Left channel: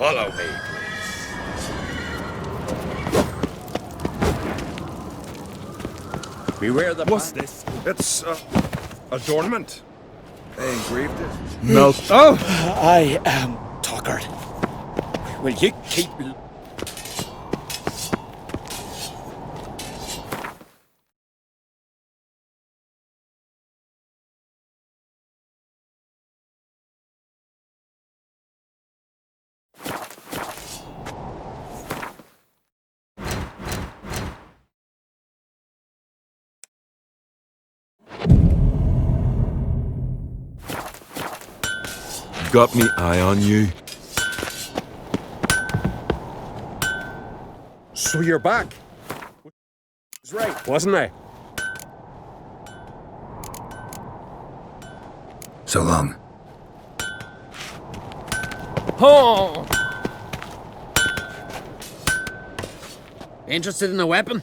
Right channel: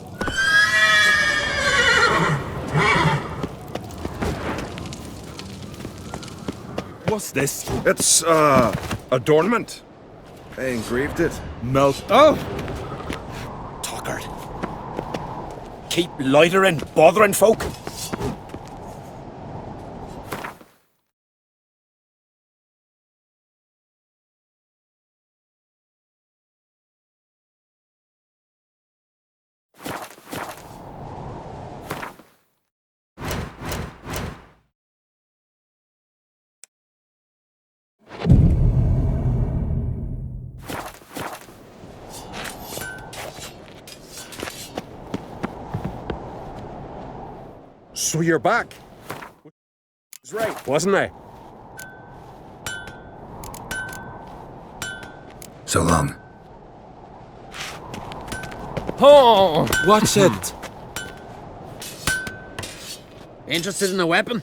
Follow me. Beware the... What's this? It's, adornment. They engraved it. Melt. Oh! I am tuckered. Will you keep loitering, bothering folk? Got me eye on you. So you're back. Was right, wasn't I? So long. Oh! What's it? Interested in a weapon?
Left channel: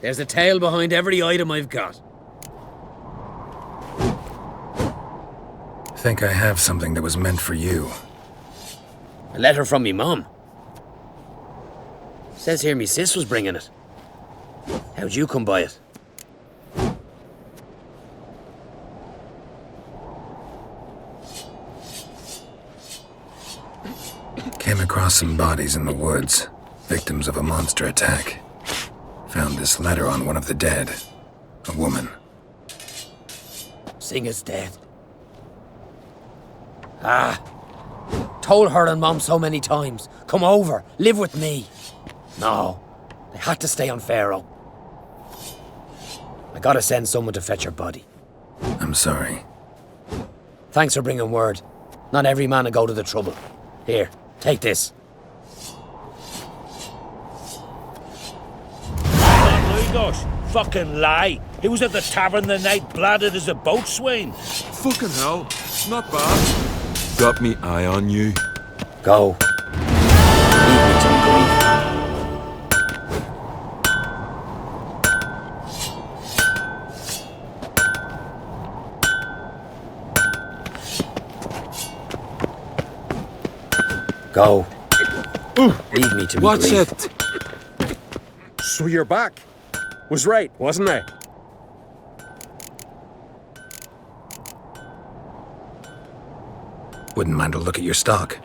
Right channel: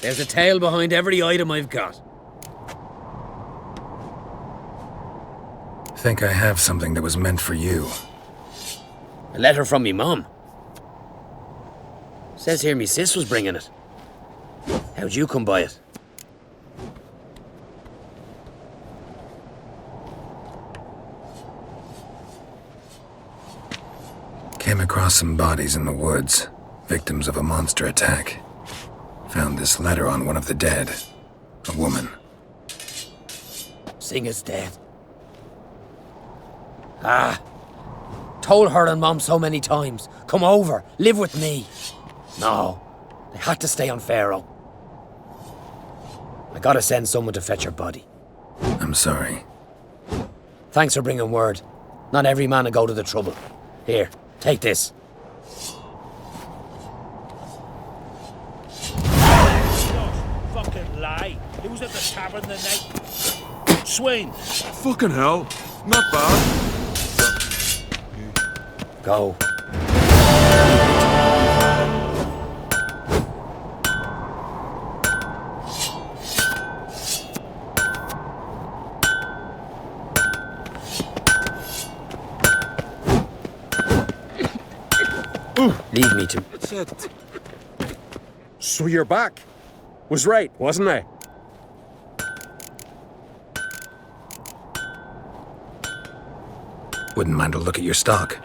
There's a tale behind every item I've got. Think I have something that was meant for you. A letter from me mum. Says here me sis was bringing it. How'd you come by it? Came across some bodies in the woods, victims of a monster attack. Found this letter on one of the dead. A woman. Singer's dead. Ah. Told her and Mom so many times. Come over, live with me. No. They had to stay on Pharaoh. I gotta send someone to fetch her body. I'm sorry. Thanks for bringing word. Not every man will go to the trouble. Here, take this. My gosh, fucking lie. He was at the tavern the night, bladdered as a boatswain. Fucking hell. Not bad. Got me eye on you. Go. Leave me to grief. Go. Leave me to What's grief. it? So you're back. Was right, wasn't I? Wouldn't mind a look at your stock.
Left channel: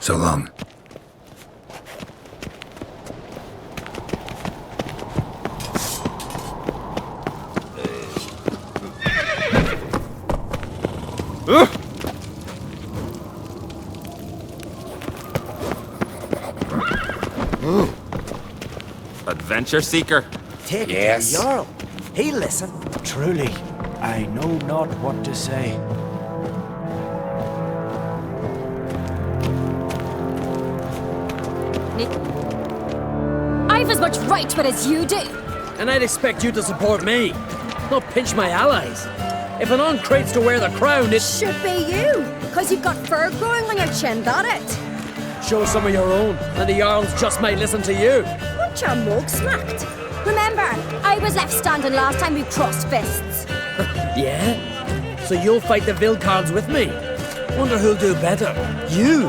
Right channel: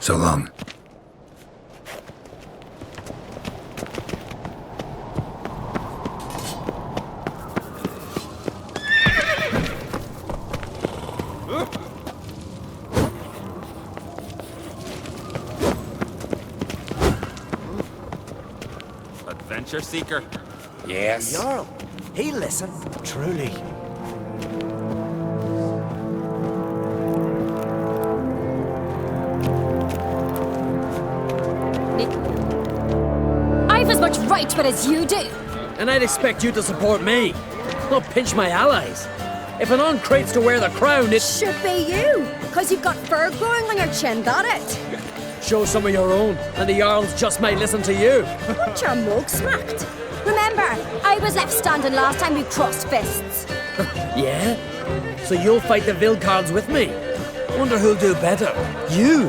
So long. Adventure seeker. Take Yes. the Jarl. He listen. Truly, I know not what to say. I've as much right to it as you do. And I'd expect you to support me, not pinch my allies. If an creates to wear the crown, it Should be you, because you've got fur growing on your chin, that it. shows some of your own, and the Jarls just might listen to you. Want your mug smacked? Remember, I was left standing last time we crossed fists. Yeah? So you'll fight the Vilcards with me? Wonder who'll do better, you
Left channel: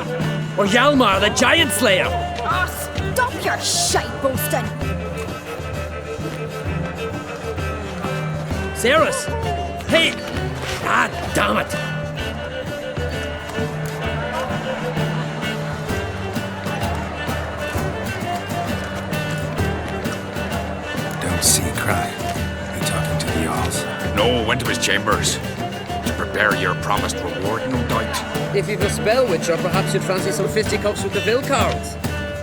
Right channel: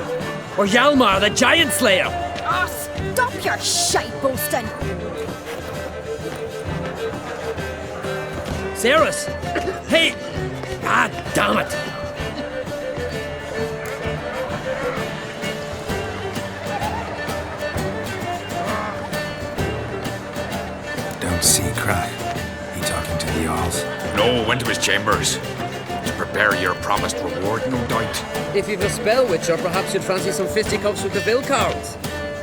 or Hjalmar the Giant Slayer? Ah, stop your shite boasting. Cerys! Hey! Ah, damn it! Don't see Cry. He talking to the Jarls. No, went to his chambers. To prepare your promised reward, no doubt. If you've a spell witcher, perhaps you'd fancy some fisticuffs with the Vilcards.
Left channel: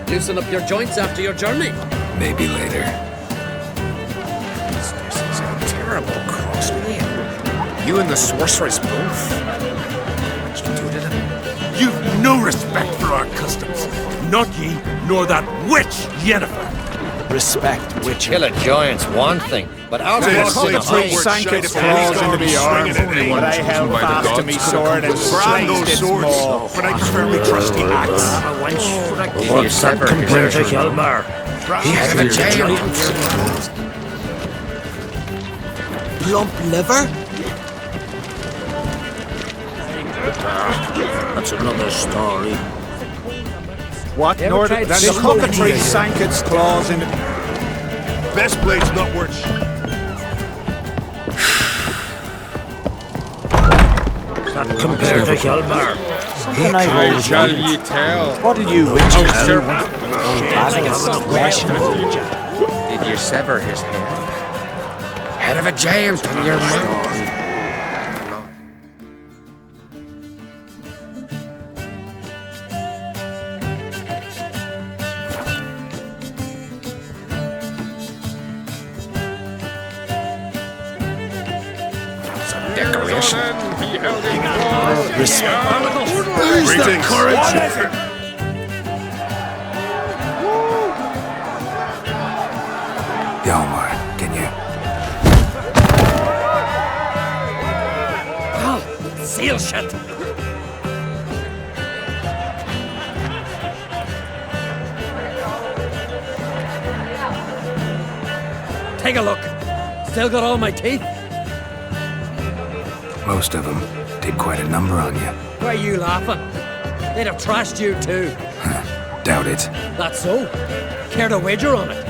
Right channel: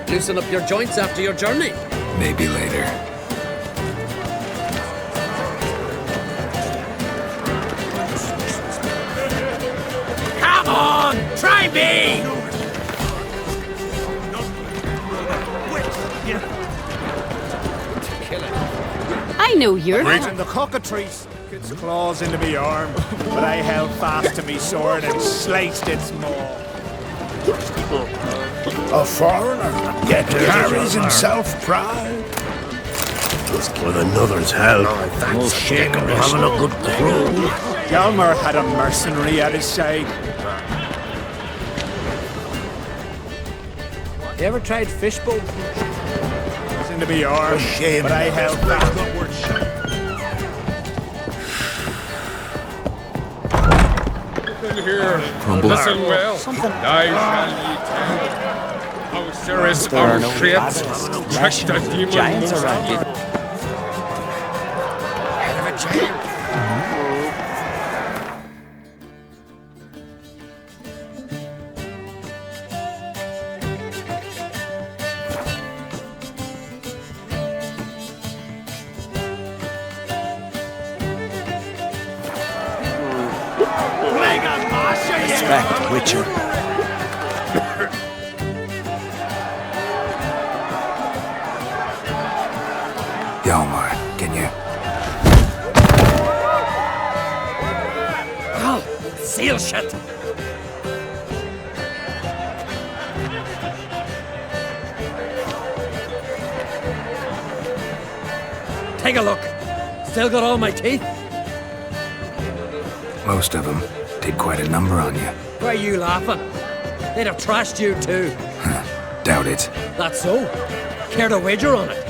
Loosen up your joints after your journey. Maybe later. You and the sorceress both. Come on, try me! You've no respect for our customs. Not ye, nor that witch Yennefer. Respect. To kill a giant's one I thing, know you're but not. how The cockatrice sank its claws into me arm, but I held fast to me sword and sliced its maw. But I prefer the trusty axe. With another's help, we'll shake a Hjalmar had a mercenary at his side. That's another story. What You ever Nordic? tried Then the fishbowl? cockatrice sank its claws into me arm, but I Best blade's not worth shit. something I shall ye tell What'll you witches how tell Cerys our shades Giants around. did you sever his Head of a James! Hjalmar, can you? Oh, seal shut! Take a look. Still got all my teeth? Most of them did quite a number on you. Why are you laughing? They'd have trashed you too. Doubt it. That's so. Care to wager on it?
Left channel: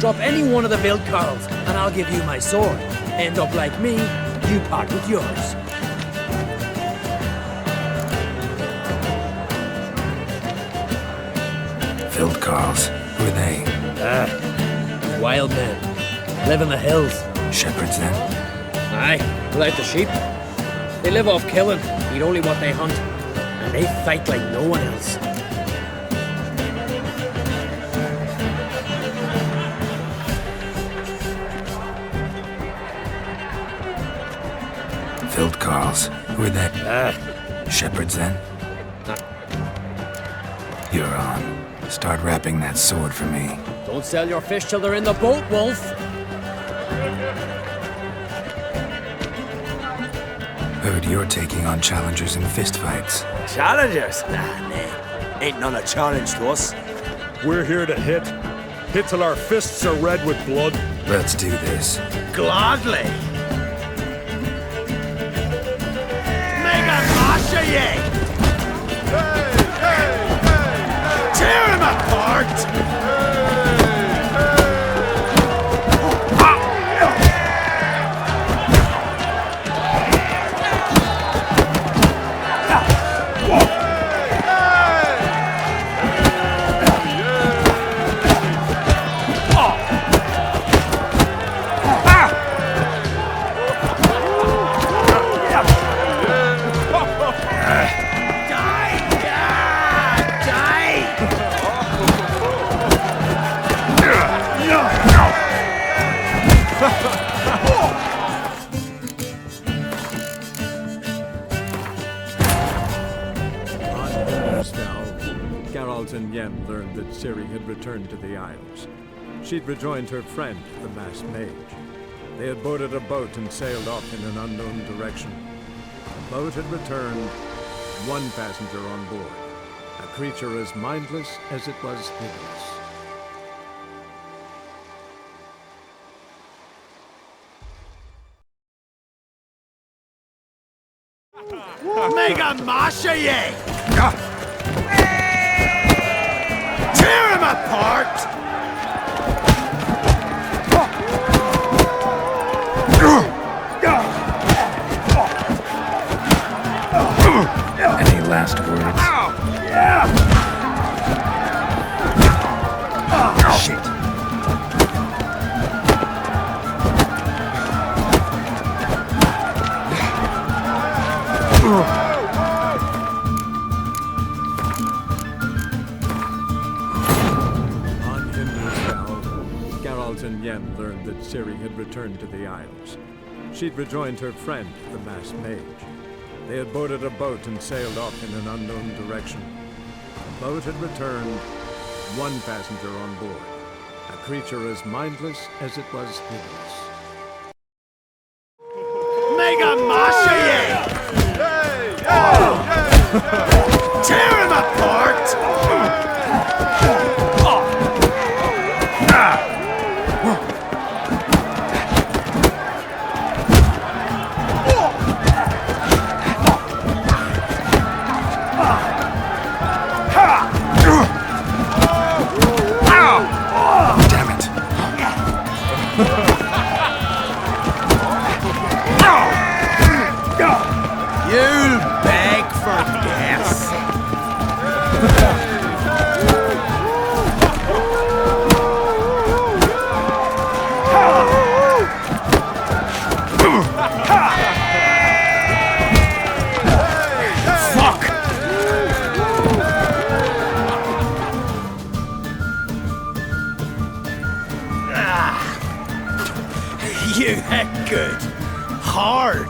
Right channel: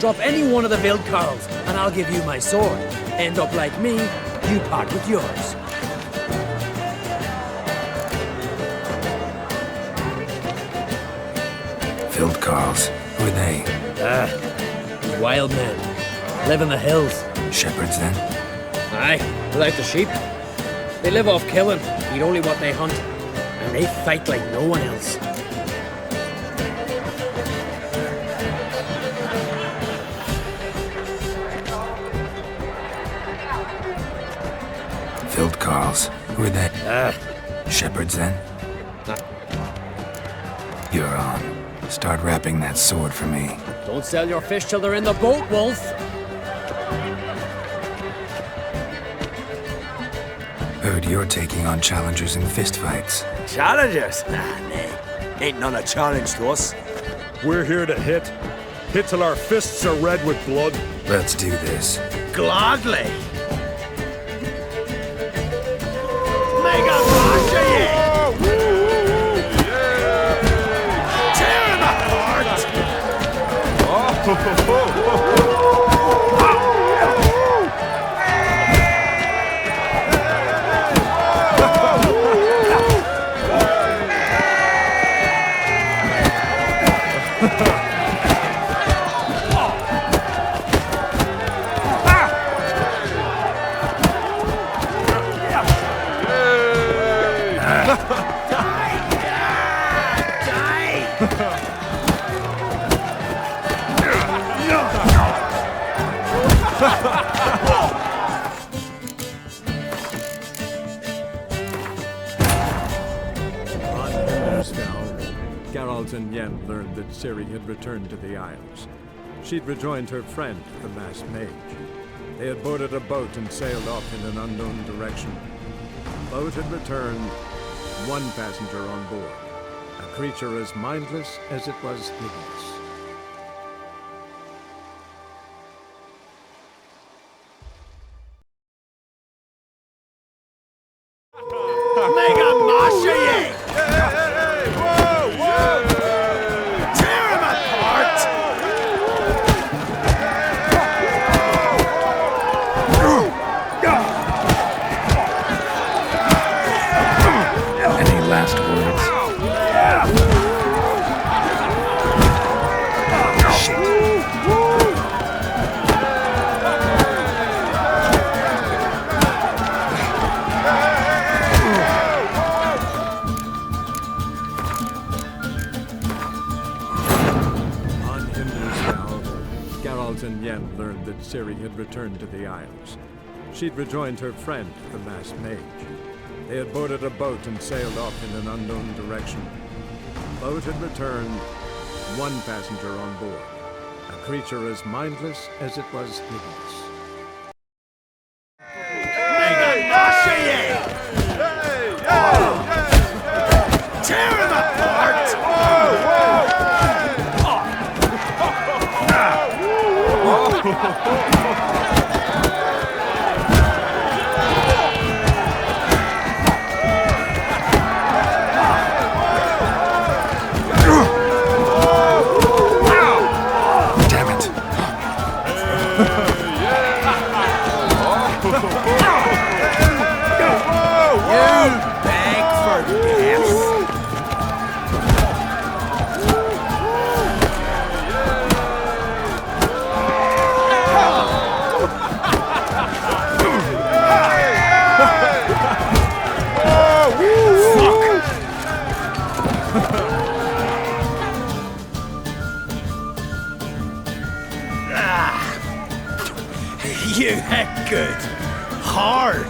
Drop any one of the Vilcards, and I'll give you my sword. End up like me, you part with yours. Vilcards. Who are they? Wild men. Live in the hills. Shepherds, then? Aye, without the sheep. They live off killing, eat only what they hunt. And they fight like no one else. Vilcards. Who are they? Shepherds, then? You're on. Start wrapping that sword for me. Don't sell your fish till they're in the boat, Wolf. Heard you're taking on challengers in fistfights. Challengers? Nah, nay. Ain't none a challenge to us. We're here to hit. Hit till our fists are red with blood. Let's do this. Gladly. Mega Masha, ye! Tear him apart! On Hindersfell, Geralt and Yen learned that Ciri had returned to the Isles. She'd rejoined her friend, the masked mage. They had boarded a boat and sailed off in an unknown direction. The boat had returned, one passenger on board, a creature as mindless as it was hideous. Mega Masha ye! Tear him apart! Any last words? On Hindersfell, Geralt and Yen learned that Ciri had returned to the Isles. She'd rejoined her friend, the masked mage. They had boarded a boat and sailed off in an unknown direction. The boat had returned, one passenger on board, a creature as mindless as it was hideous. Mega Masha ye! Tear him apart! Damn it. You beg for death! You heck good. Hard.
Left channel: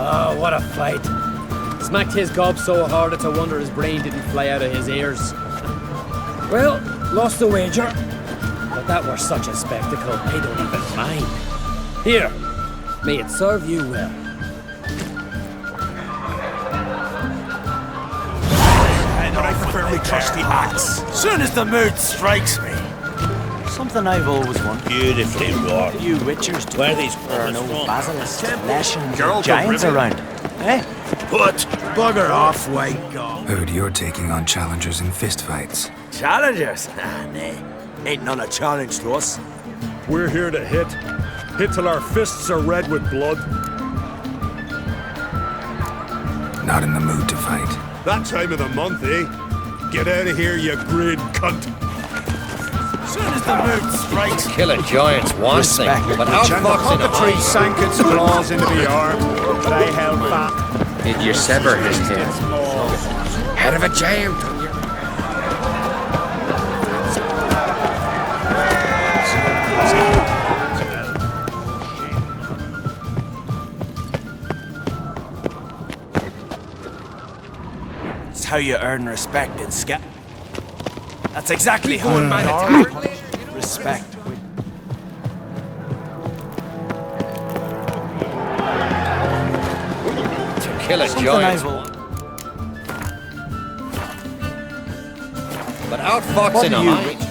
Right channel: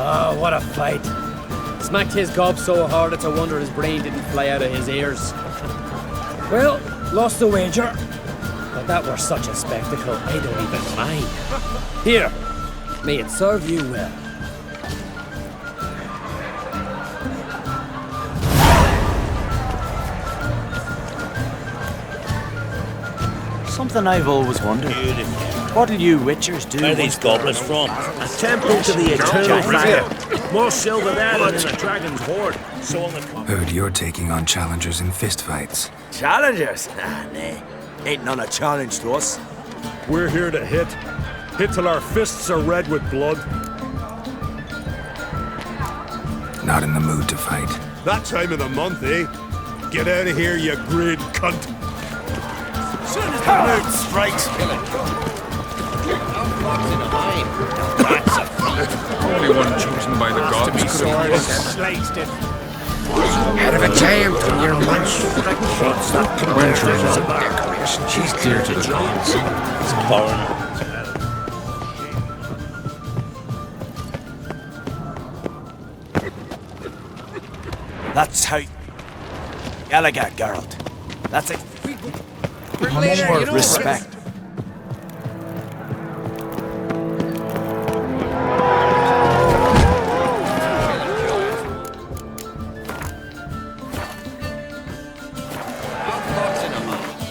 Oh, what a fight. Smacked his gob so hard it's a wonder his brain didn't fly out of his ears. Well, lost the wager. But that were such a spectacle, I don't even mind. Here, may it serve you well. Trusty axe. Soon as the mood strikes me. Something I've always wondered. Beautifully wrought. What did you witchers do? Where are these goblins from? A temple to the Giants around. More silver there than a dragon halfway. Heard you're taking on challengers in fistfights. Challengers? Ah, nay. Ain't none a challenge to us. We're here to hit. Hit till our fists are red with blood. Not in the mood to fight. That time of the month, eh? Get out of here, you grid cunt. Soon as the mood strikes me. Killing giants one thing, but outfox in a Three hind. sank its claws into the arm, but I held fast to me sword. Your sever Sliced its maw. Head of a giant on your lunch. She's dear to That's how you earn respect in Skellige, Geralt. That's exactly how you earn respect. Killing giants. But outfox in a hind.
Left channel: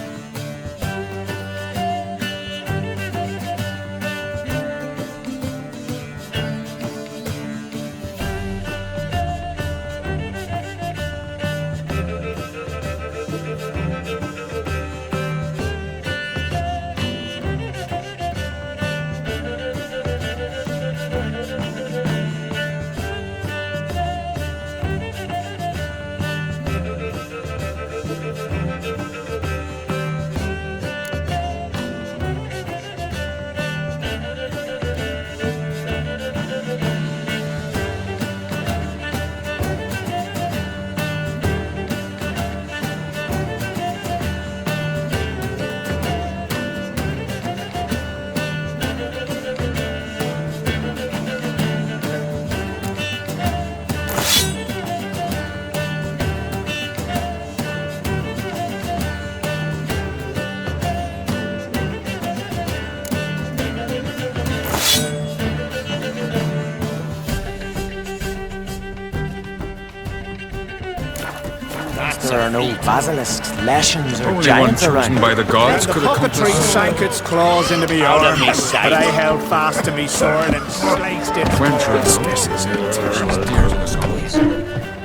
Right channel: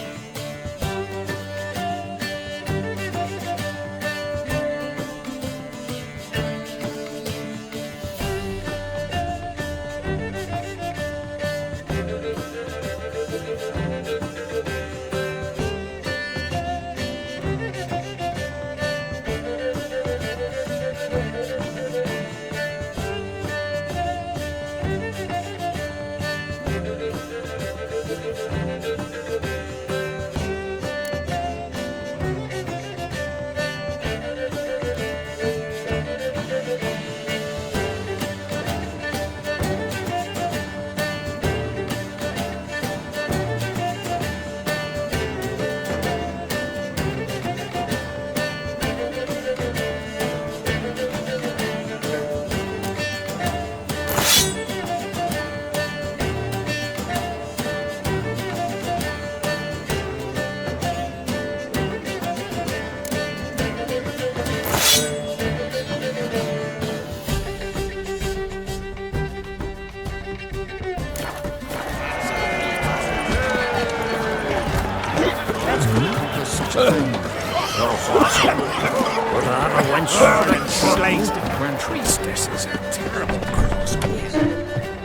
there are no basilisks, leshens, or Only one giants chosen around. by the gods could accomplish sank its claws into the arm, but I held fast to my sword and sliced it. Quencher. This is a terrible dear.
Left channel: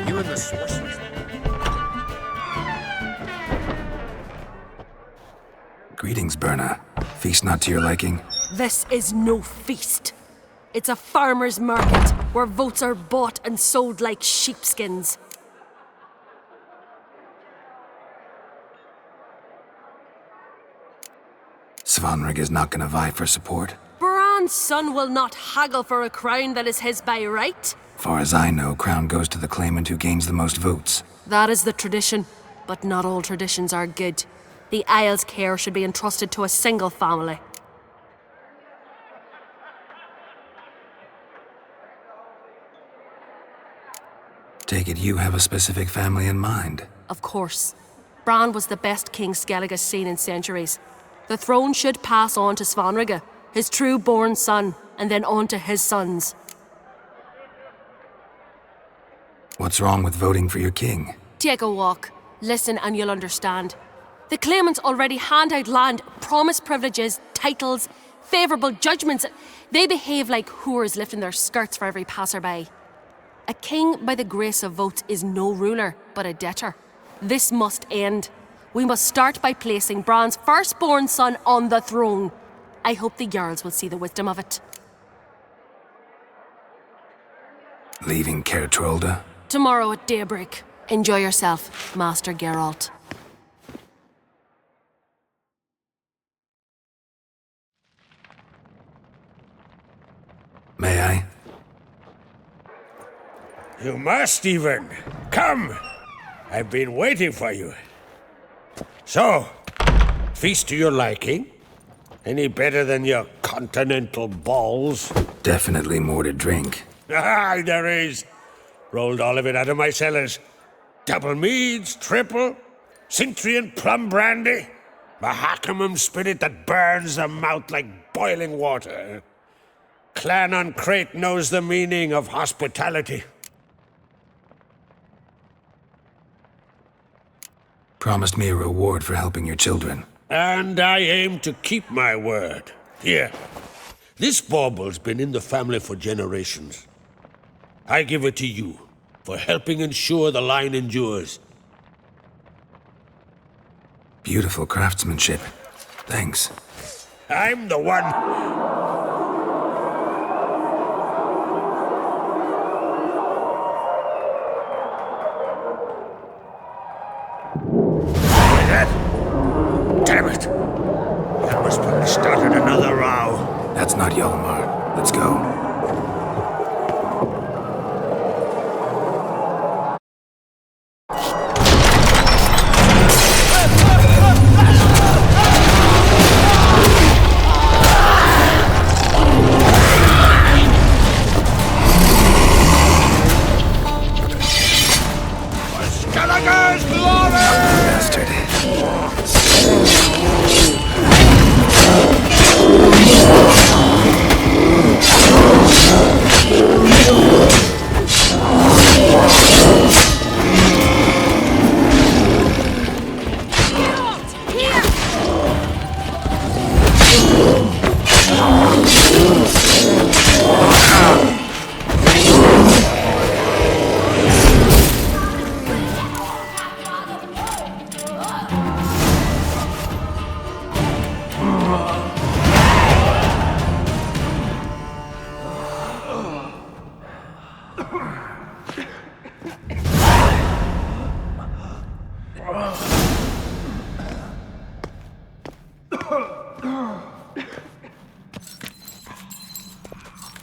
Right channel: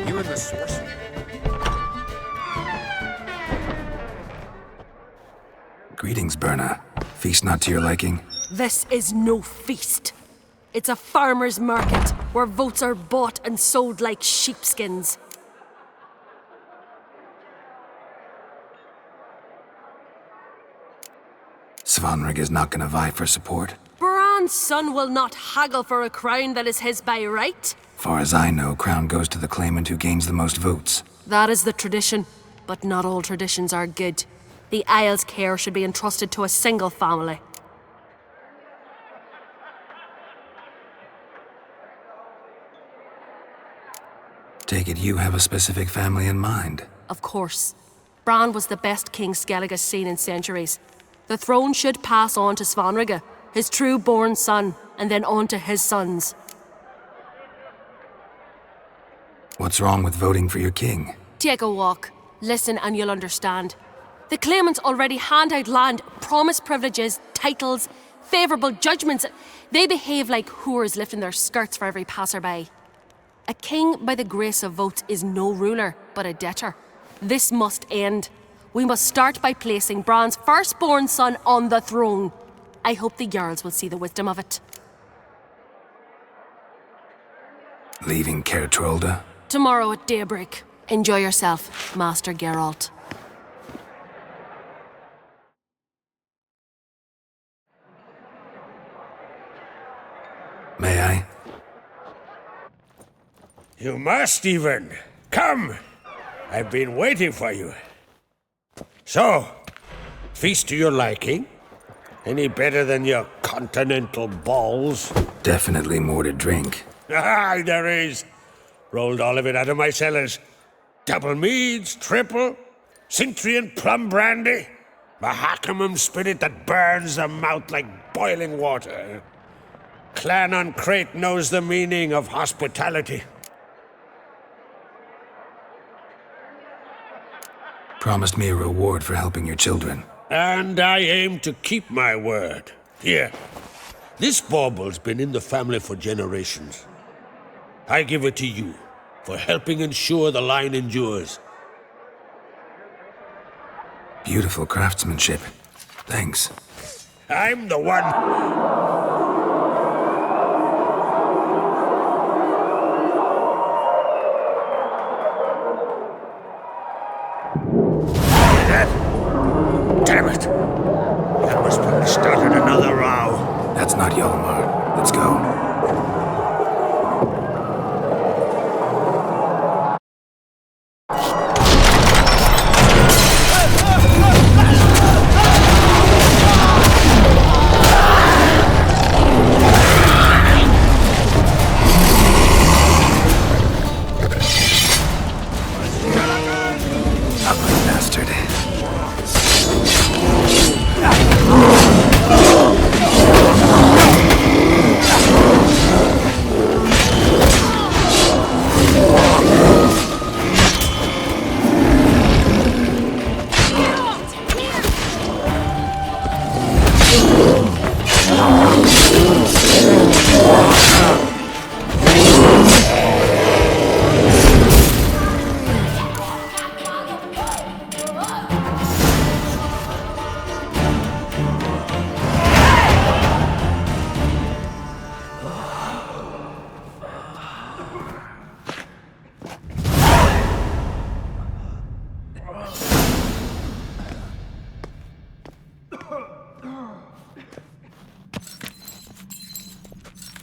You and the sorcerer. Greetings, Berna. Feast not to your liking? This is no feast. It's a farmer's market where votes are bought and sold like sheepskins. Svanrig is not gonna vie for support. Bran's son will not haggle for a crown that is his by right. Far as I know, crown goes to the claimant who gains the most votes. That is the tradition, but not all traditions are good. The Isle's care should be entrusted to a single family. Take it you have a specific family in mind. Of course. Bran was the best king Skellig has seen in centuries. The throne should pass on to Svanrige, his true-born son, and then on to his sons. What's wrong with voting for your king? Take a walk. Listen and you'll understand. The claimants already hand out land, promise privileges, titles, favourable judgments. They behave like whores lifting their skirts for every passerby. A king by the grace of votes is no ruler, but a debtor. This must end. We must start by placing Bran's firstborn son on the throne. I hope the Jarls will see the wisdom of it. Leaving Caer Trolda? Tomorrow at daybreak. Enjoy yourself, Master Geralt. May I? You must even. Come! I've been waiting for you. So, feast to your liking? Any better than your continental balls? Definitely more to drink. Ah, there is. Rolled all of it out of my cellars. Double meads, triple, Cintrian plum brandy, Mahakimum spirit that burns the mouth like boiling water. Clan on Crate knows the meaning of hospitality. Promised me a reward for helping your children. And I aim to keep my word. Here, this bauble's been in the family for generations. I give it to you for helping ensure the line endures. Beautiful craftsmanship. Thanks. I'm the one. Damn it! That must have started another row. That's not Hjalmar. Let's go. Bastard.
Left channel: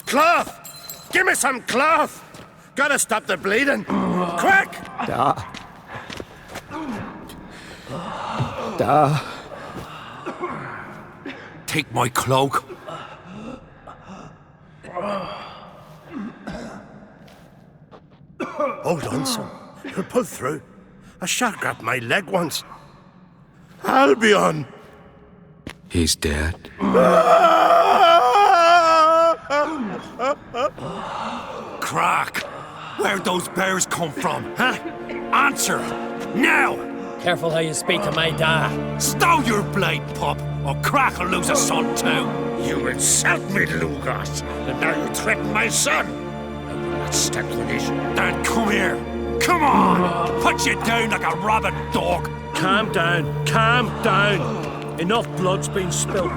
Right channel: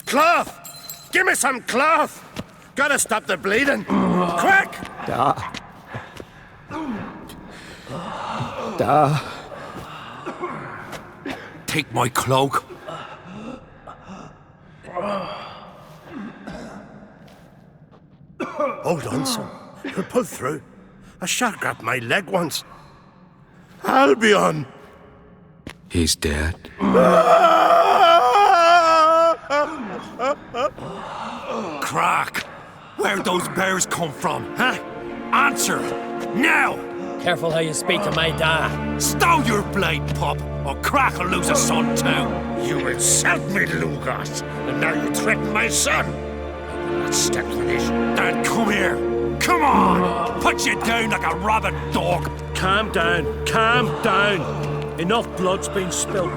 Cloth! Give me some cloth! Gotta stop the bleeding! Quick! Take my cloak. Hold on, son. You'll pull through. A shot grabbed my leg once. Albion! He's dead. Crack! Where'd those bears come from, huh? Answer! Now! Careful how you speak to my da. Stow your blade, pup, or Crack will lose a son too. You insult me, Lugos, and now you threaten my son. I will not stand for this. Dad, come here. Come on! Put you down like a rabid dog. Calm down. Calm down. Enough blood's been spilled.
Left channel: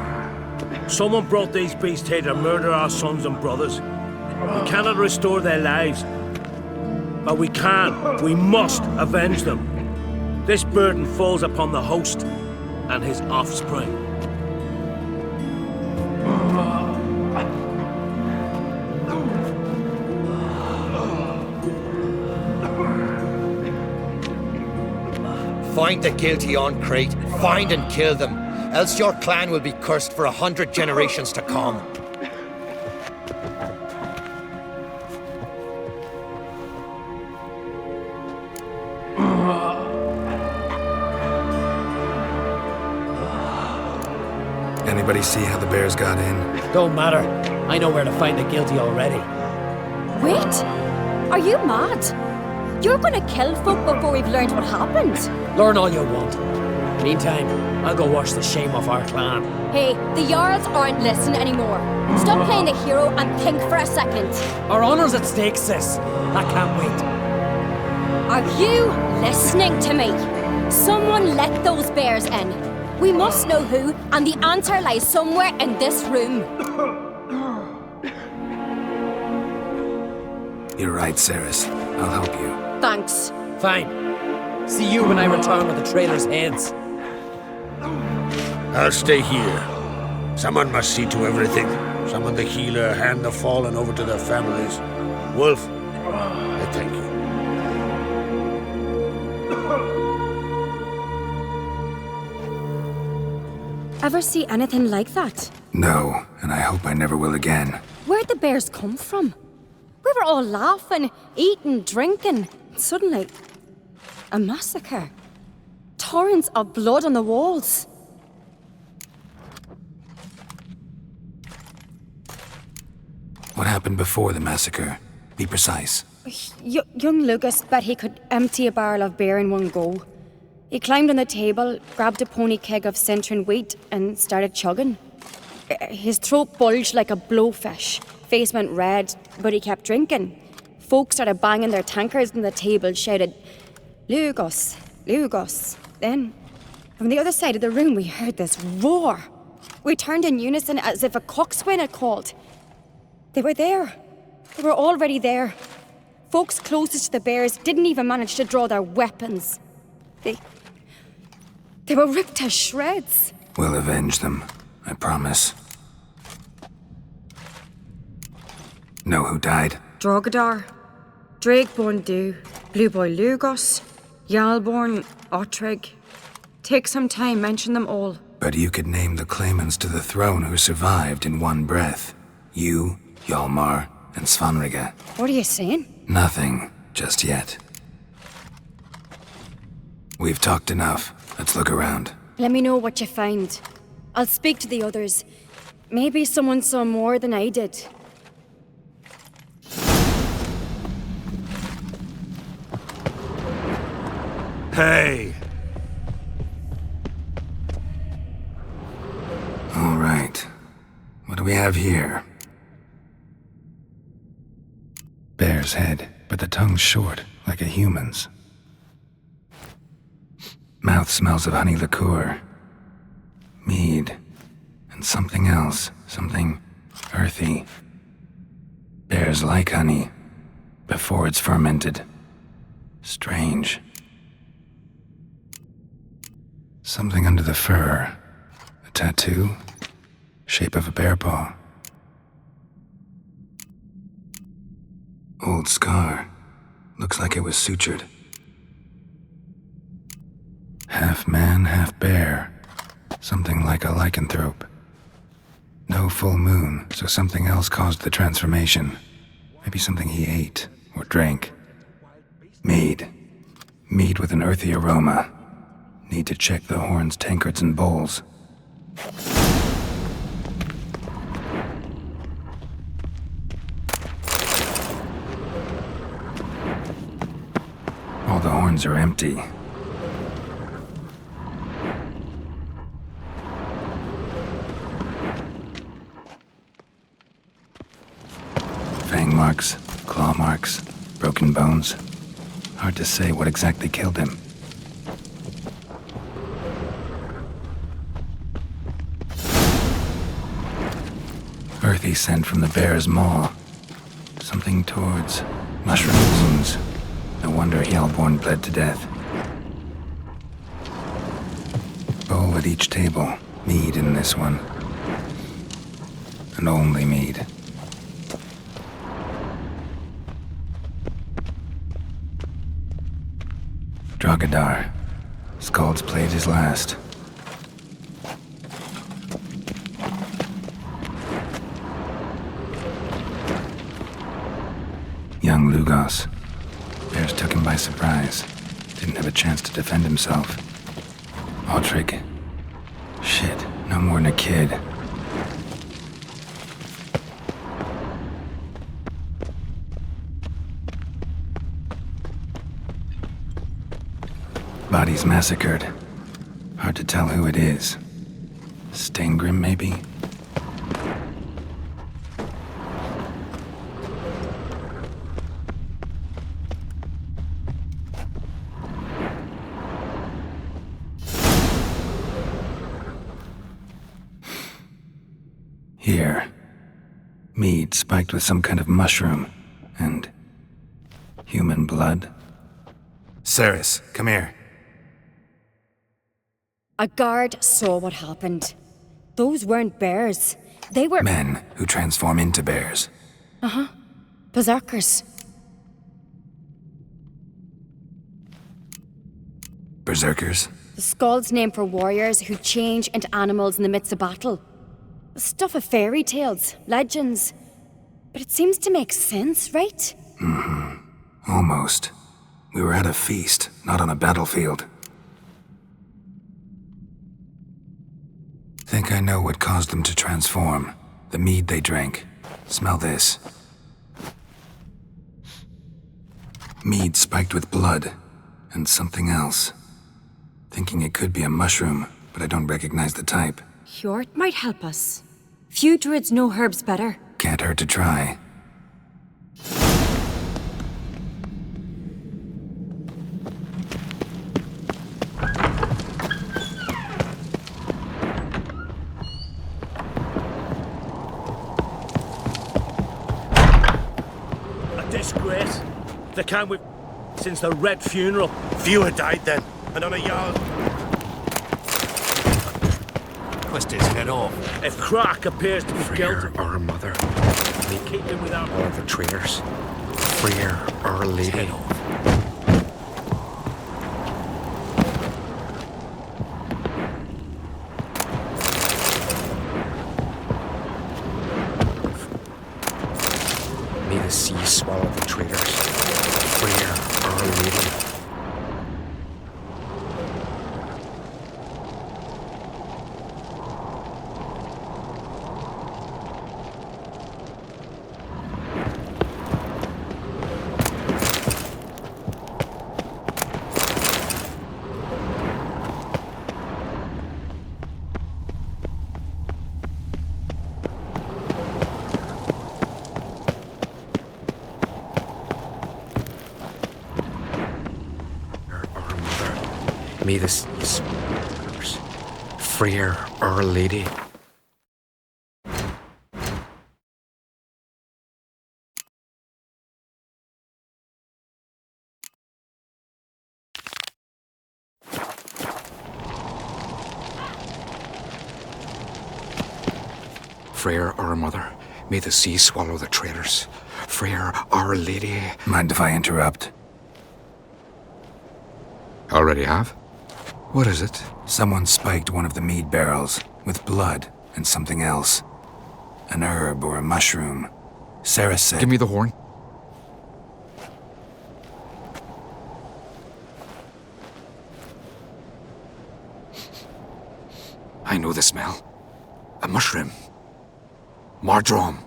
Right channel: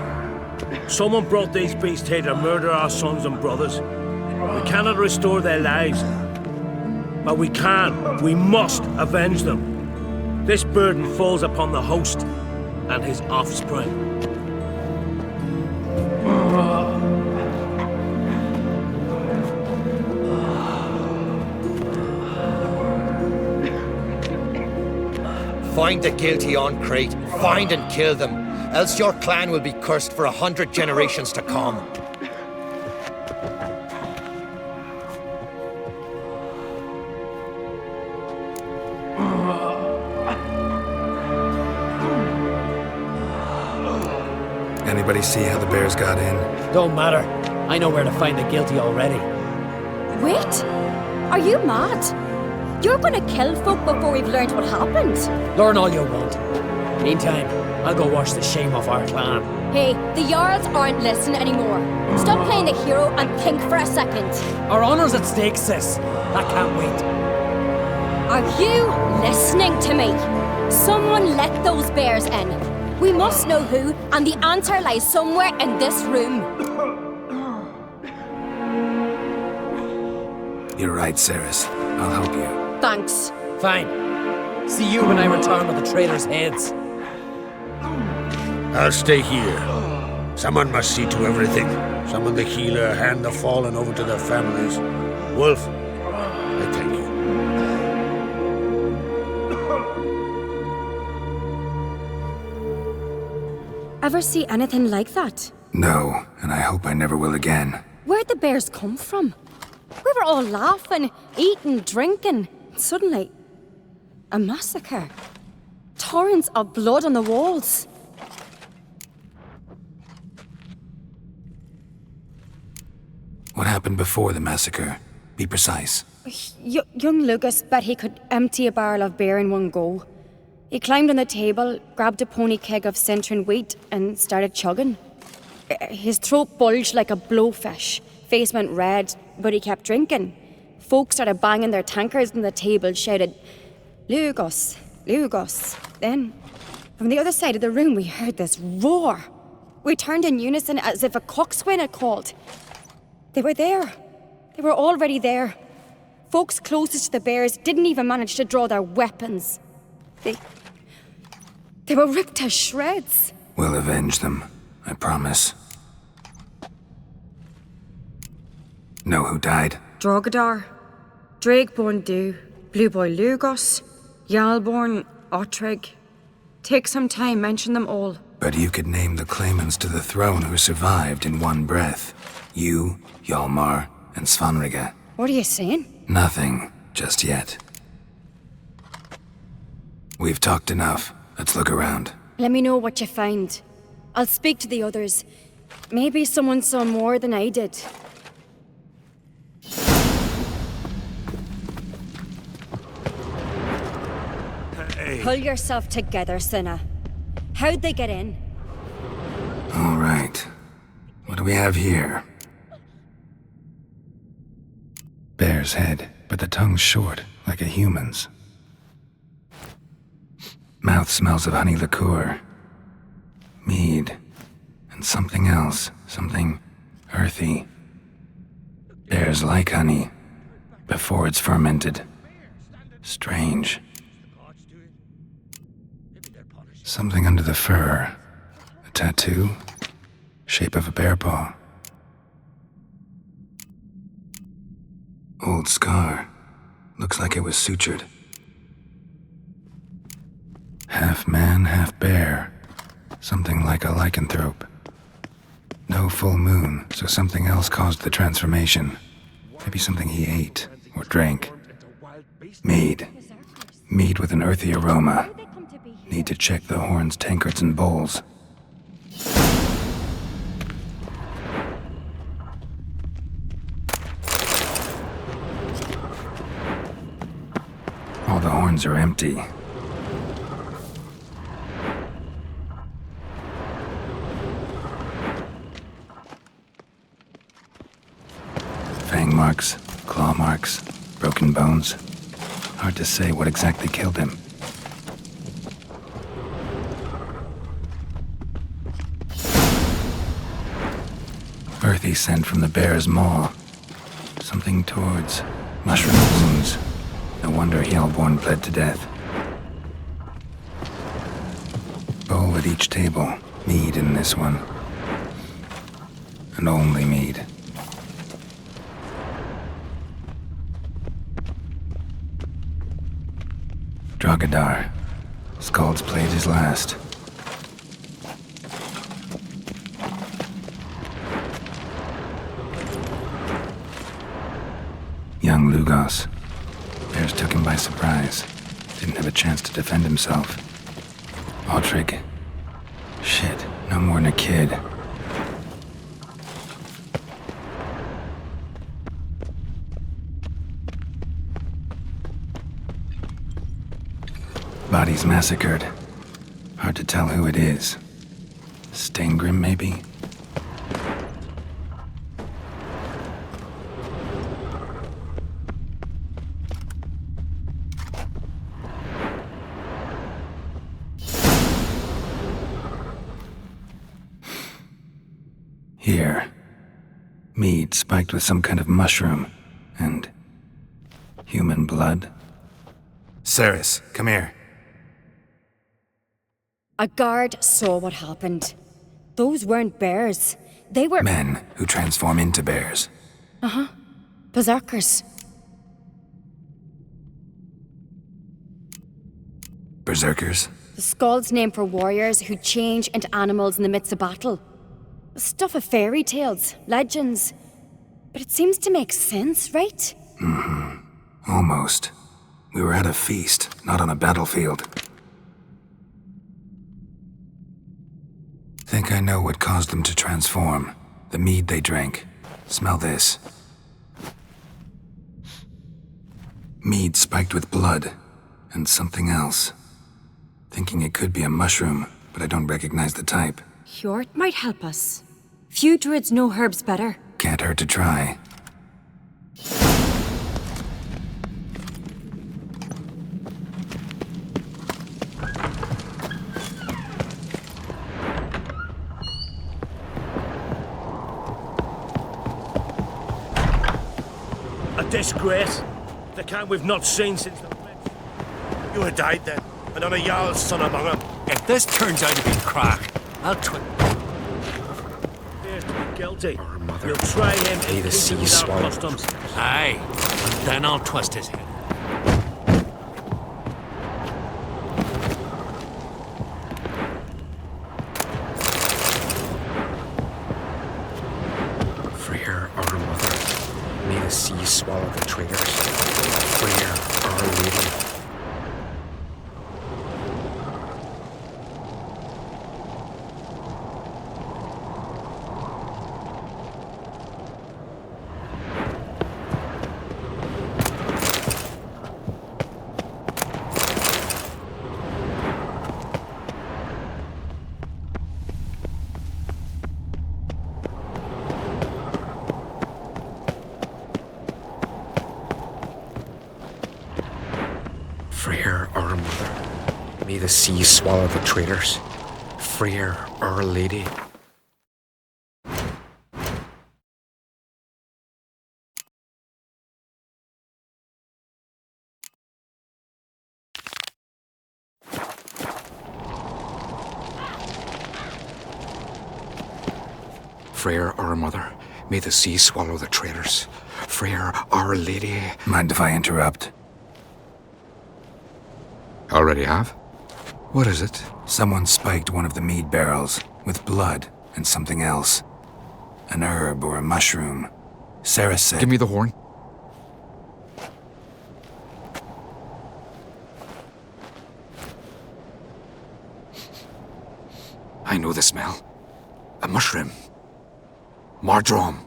Someone brought these beasts here to murder our sons and brothers. We cannot restore their lives. But we can. We must avenge them. This burden falls upon the host and his offspring. Find the guilty on Crete. Find and kill them. Else your clan will be cursed for 100 generations to come. Anybody see how the bears got in? Don't matter. I know where to find the guilty already. Wait! Are you mad? You're gonna kill folk before we've learned what happened. Learn all you want. Meantime, I'll go wash the shame off our clan. Hey, the Jarls aren't listening anymore. Stop playing the hero and think for a second. Our honor's at stake, sis. I can't wait. Are you listening to me? Someone let those bears in. We must know who, and the answer lies somewhere in this room. You're right, Ceres. I'll help you. Thanks. Fine. See you when I return with the traitors' heads. I'll stay here. Someone must see to everything. Summon the healer, hand the fallen over to their families. Wolf, I thank you. Ever see anything like that? No, and I hope I never will again. Where'd the bears come from? We were all laughing, eating, drinking. Suddenly, a massacre. Torrents of blood on the walls. What happened before the massacre? Be precise. Young Lucas bet he could empty a barrel of beer in one go. He climbed on the table, grabbed a pony keg of Cintron wheat, and started chugging. His throat bulged like a blowfish. Face went red, but he kept drinking. Folk started banging their tankards on the table, shouted, "Lugos, Lugos." Then, from the other side of the room, we heard this roar. We turned in unison as if a coxswain had called. They were there. They were already there. Folks closest to the bears didn't even manage to draw their weapons. They were ripped to shreds. We'll avenge them, I promise. Know who died? Drogadar, Drakeborn Du, Blue Boy Lugos, Yalborn, Ottrig. Take some time, mention them all. But you could name the claimants to the throne who survived in one breath. You, Hjalmar, and Svanrige. What are you saying? Nothing, just yet. We've talked enough. Let's look around. Let me know what you find. I'll speak to the others. Maybe someone saw more than I did. Hey! Pull yourself together, Cinna. How'd they get in? All right. What do we have here? Bear's head, but the tongue's short, like a human's. Mouth smells of honey liqueur, mead, and something else, something earthy. Bears like honey, before it's fermented. Strange. Something under the fur. A tattoo? Shape of a bear paw. Old scar. Looks like it was sutured. Half man, half bear. Something like a lycanthrope. No full moon, so something else caused the transformation. Maybe something he ate or drank. Mead. Mead with an earthy aroma. Need to check the horns, tankards, and bowls. All the horns are empty. marks, claw marks, broken bones. Hard to say what exactly killed him. Earthy scent from the bear's maw. Something towards mushroom wounds. No wonder Hjalborn bled to death. Bowl at each table. Mead in this one. And only mead. Drogadar. Skald's played his last. Young Lugos. Bears took him by surprise. Didn't have a chance to defend himself. Ottrig. Shit, no more than a kid. Bodies massacred. Hard to tell who it is. Steingrim, maybe? Here. Mead spiked with some kind of mushroom. And human blood. Cerys, come here. A guard saw what happened. Those weren't bears. They were... Men who transform into bears. Uh-huh. Berserkers. Berserkers? The Skald's name for warriors who change into animals in the midst of battle. Stuff of fairy tales, legends. But it seems to make sense, right? Mm-hmm. Almost. We were at a feast, not on a battlefield. Think I know what caused them to transform. The mead they drank. Smell this. Mead spiked with blood. And something else. Thinking it could be a mushroom, but I don't recognize the type. Hjort might help us. Few druids know herbs better. Can't hurt to try. A disgrace. The kind we've not seen since the Ret funeral. Few had died then, and on a Jarl's son among them. If this turns out to be Crack, I'll twist his head off. If Crack appears to be guilty, Our mother, you'll try and may the keep him sea without swallow the customs. traitors. Aye, Freer, then I'll Our twist his Lady. head off. Freer, our mother, may the sea swallow the traitors. Freer, Our Lady. Freer, Our Mother, may the sea swallow the traitors. Freer, Our Lady. Freer, Our Mother, may the sea swallow the traitors. Freer, Our Lady. Mind if I interrupt? Already have? What is it? Someone spiked one of the mead barrels with blood and something else. An herb or a mushroom. Cerys said... Give me the horn. I know the smell. A mushroom. Mardrome.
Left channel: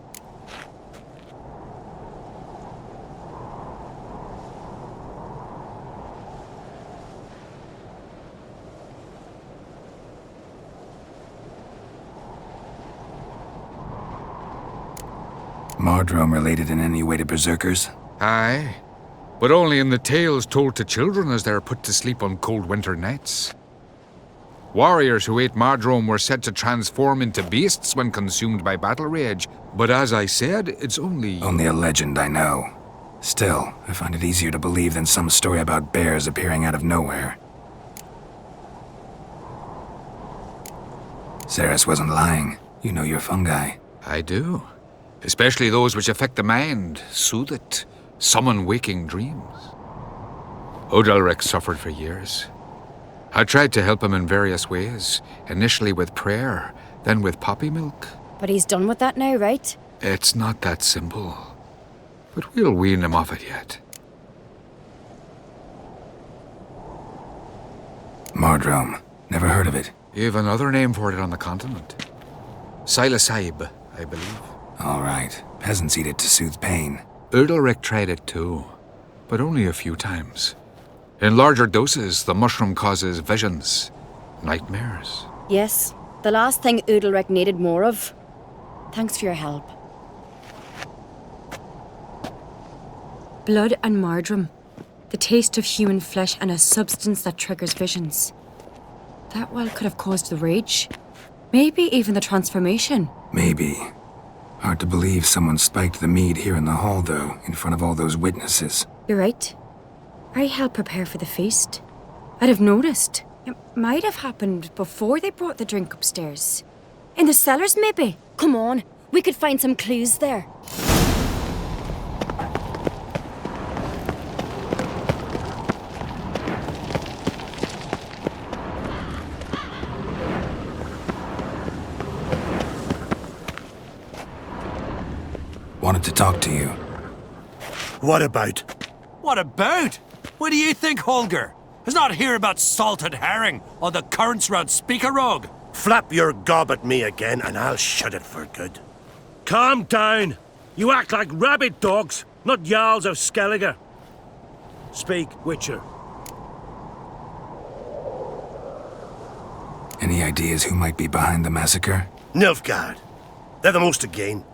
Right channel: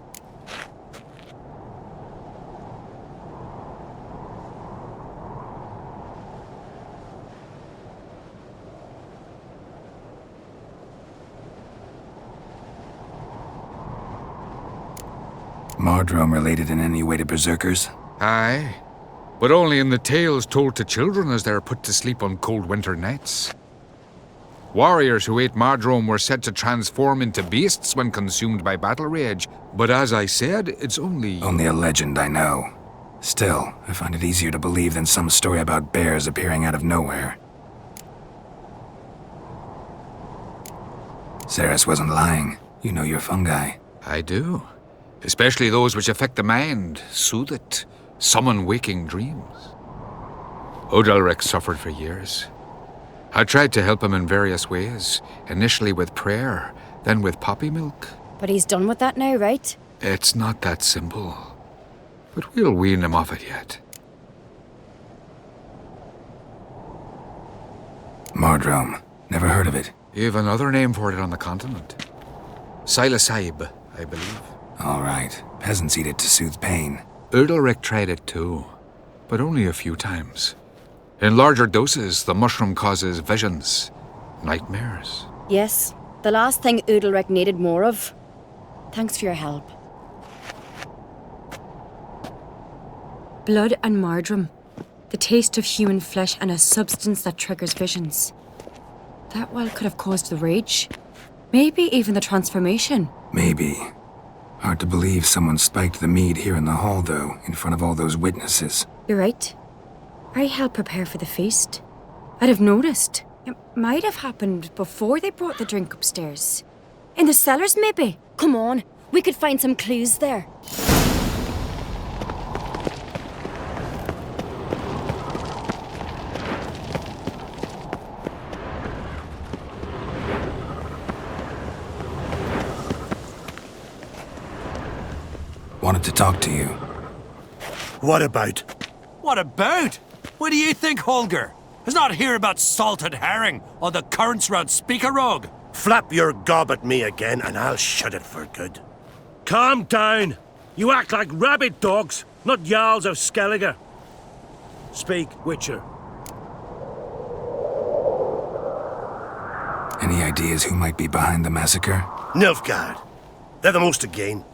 Mardrome related in any way to berserkers? Aye, but only in the tales told to children as they're put to sleep on cold winter nights. Warriors who ate Mardrome were said to transform into beasts when consumed by battle rage, but as I said, it's only... Only a legend, I know. Still, I find it easier to believe than some story about bears appearing out of nowhere. Ceres wasn't lying. You know your fungi. I do. Especially those which affect the mind, soothe it, summon waking dreams. Odalric suffered for years. I tried to help him in various ways, initially with prayer, then with poppy milk. But he's done with that now, right? It's not that simple. But we'll wean him off it yet. Mardrome. Never heard of it. You've another name for it on the continent. Silasaib, I believe. All right. Peasants eat it to soothe pain. Udalric tried it too, but only a few times. In larger doses, the mushroom causes visions, nightmares. Yes, the last thing Udalric needed more of. Thanks for your help. Blood and Mardrome. The taste of human flesh and a substance that triggers visions. That well could have caused the rage. Maybe even the transformation. Maybe. Hard to believe someone spiked the mead here in the hall, though, in front of all those witnesses. You're right. I helped prepare for the feast. I'd have noticed. It might have happened before they brought the drink upstairs. In the cellars, maybe? Come on, we could find some clues there. Wanted to talk to you. What about? What about? What do you think, Holger? Is not here about salted herring or the currents round Speakerog? Flap your gob at me again and I'll shut it for good. Calm down. You act like rabid dogs, not Jarls of Skellige. Speak, Witcher. Any ideas who might be behind the massacre? Nilfgaard. They're the most to gain.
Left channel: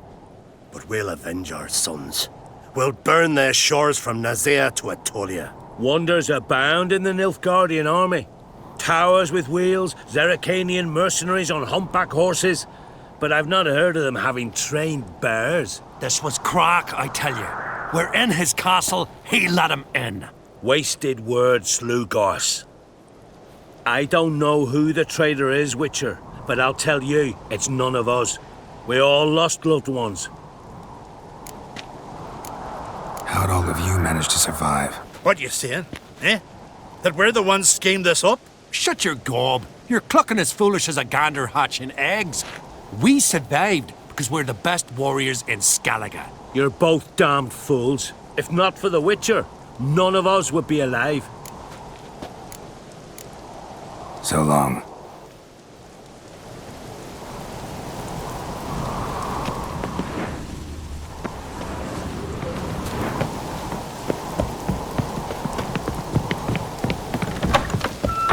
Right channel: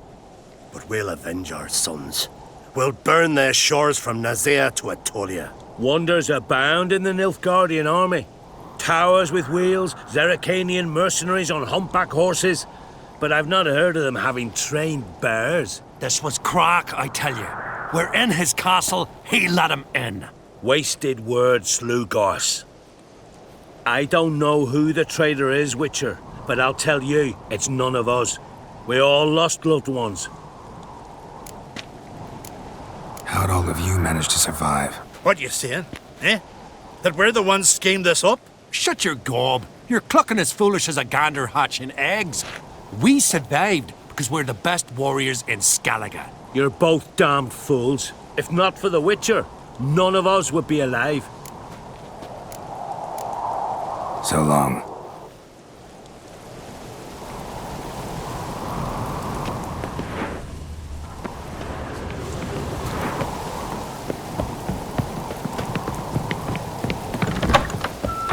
But we'll avenge our sons. We'll burn their shores from Nazea to Atolia. Wonders abound in the Nilfgaardian army. Towers with wheels, Zerrikanian mercenaries on humpback horses. But I've not heard of them having trained bears. This was crack, I tell you. We're in his castle, he let him in. Wasted words, Slugos. I don't know who the traitor is, Witcher, but I'll tell you, it's none of us. We all lost loved ones. How'd all of you manage to survive? What you saying? Eh? That we're the ones schemed this up? Shut your gob. You're clucking as foolish as a gander hatching eggs. We survived because we're the best warriors in Skellige. You're both damned fools. If not for the Witcher, none of us would be alive. So long.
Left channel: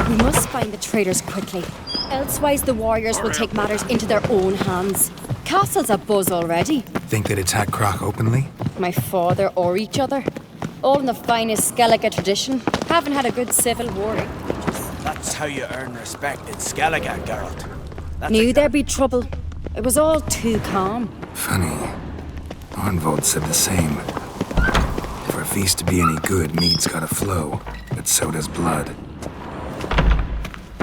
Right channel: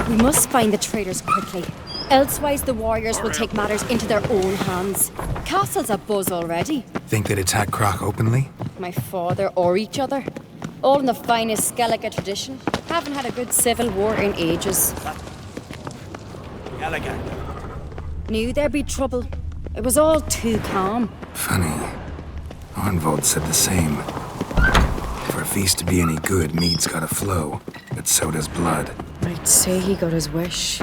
We must find the traitors quickly. Elsewise, the warriors will take matters into their own hands. Castle's abuzz already. Think they'd attack Croc openly? My father or each other. All in the finest Skellige tradition. Haven't had a good civil war in ages. That's how you earn respect in Skellige, Geralt. Knew there'd be trouble. It was all too calm. Funny. Arnvold said the same. For a feast to be any good, mead's gotta flow. But so does blood. I'd say he got his wish.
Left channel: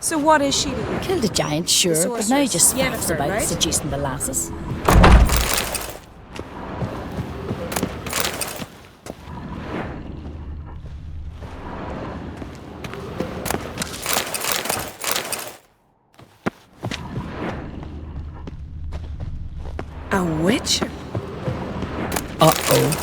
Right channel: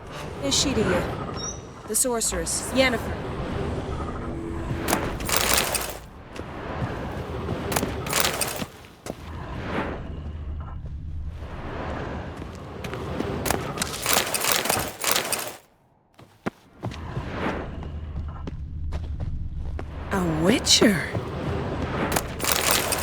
So what is she to you? Killed a giant, sure. The But now sorceress. just Yennefer, about right? seducing the lasses. A witcher? Uh-oh.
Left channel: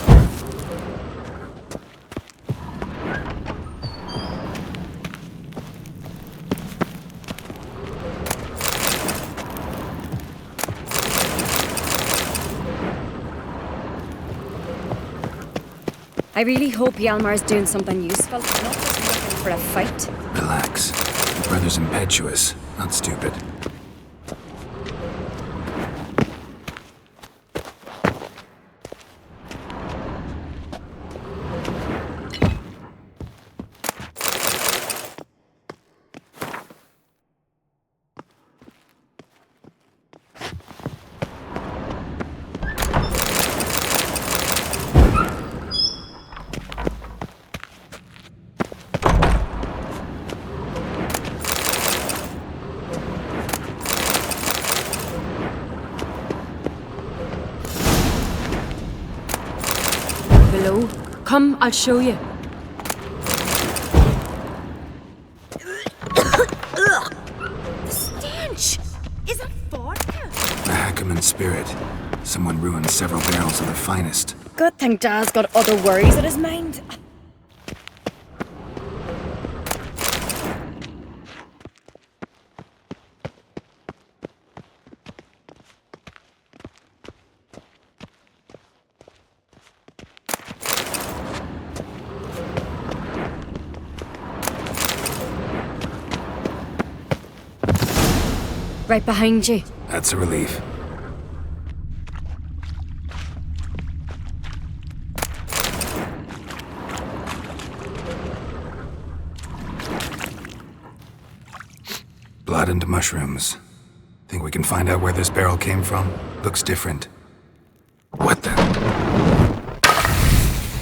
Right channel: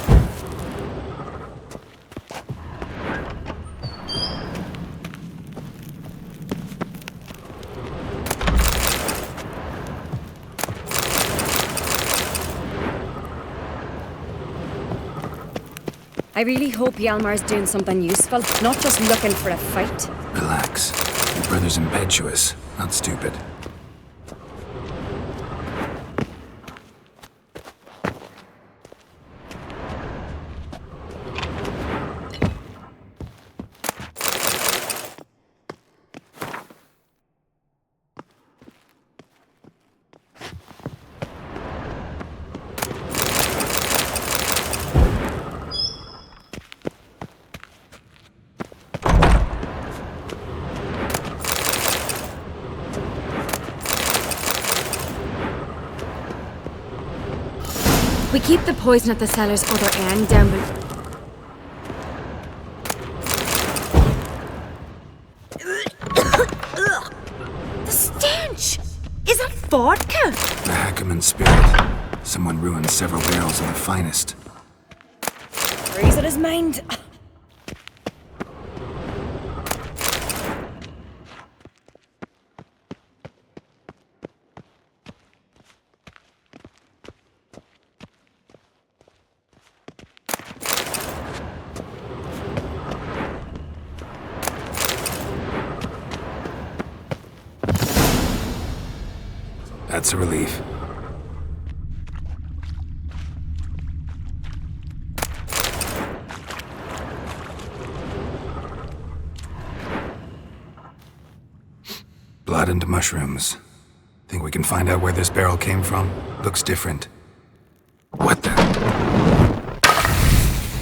I really hope Hjalmar's doing something useful, not just looking for a fight. Relax. Your brother's impetuous, not stupid. We keep the poison at the cellar's other end, down below. Come, I'll show you. The stench! Is that vodka? The Hackerman spirit. Someone ruined several barrels of the finest. Good thing Dad's got other worries in his mind. Right behind you. That's a relief. Blood and mushrooms. Think we can find out where this barrel came from? Looks different. What the?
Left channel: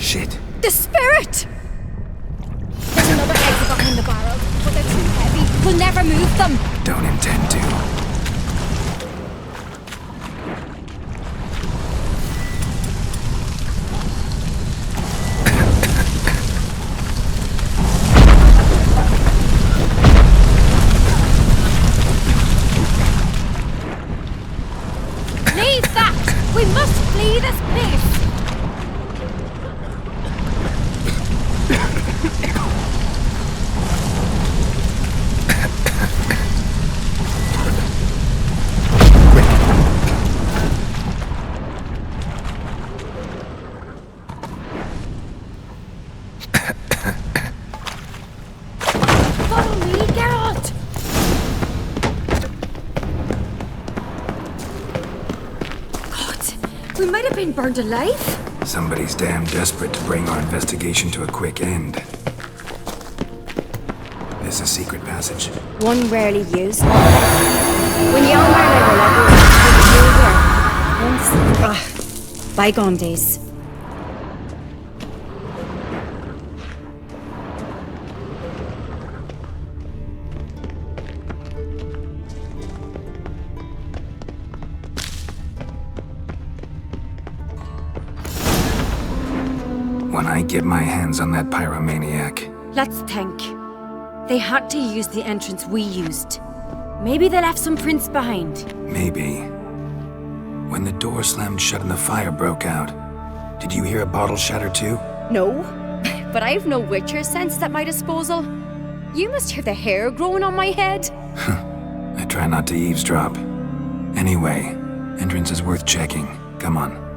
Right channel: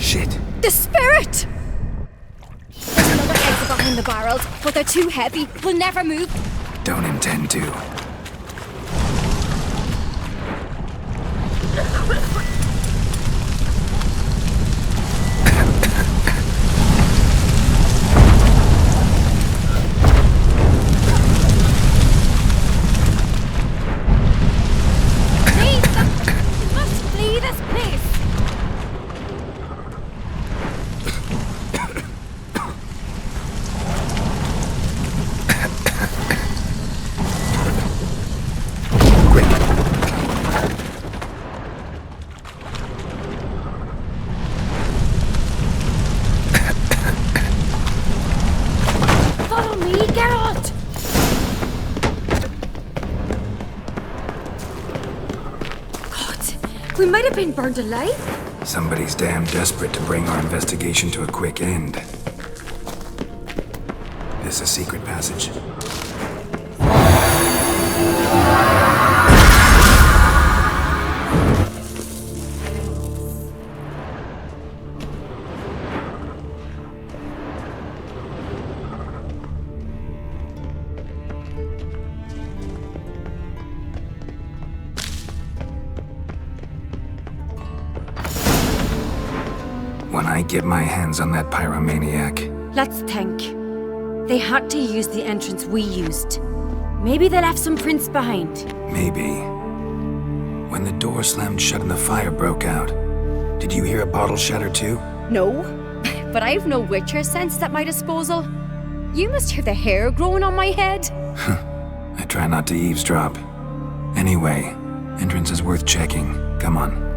Shit. The spirit! There's another exit behind the barrels, but they're too heavy. We'll never move them. Don't intend to. Leave that! We must flee this place! Follow me, Geralt! God, we might have been burned alive. Somebody's damn desperate to bring our investigation to a quick end. This is a secret passage. One rarely used. Bygone days. When I get my hands on that pyromaniac, Let's think. They had to use the entrance we used. Maybe they left some prints behind. maybe. When the door slammed shut and the fire broke out, did you hear a bottle shatter too? No, but I've no Witcher sense at my disposal. You must hear the hair growing on my head. I try not to eavesdrop. Anyway, entrance is worth checking. Come on.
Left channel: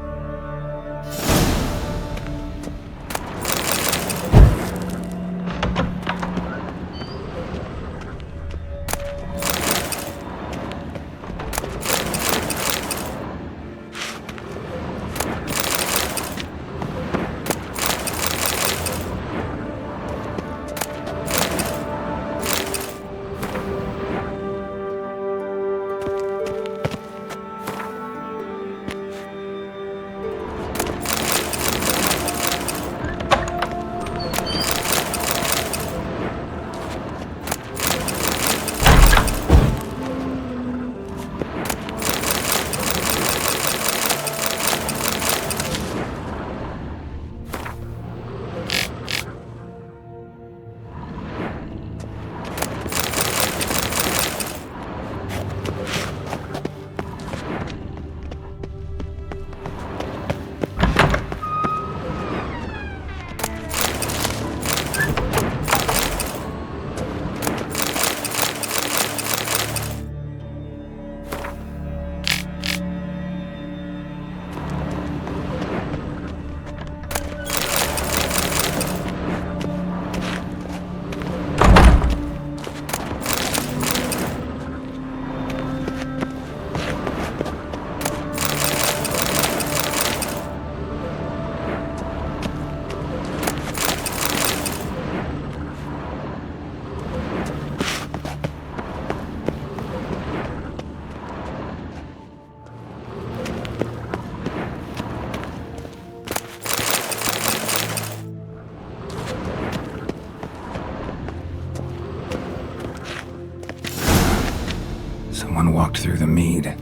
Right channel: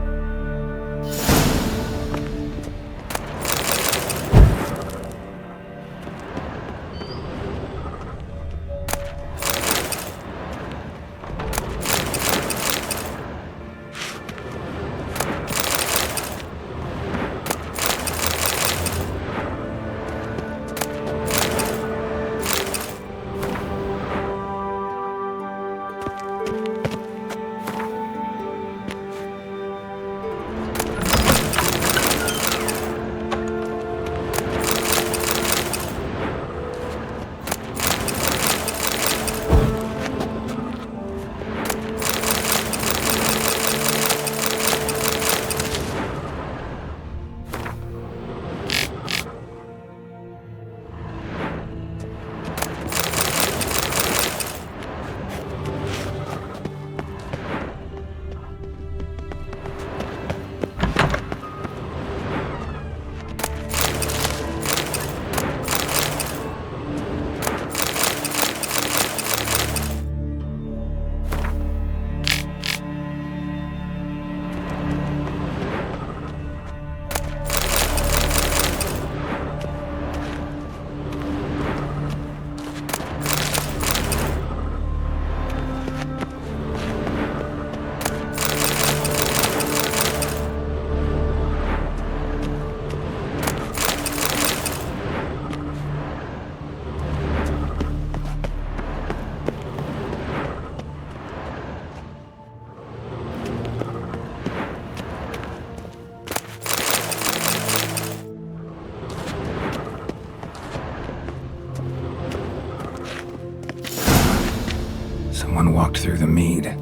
Someone walked through the mead.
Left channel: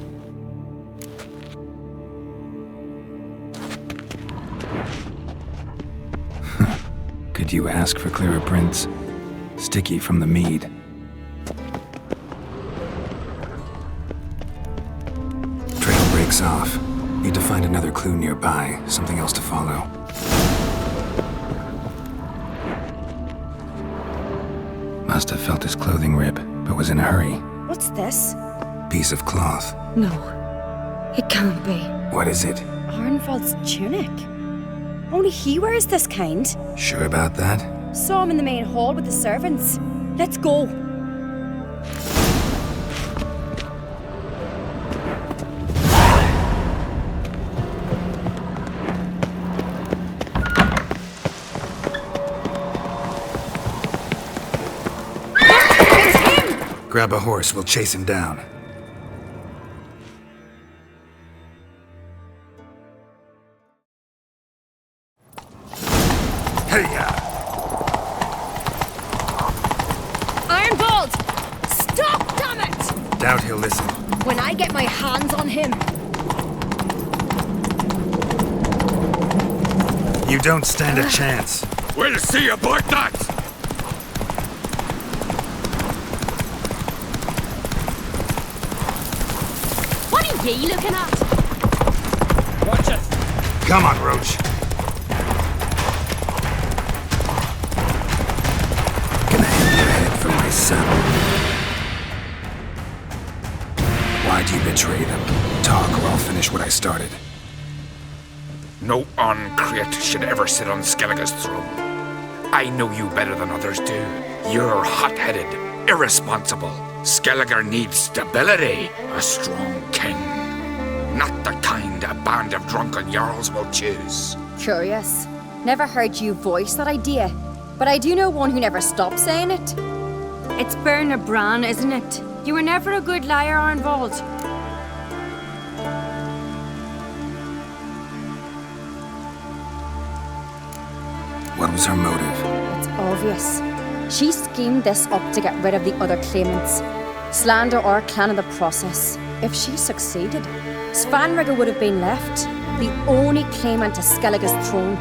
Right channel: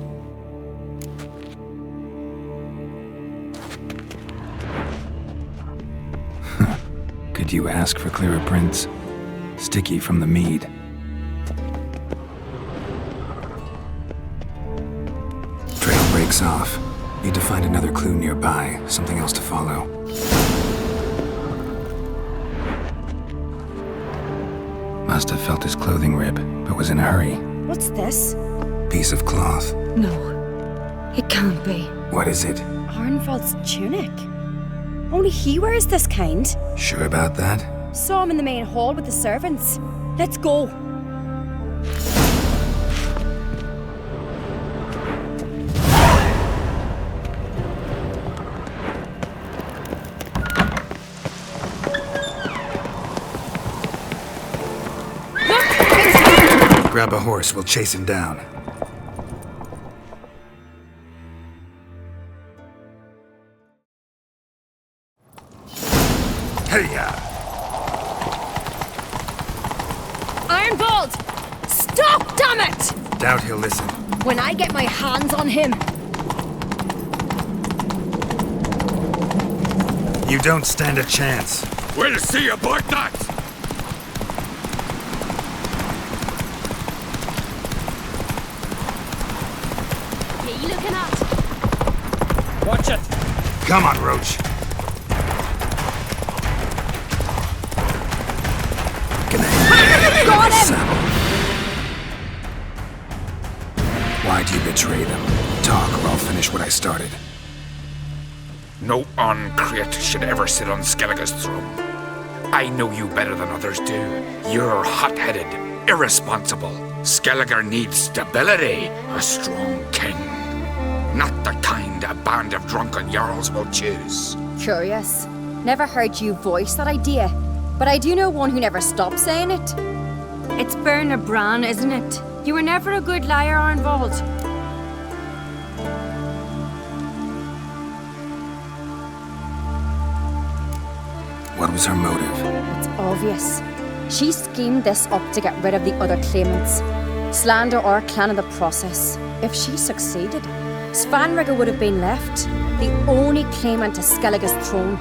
Could you ask for clearer prints? Sticky from the mead. Trail breaks off. Need to find another clue nearby, something else to follow. Must have felt his clothing rip, but was in a hurry. What's this? Piece of cloth. No, it can't be. What is it? Arnvald's tunic. Only he wears this kind. Sure about that? Saw him in the main hall with the servants. Let's go. Grab a horse, we'll chase him down. Hey-ya! Arnvald! Stop, damn it! Doubt he'll listen. When I get my hands on him. You don't stand a chance. We'll see about that! What are you looking at? Watch it! Come on, Roach. Gonna hang from my saddle. Why'd you betray them? Talk or I'll finish what I started. No Ancrete should ever sit on Skellige's throne. I know you better than others do. You're hot-headed, irresponsible. Skellige needs stability, a strong king. Not the kind a band of drunken jarls will choose. Curious. Never heard you voice that idea. But I do know one who never stopped saying it. It's Bernard Bran, isn't it? You were never a good liar, Arnvald. What was her motive? It's obvious. She schemed this up to get rid of the other claimants. Slander our clan in the process. If she succeeded, Svanrige would have been left, the only claimant to Skellige's throne.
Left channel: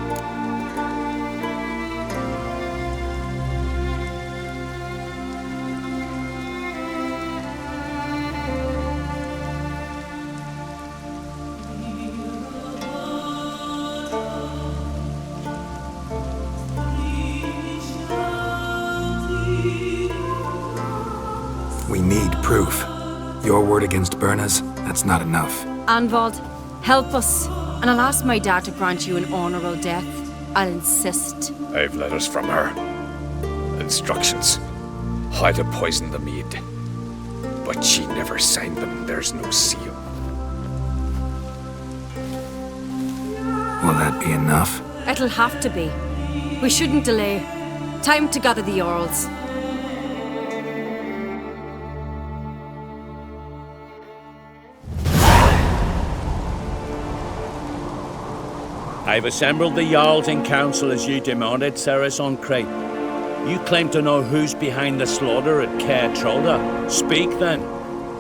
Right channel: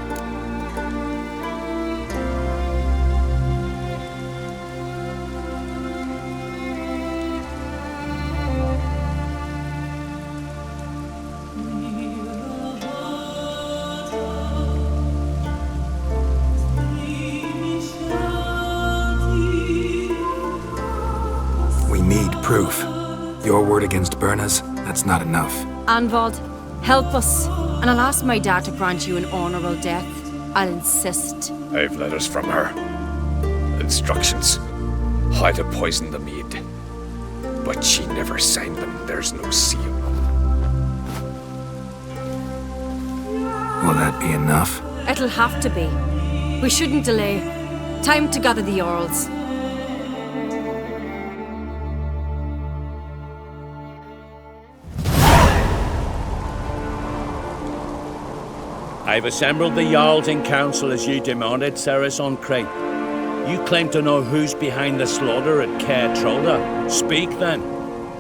We need proof. Your word against Berna's, that's not enough. Arnvald, help us. And I'll ask my dad to grant you an honourable death. I'll insist. I've letters from her. Instructions. How to poison the mead. But she never signed them. There's no seal. Will that be enough? It'll have to be. We shouldn't delay. Time to gather the Jarls. I've assembled the Jarls in council as you demanded, Cerys Ancrete. You claim to know who's behind the slaughter at Caer Trolda. Speak then.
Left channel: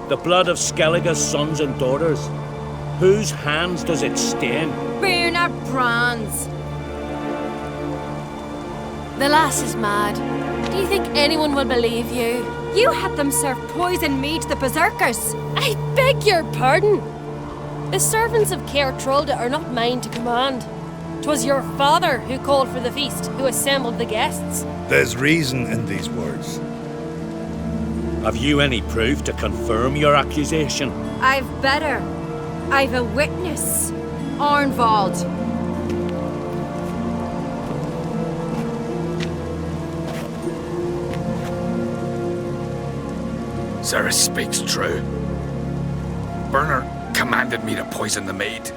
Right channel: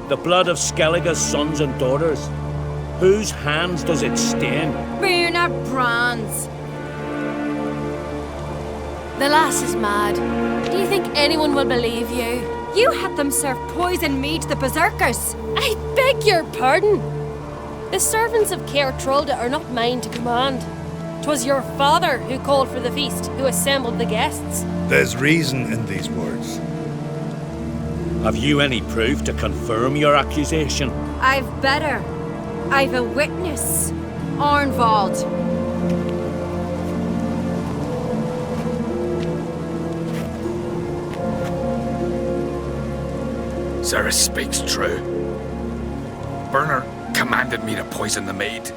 The blood of Skellige's sons and daughters. Whose hands does it stain? Bernard Bran's. The lass is mad. Do you think anyone will believe you? You had them serve poison mead to the berserkers. I beg your pardon. The servants of Caer Trolda are not mine to command. 'Twas your father who called for the feast, who assembled the guests. There's reason in these words. Have you any proof to confirm your accusation? I've better. I've a witness. Arnvald. Cerys speaks true. Bernard commanded me to poison the maid.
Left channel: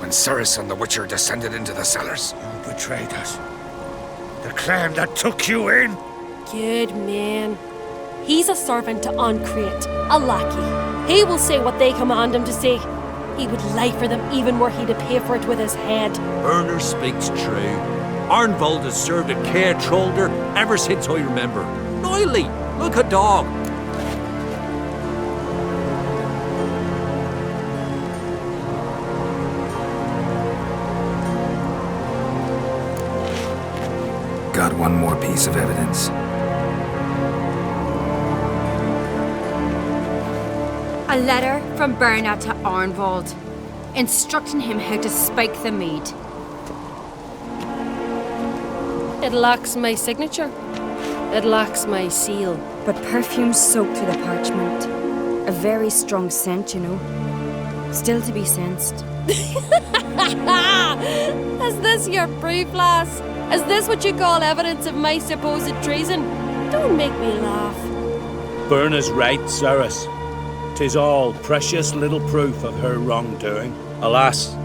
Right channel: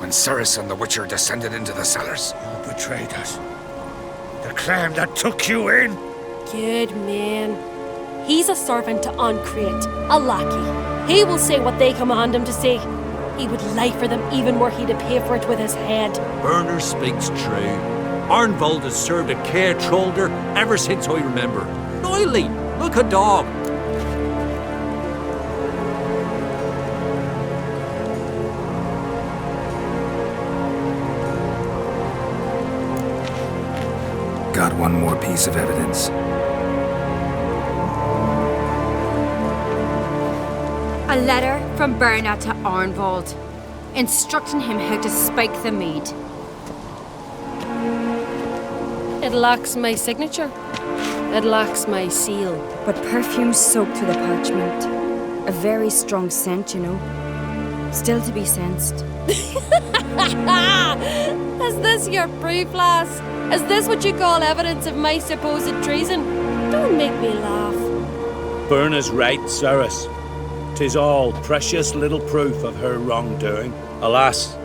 When Cerys and the Witcher descended into the cellars. You betrayed us. The clan that took you in. Good man. He's a servant to Ancrete, a lackey. He will say what they command him to say. He would lie for them even were he to pay for it with his head. Bernard speaks true. Arnvald has served at Caer Trolda ever since I remember. Noily, look a dog. got one more piece of evidence. A letter from Bernard to Arnvald, instructing him how to spike the mead. It lacks my signature. It lacks my seal. But perfume soaked through the parchment. A very strong scent, you know. Still to be sensed. Is this your proof, lass? Is this what you call evidence of my supposed treason? Don't make me laugh. Berna's right, Ceres. 'Tis all precious little proof of her wrongdoing. Alas,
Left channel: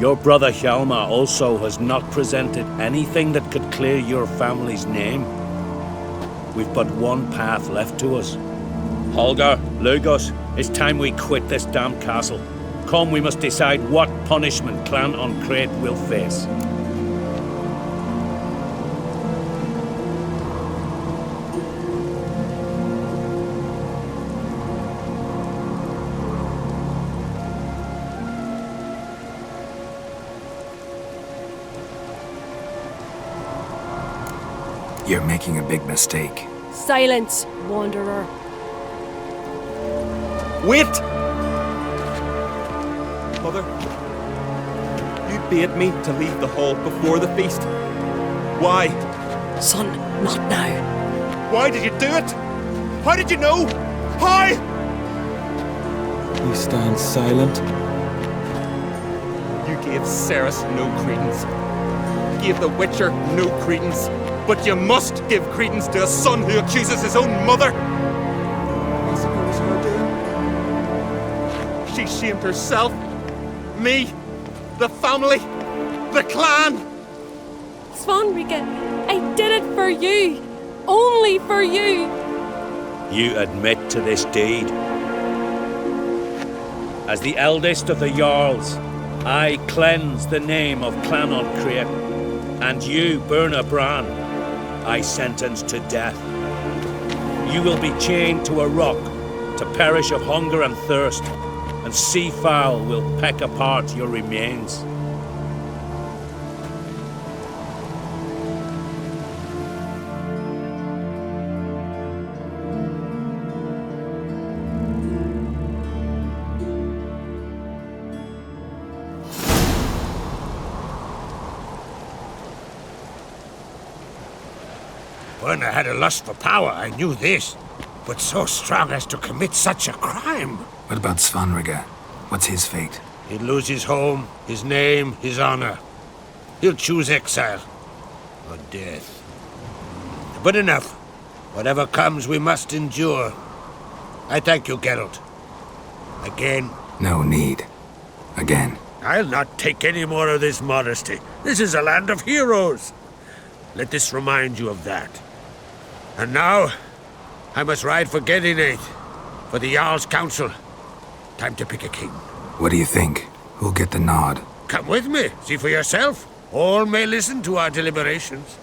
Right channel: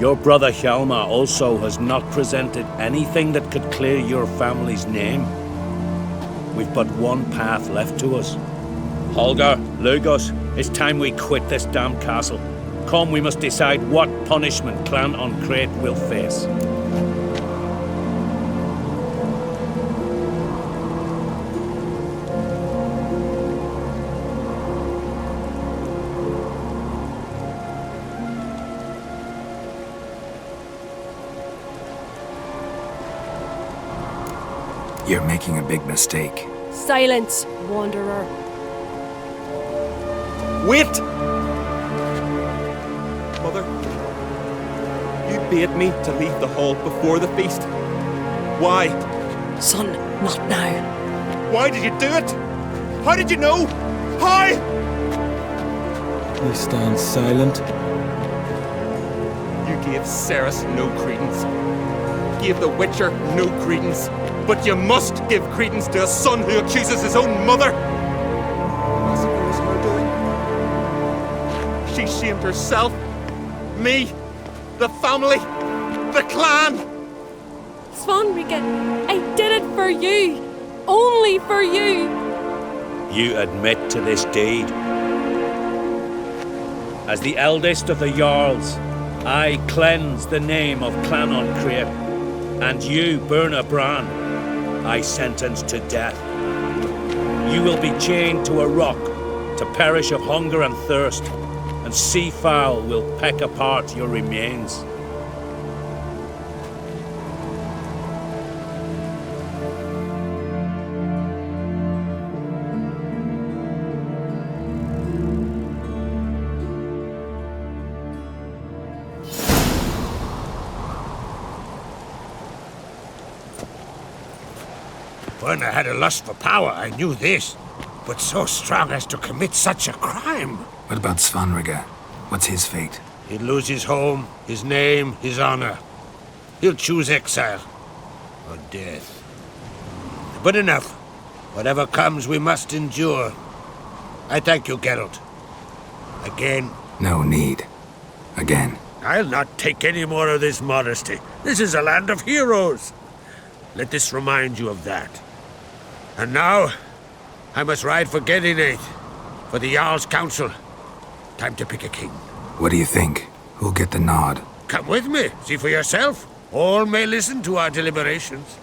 your brother Hjalmar also has not presented anything that could clear your family's name. We've but one path left to us. Holger, Lugos, it's time we quit this damn castle. Come, we must decide what punishment Clan on Crete will face. You're making a big mistake. Silence, wanderer. Wait! Mother, you bade me to leave the hall before the feast. Why? Son, not now. Why did you do it? How did you know? How? You stand silent. You gave Ceres no credence. Gave the Witcher no credence. But you must give credence to a son who accuses his own mother. Massacre was her doing. She shamed herself, me, the family, the clan. Svanrige, I did it for you. Only for you. You admit to this deed. As the eldest of the Jarls, I cleanse the name of Clan on Crete, and you, Berna Bran, I sentence to death. You will be chained to a rock to perish of hunger and thirst, and sea fowl will peck apart your remains. Berna had a lust for power, I knew this. But so strong as to commit such a crime. What about Svanrige? What's his fate? He'd lose his home, his name, his honor. He'll choose exile. Or death. But enough. Whatever comes, we must endure. I thank you, Geralt. Again. No need. Again. I'll not take any more of this modesty. This is a land of heroes. Let this remind you of that. And now, I must ride for Gedinate, for the Jarl's Council. Time to pick a king. What do you think? Who'll get the nod? Come with me, see for yourself. All may listen to our deliberations.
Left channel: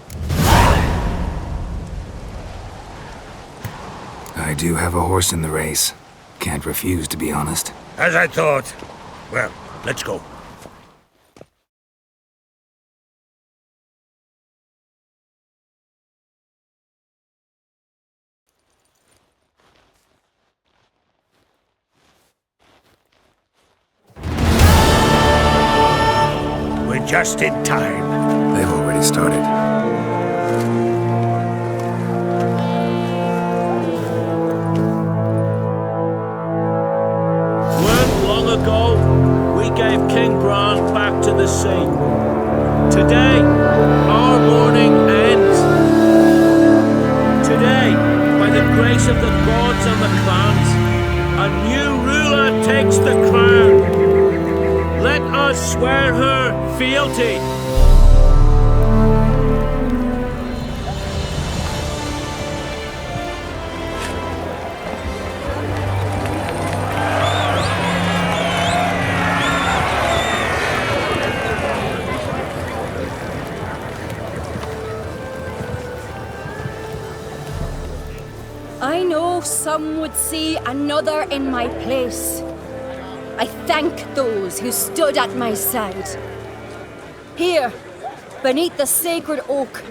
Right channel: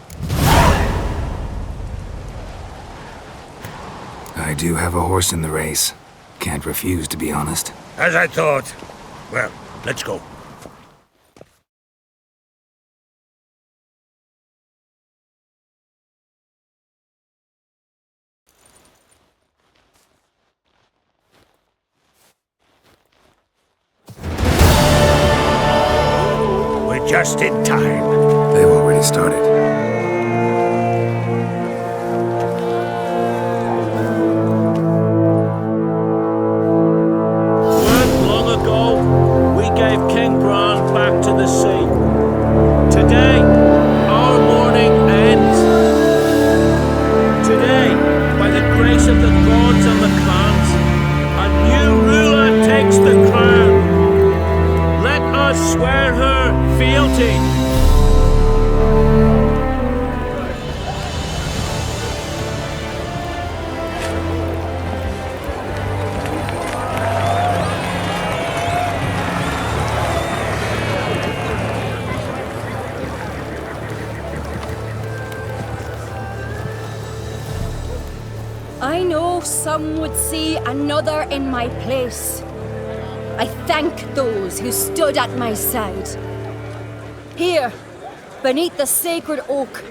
I do have a horse in the race. Can't refuse, to be honest. As I thought. Well, let's go. We're just in time. They've already started. Weren't long ago, we gave King Bran back to the sea. Today, our mourning ends. Today, by the grace of the gods and the clans, a new ruler takes the crown. Let us swear her fealty. I know some would see another in my place. I thank those who stood at my side. Here, beneath the sacred oak,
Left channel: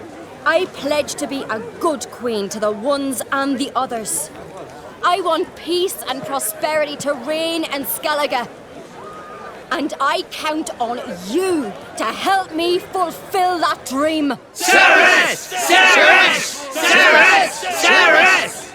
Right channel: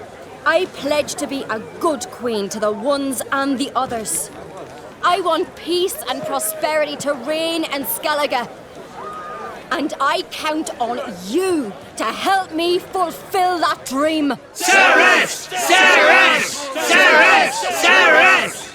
I pledge to be a good queen to the ones and the others. I want peace and prosperity to reign in Skellige. And I count on you to help me fulfill that dream. Cerys! Cerys! Cerys! Cerys!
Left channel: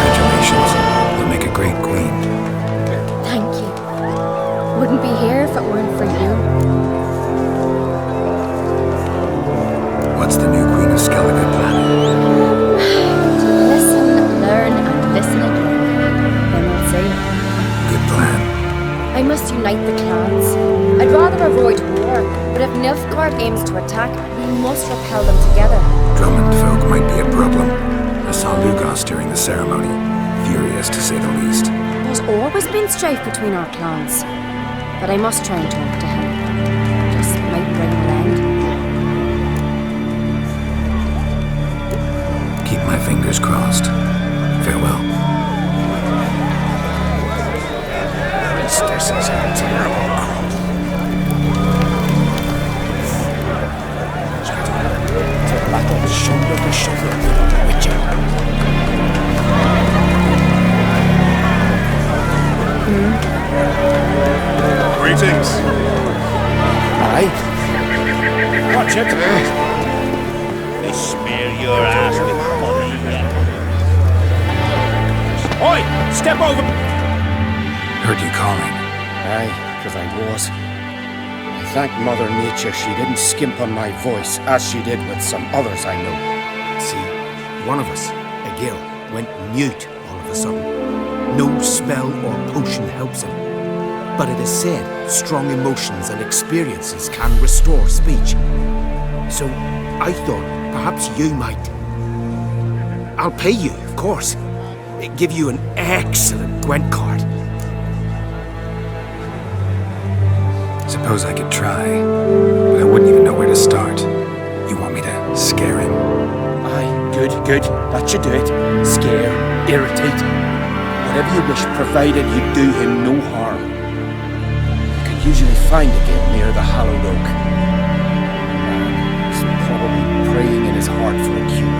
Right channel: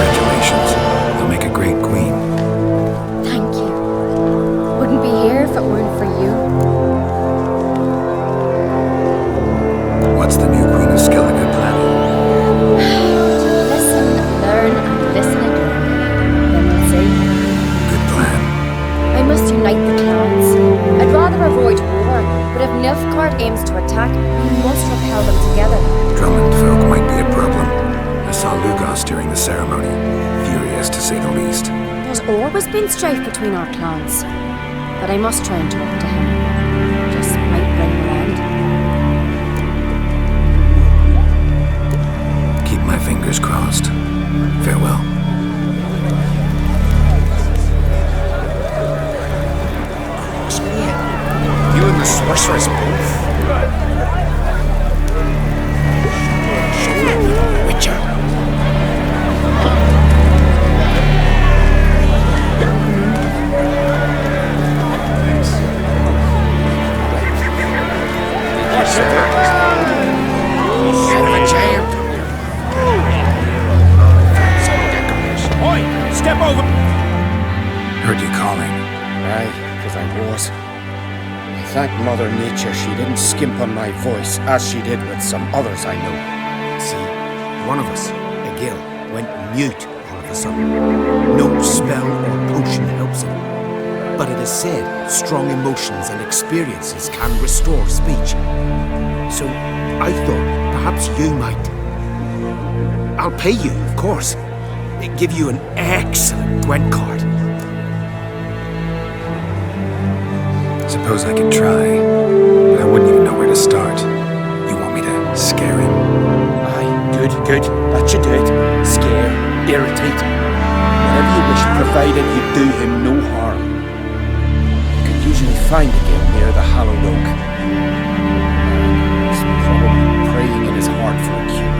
Congratulations. You'll make a great queen. Thank you. Wouldn't be here if it weren't for you. What's the new Queen of Skellige planning? To listen, learn, and listen again. Then we'll see. Good plan. I must unite the clans. I'd rather avoid war, but if Nilfgaard aims to attack, we must repel them together. Drummond folk might be a problem. I saw Lugos during the ceremony. Furious, to say the least. There's always been strife between our clans. But I must try and talk to him. Just might bring him around. Keep my fingers crossed. Farewell. You're the sorceress both. Witcher. Greetings. Aye. Watch it. Oi! Step over! Heard you calling. Aye, because I was. I thank Mother Nature she didn't skimp on my voice, as she did with some others I know. See, one of us, a gill, went mute all of a sudden. No spell or potion helps him. But it is said strong emotions and experiences can restore speech. So I thought perhaps you might. I'll pay you, of course. Give you an excellent Gwent card. Suppose I could try, but I wouldn't even know where to start. You want me to scare him? Aye, good, good. That should do it. Scare, irritate. Whatever you wish, provided you do him no harm. You could usually find a gill near the Hallowed Oak. He's probably praying in his heart for a cure.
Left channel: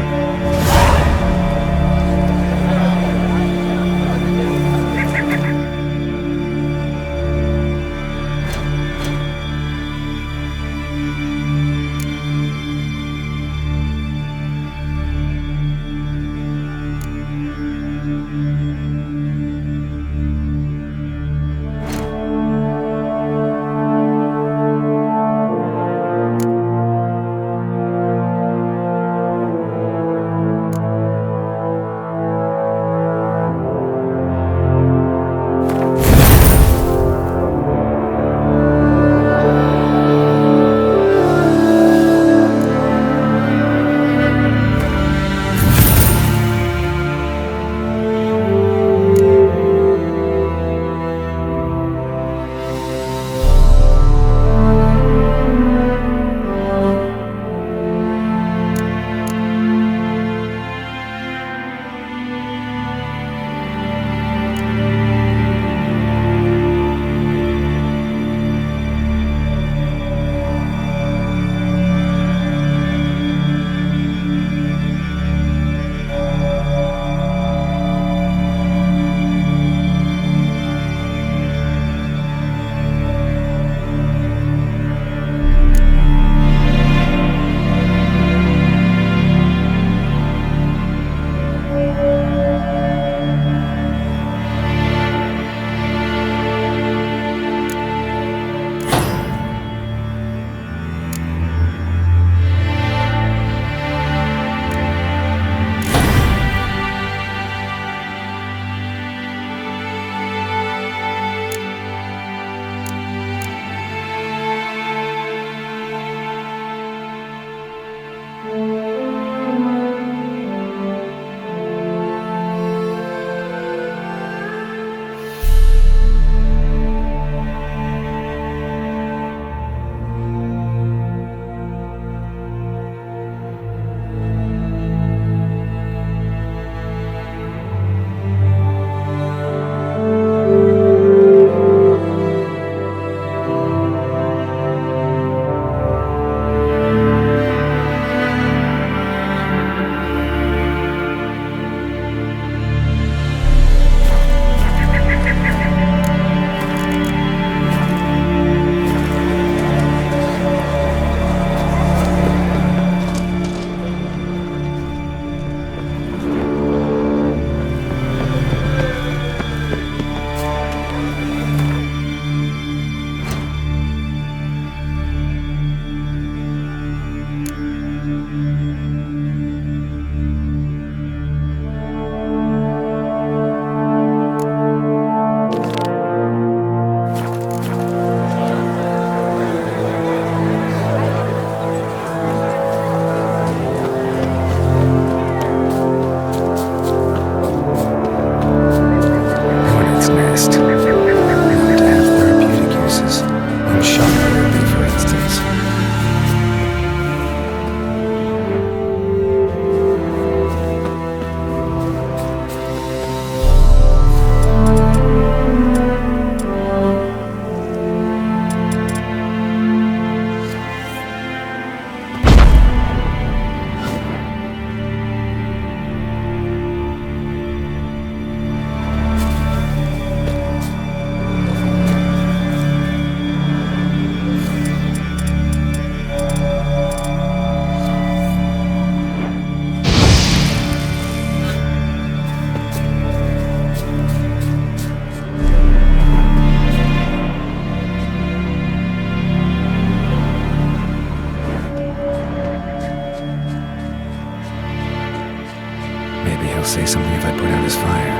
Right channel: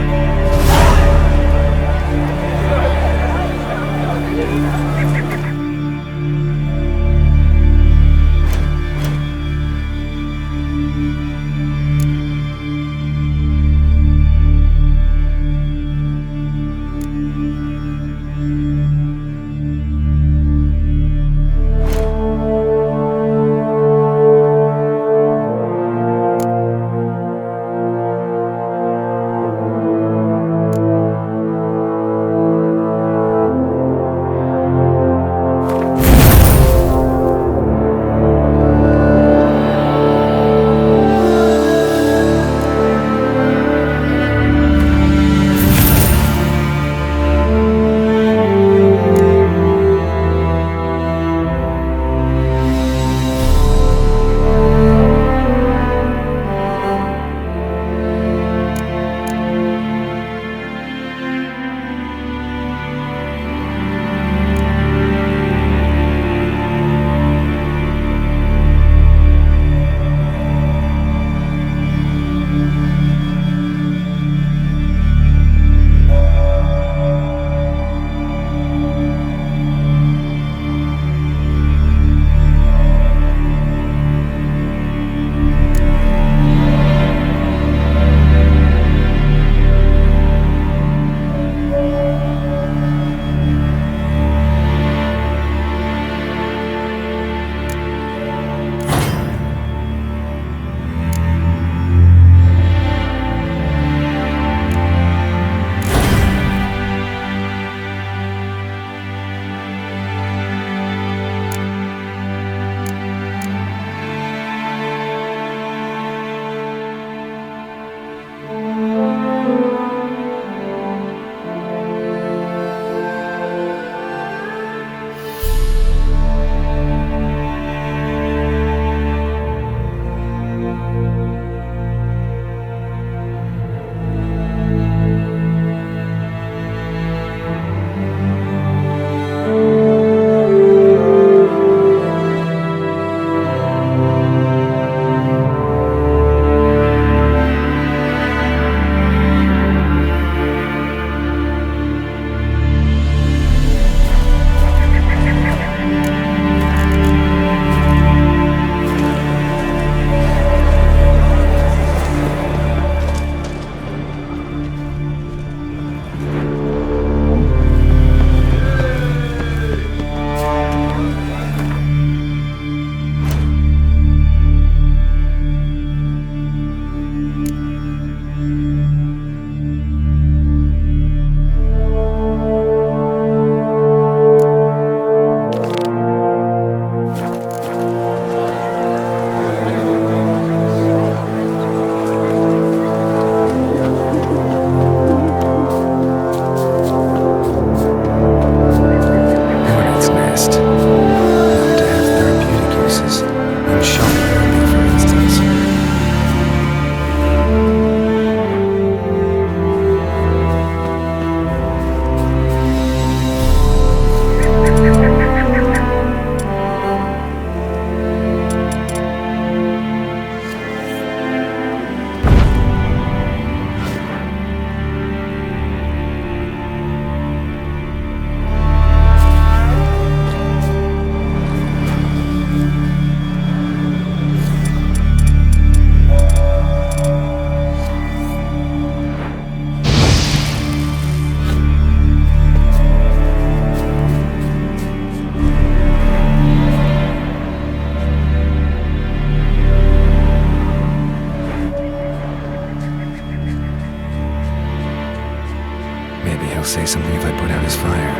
he'll say something if I put out his fire.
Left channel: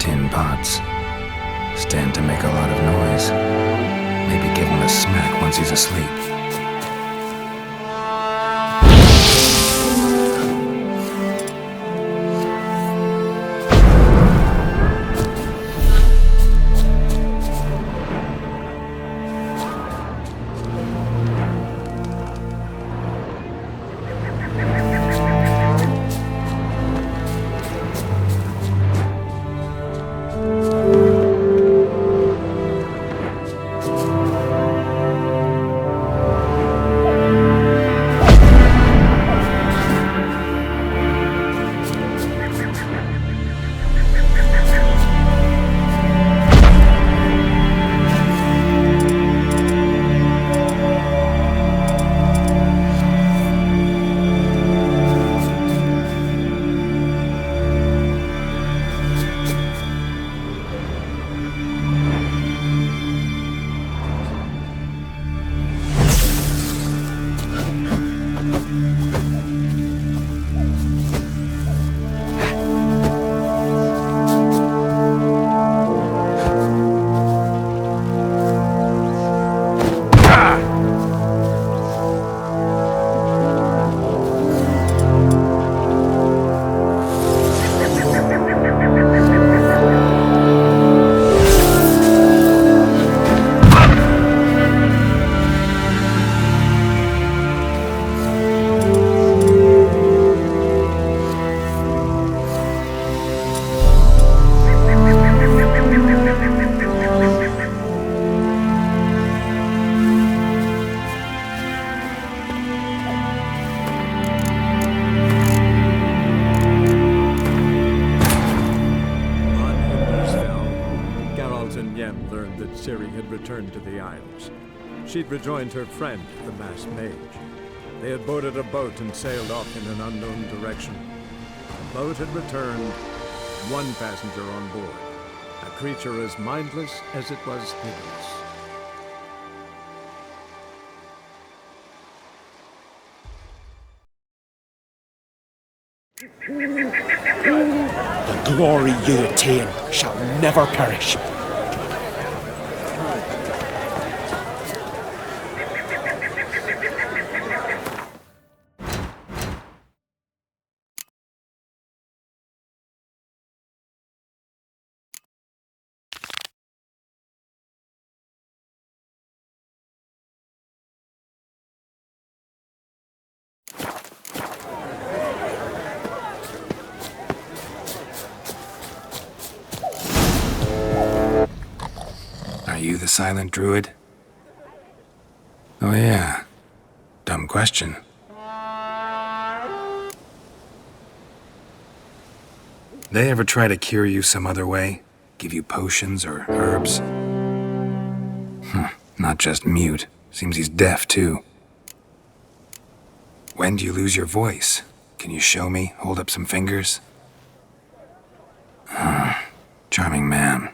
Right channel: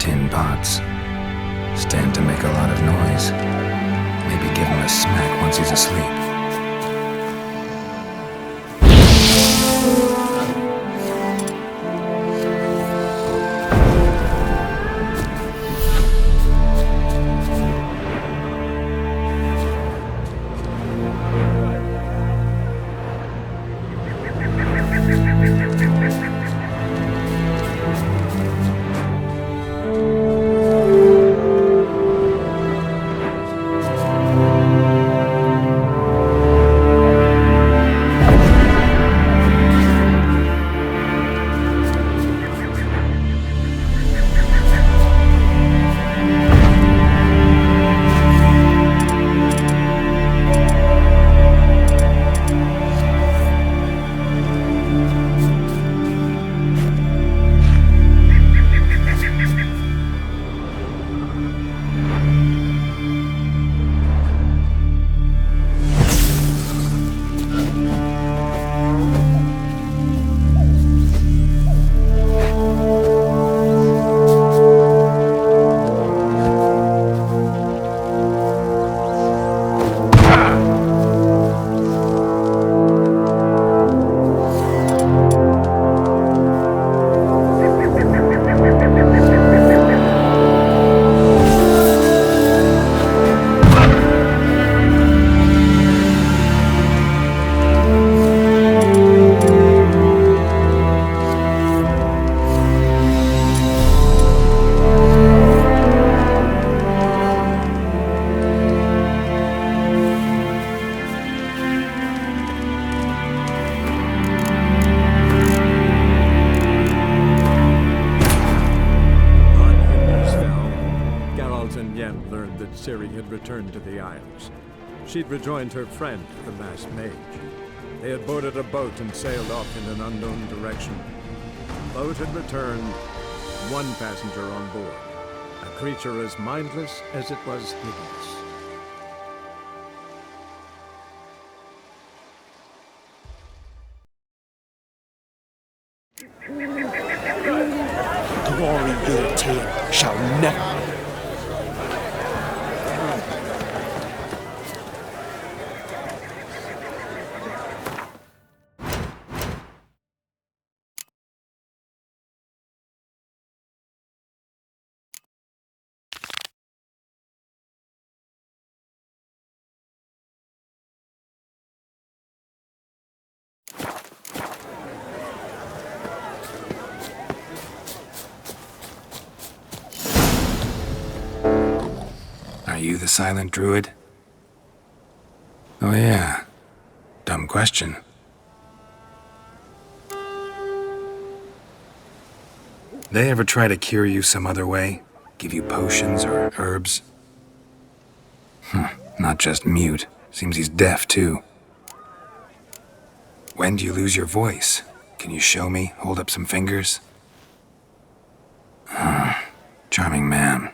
Tin pots. Stand to make a lot of noise. Maybe give him a smack once he's asleep. Ciri had returned to the Isles. She'd rejoined her friend, the masked mage. They had boarded a boat and sailed off in an unknown direction. The boat had returned, one passenger on board, a creature as mindless as it was hideous. The glory you attain shall never perish. Are you the silent druid? Oh yeah. Dumb question. They ever try to cure you some other way? Give you potions or herbs? Not just mute. Seems he's deaf too. When do you lose your voice? Can you show me? Hold up some fingers? Charming man.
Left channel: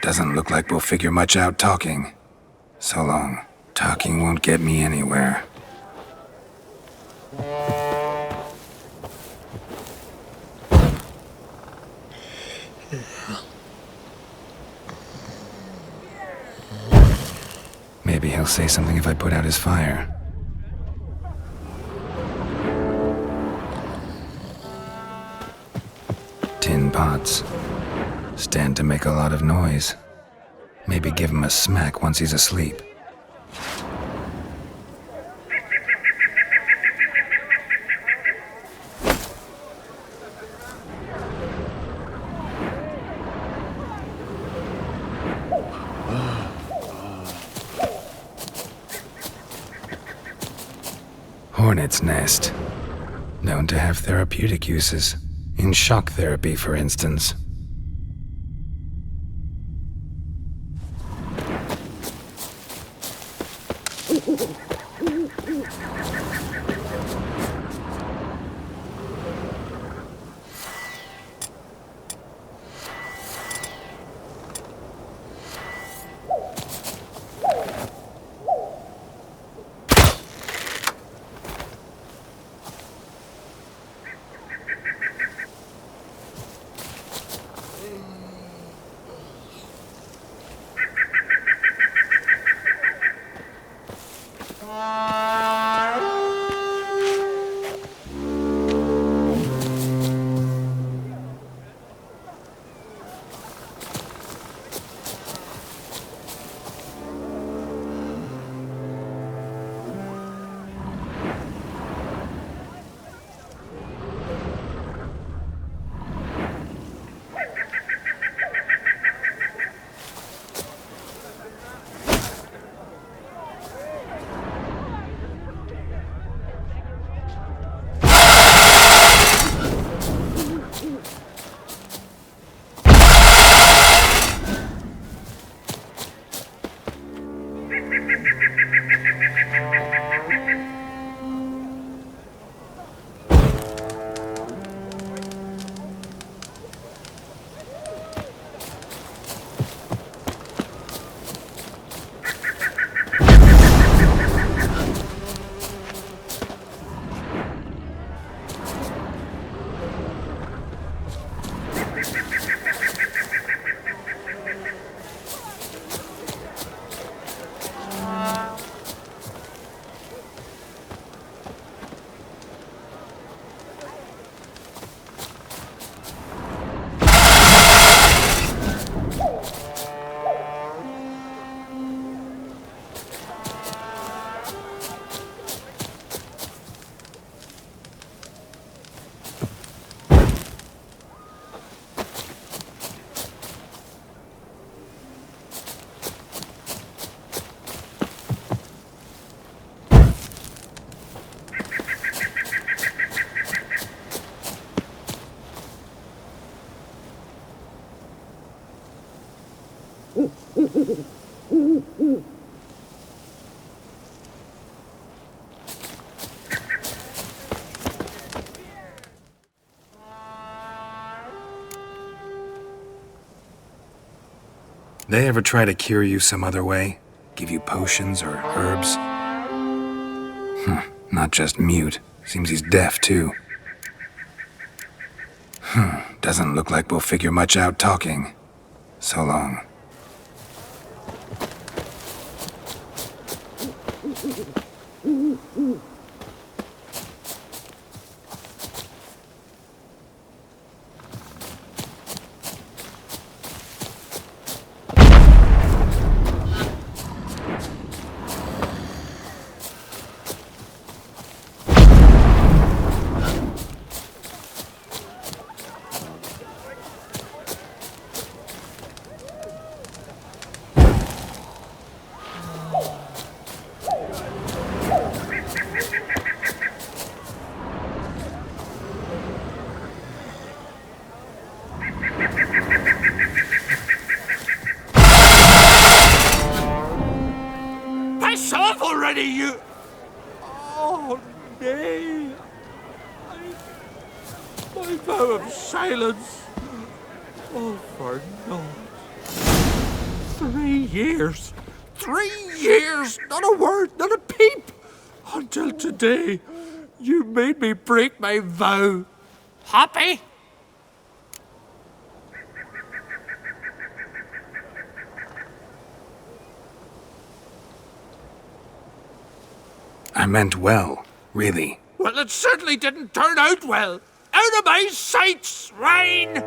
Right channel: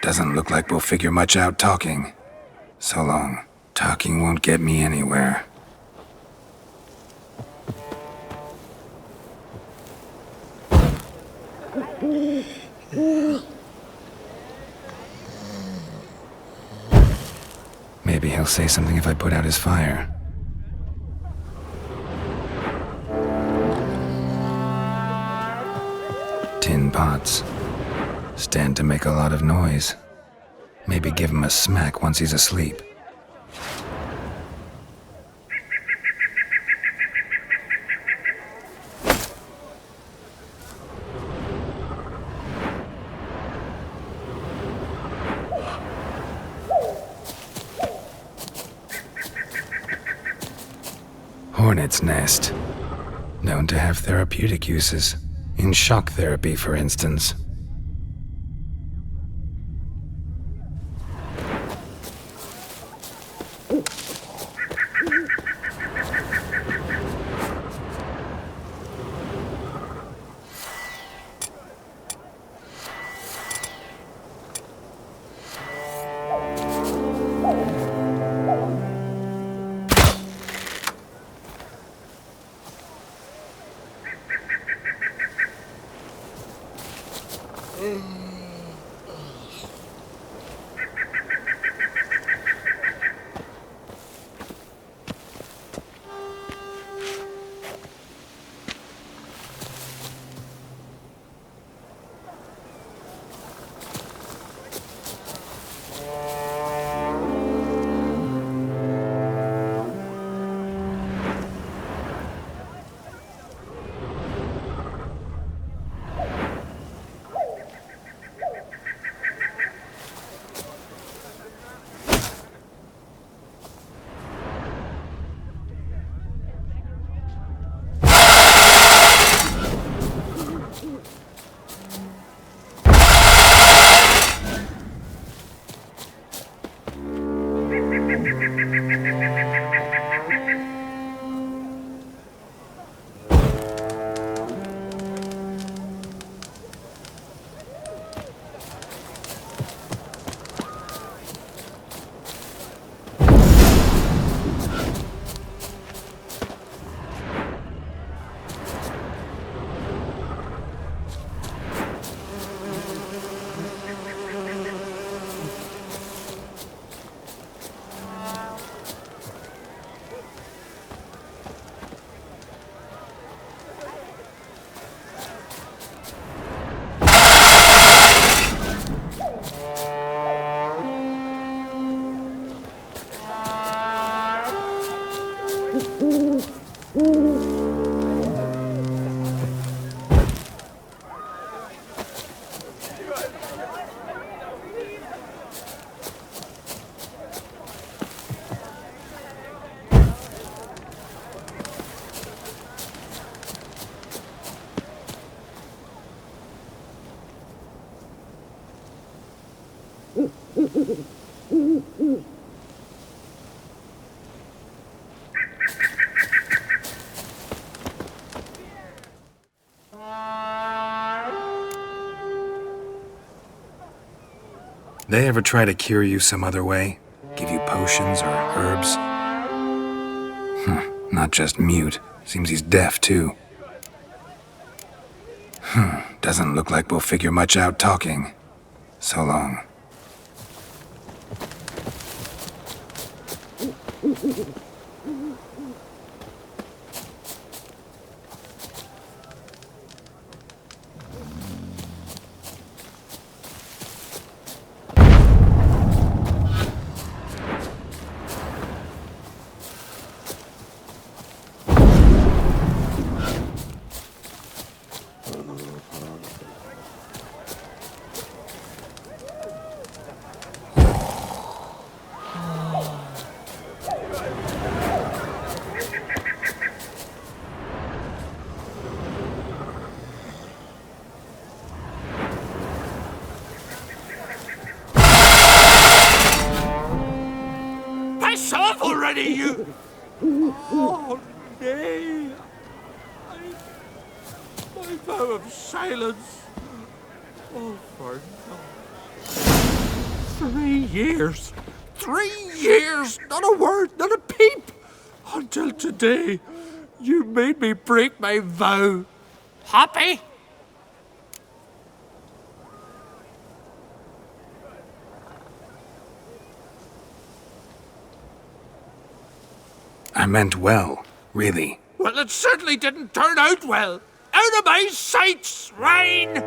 Doesn't look like we'll figure much out talking. So long. Talking won't get me anywhere. Maybe he'll say something if I put out his fire. Tin pots. Stand to make a lot of noise. Maybe give him a smack once he's asleep. Hornet's nest. Known to have therapeutic uses. In shock therapy, for instance. They ever try to cure you some other way? Give you potions or herbs? Not just mute. Seems he's deaf, too. Doesn't look like we'll figure much out talking. So long. Piss off already, you! Oh, nay. My vow of silence. Oh, for no. 3 years. 3 years! Not a word, not a peep! Until today, you made me break my vow. Happy? I meant well, really. Well, it certainly didn't turn out well. Out of my sight, swine!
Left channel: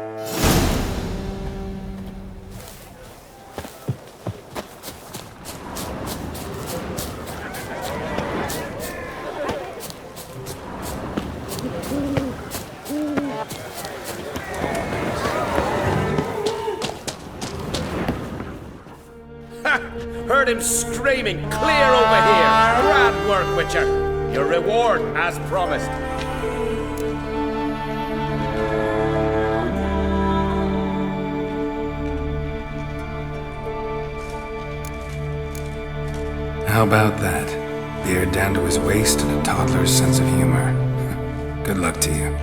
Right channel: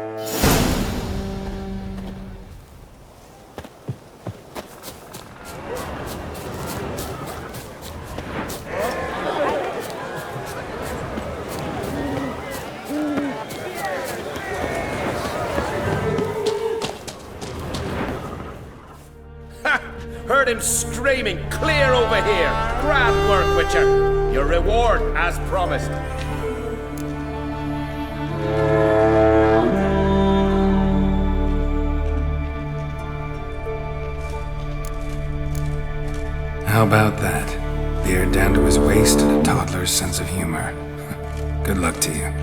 Heard him screaming, clear over here. Grand work, Witcher. Your reward, as promised. How about that? Beard down to his waist and a toddler's sense of humor. Good luck to you.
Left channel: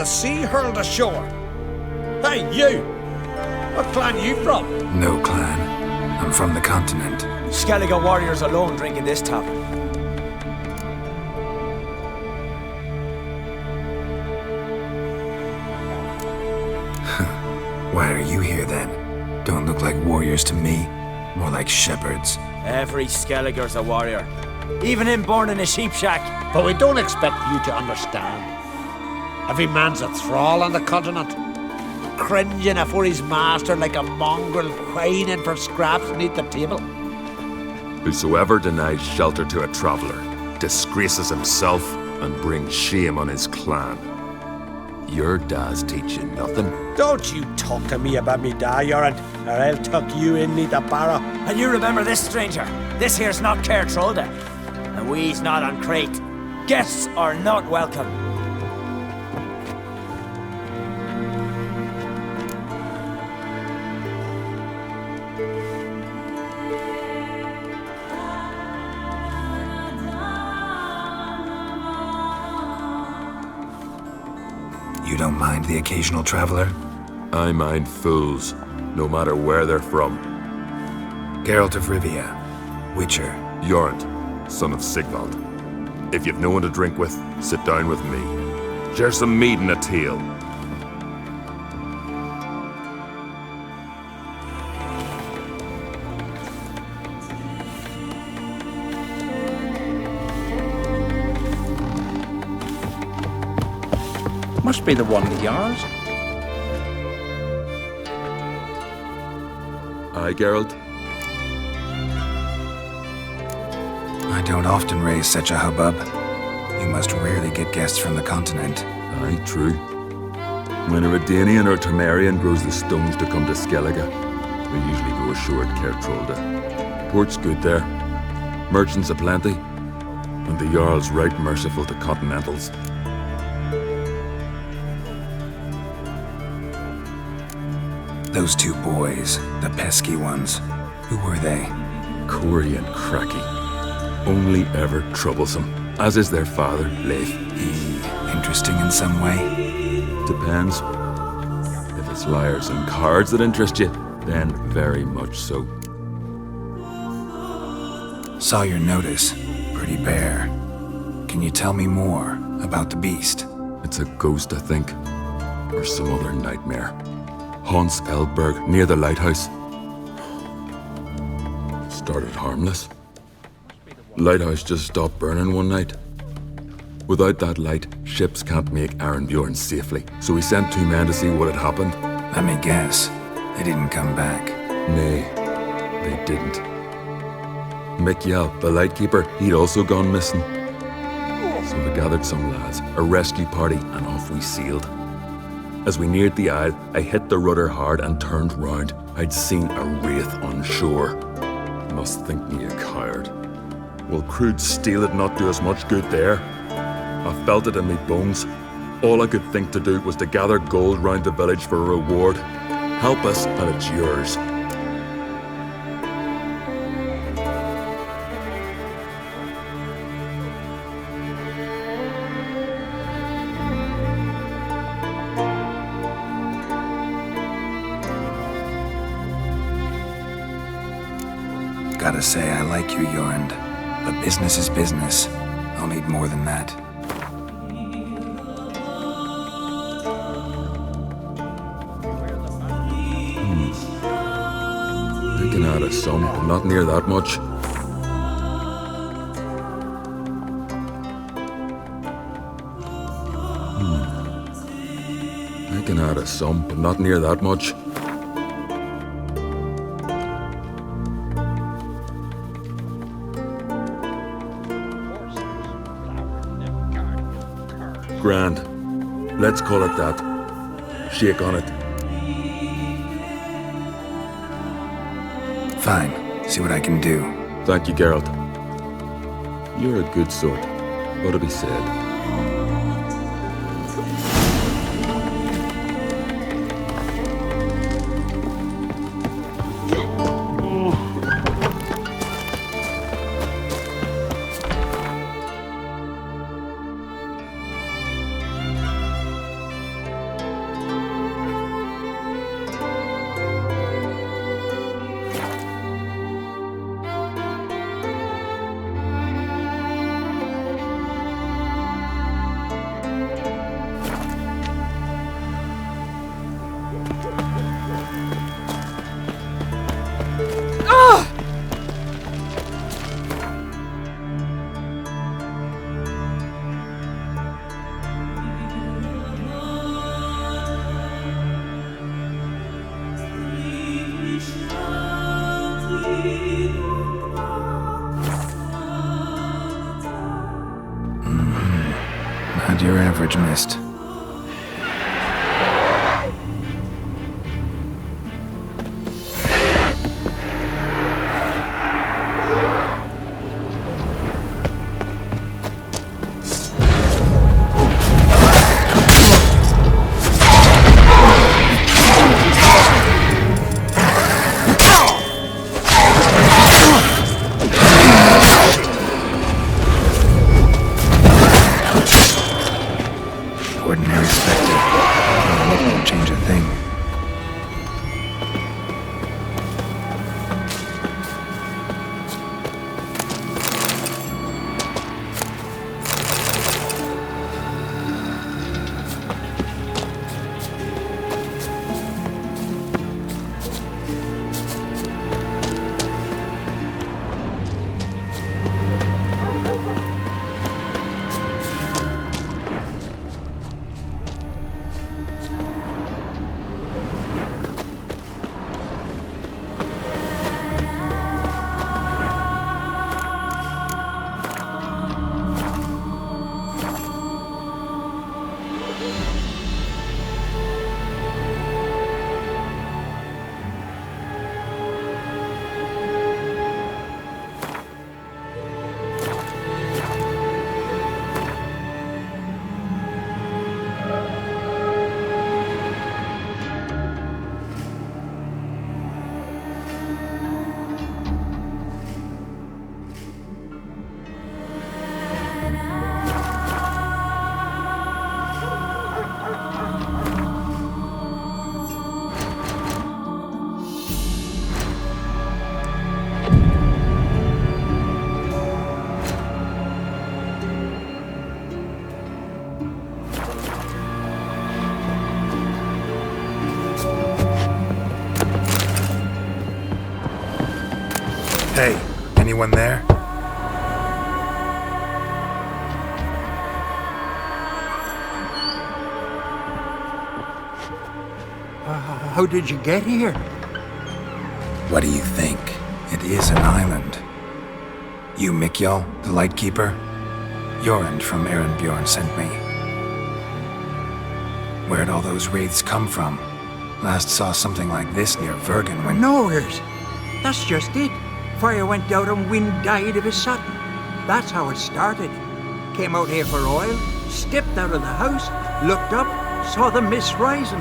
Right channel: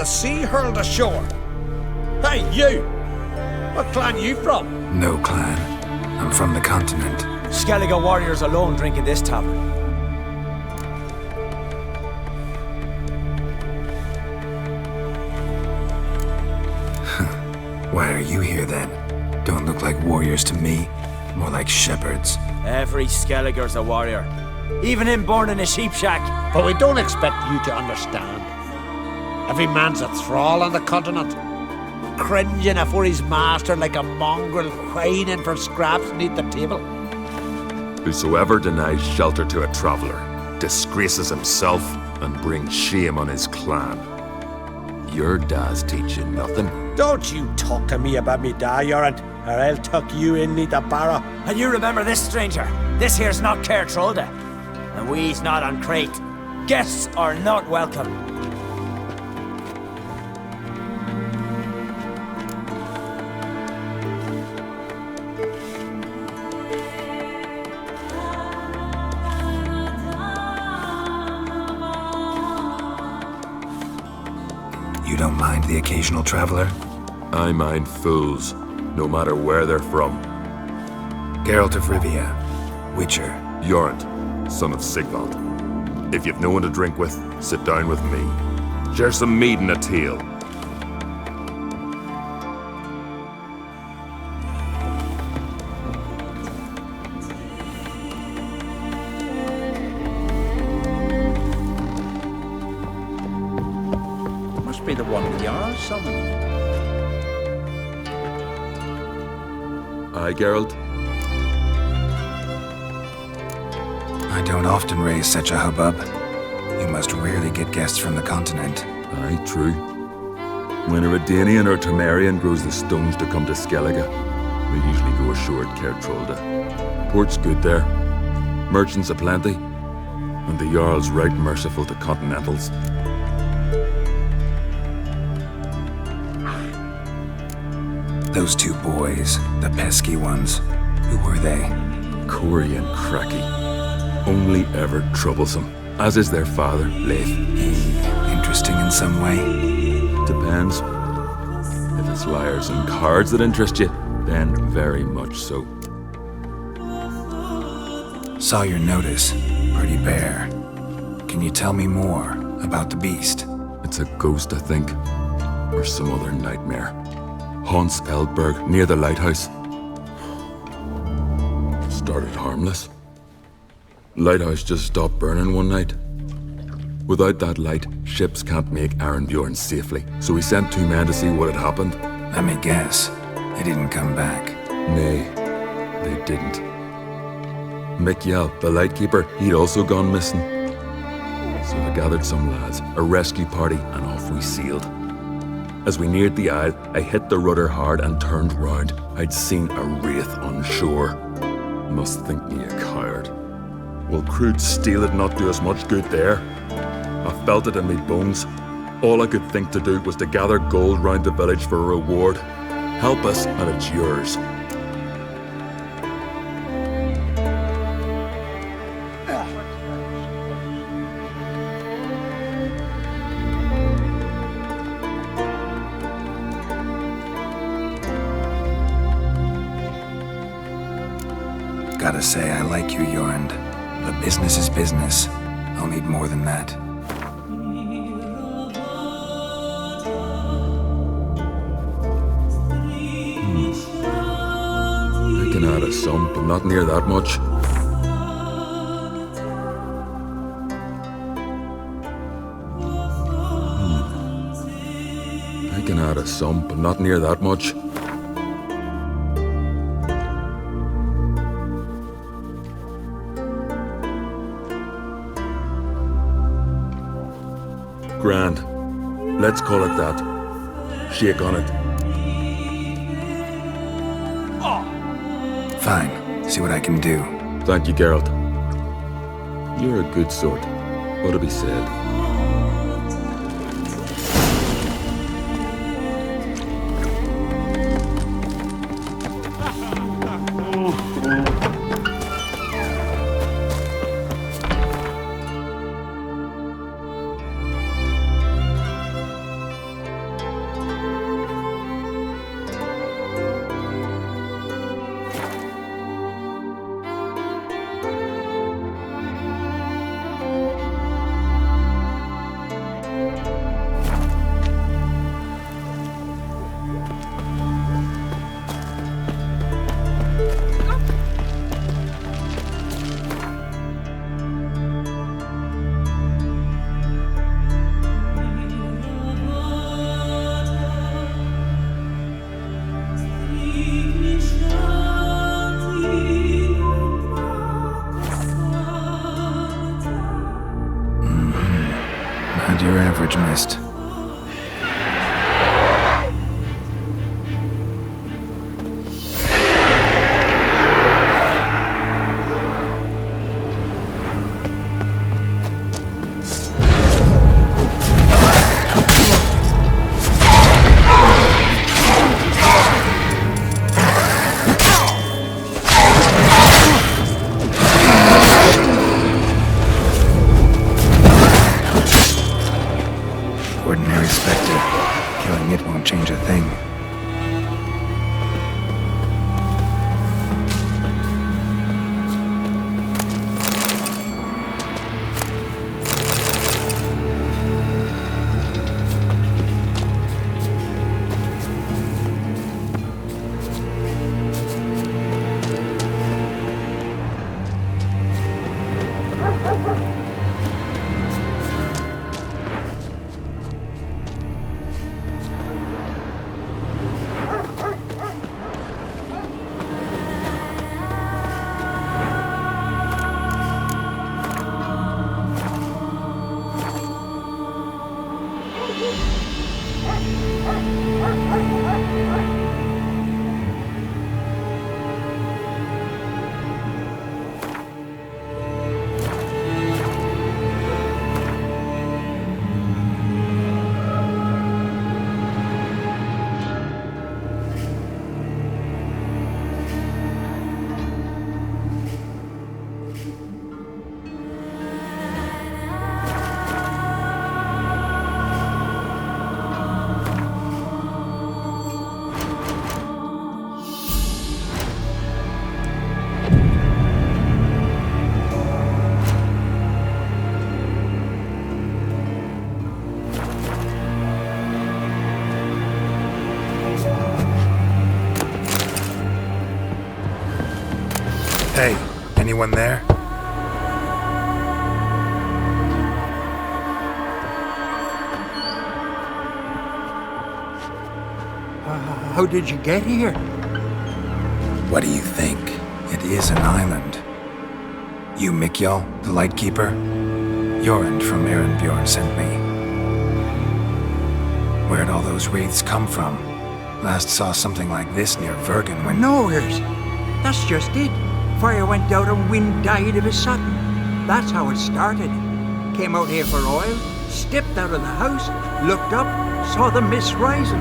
the sea hurled ashore. Hey, you! What clan you from? No clan. I'm from the continent. Skellige warriors alone drink in this tavern. Why are you here then? Don't look like warriors to me. More like shepherds. Every Skellige's a warrior. Even him born in a sheep shack. But we don't expect you to understand. Every man's a thrall on the continent, cringing afore his master like a mongrel whining for scraps beneath the table. Whosoever denies shelter to a traveller disgraces himself and brings shame on his clan. Your da's teach you nothing. Don't you talk to me about me da, Yorant, or I'll tuck you in neath a barrow. And you remember this, stranger. This here's not Caer Trolda, and we's not on Crete. Guests are not welcome. You don't mind the occasional traveler? I mind fools, no matter where they're from. Geralt of Rivia, Witcher. Jorund, son of Sigvald. If you've no one to drink with, sit down with me. Share some mead and a tale. Must be the one of yours. Aye, Geralt? I don't often raise such a hubbub. You must rarely get guests from the continent. Aye, true. When a Redanian or Temerian grows the stones to come to Skellige, they usually go ashore at Caer Trolda. Port's good there. Merchants aplenty. And the Jarl's right merciful to continentals. Those two boys, the pesky ones, who were they? Corey and Cracky. Only ever troublesome, as is their father, Leif. He interesting in some way? Depends. If it's liars and cards that interest you, then very much so. Saw your notice. Pretty bare. Can you tell me more about the beast? It's a ghost, I think. Or some other nightmare. Haunts Eldberg, near the lighthouse. Started harmless. Lighthouse just stopped burning one night. Without that light, ships can't make Arenbjorn safely, so we sent 2 men to see what had happened. Let me guess. They didn't come back. Nay, they didn't. Mick Yell, the lightkeeper, he'd also gone missing. So I gathered some lads, a rescue party, and off we sailed. As we neared the isle, I hit the rudder hard and turned round. I'd seen a wraith on shore. Must think me a coward. Will crude steel it not do us much good there? I felt it in me bones. All I could think to do was to gather gold round the village for a reward. Help us, and it's yours. Gotta say, I like you, Jorund. But business is business. I'll need more than that. I can add a sum, but not near that much. I can add a sum, but not near that much. Grand. Let's call it that. Shake on it. Fine. See what I can do. Thank you, Geralt. You're a good sort. Ought to be said. Not your average mist. Ordinary specter. Killing it won't change a thing. Hey, anyone there? How did you get here? What do you think? It is an island. You, Mikjal, the Lightkeeper? Jorund from Erenbjorn sent me. Where'd all those wraiths come from? Last saw something like this near Vergen when... Nowheres. That's just it. Fire went out and wind died of a sudden. That's how it started. Came out here for oil, stepped out of the house, looked up, saw the mist rising.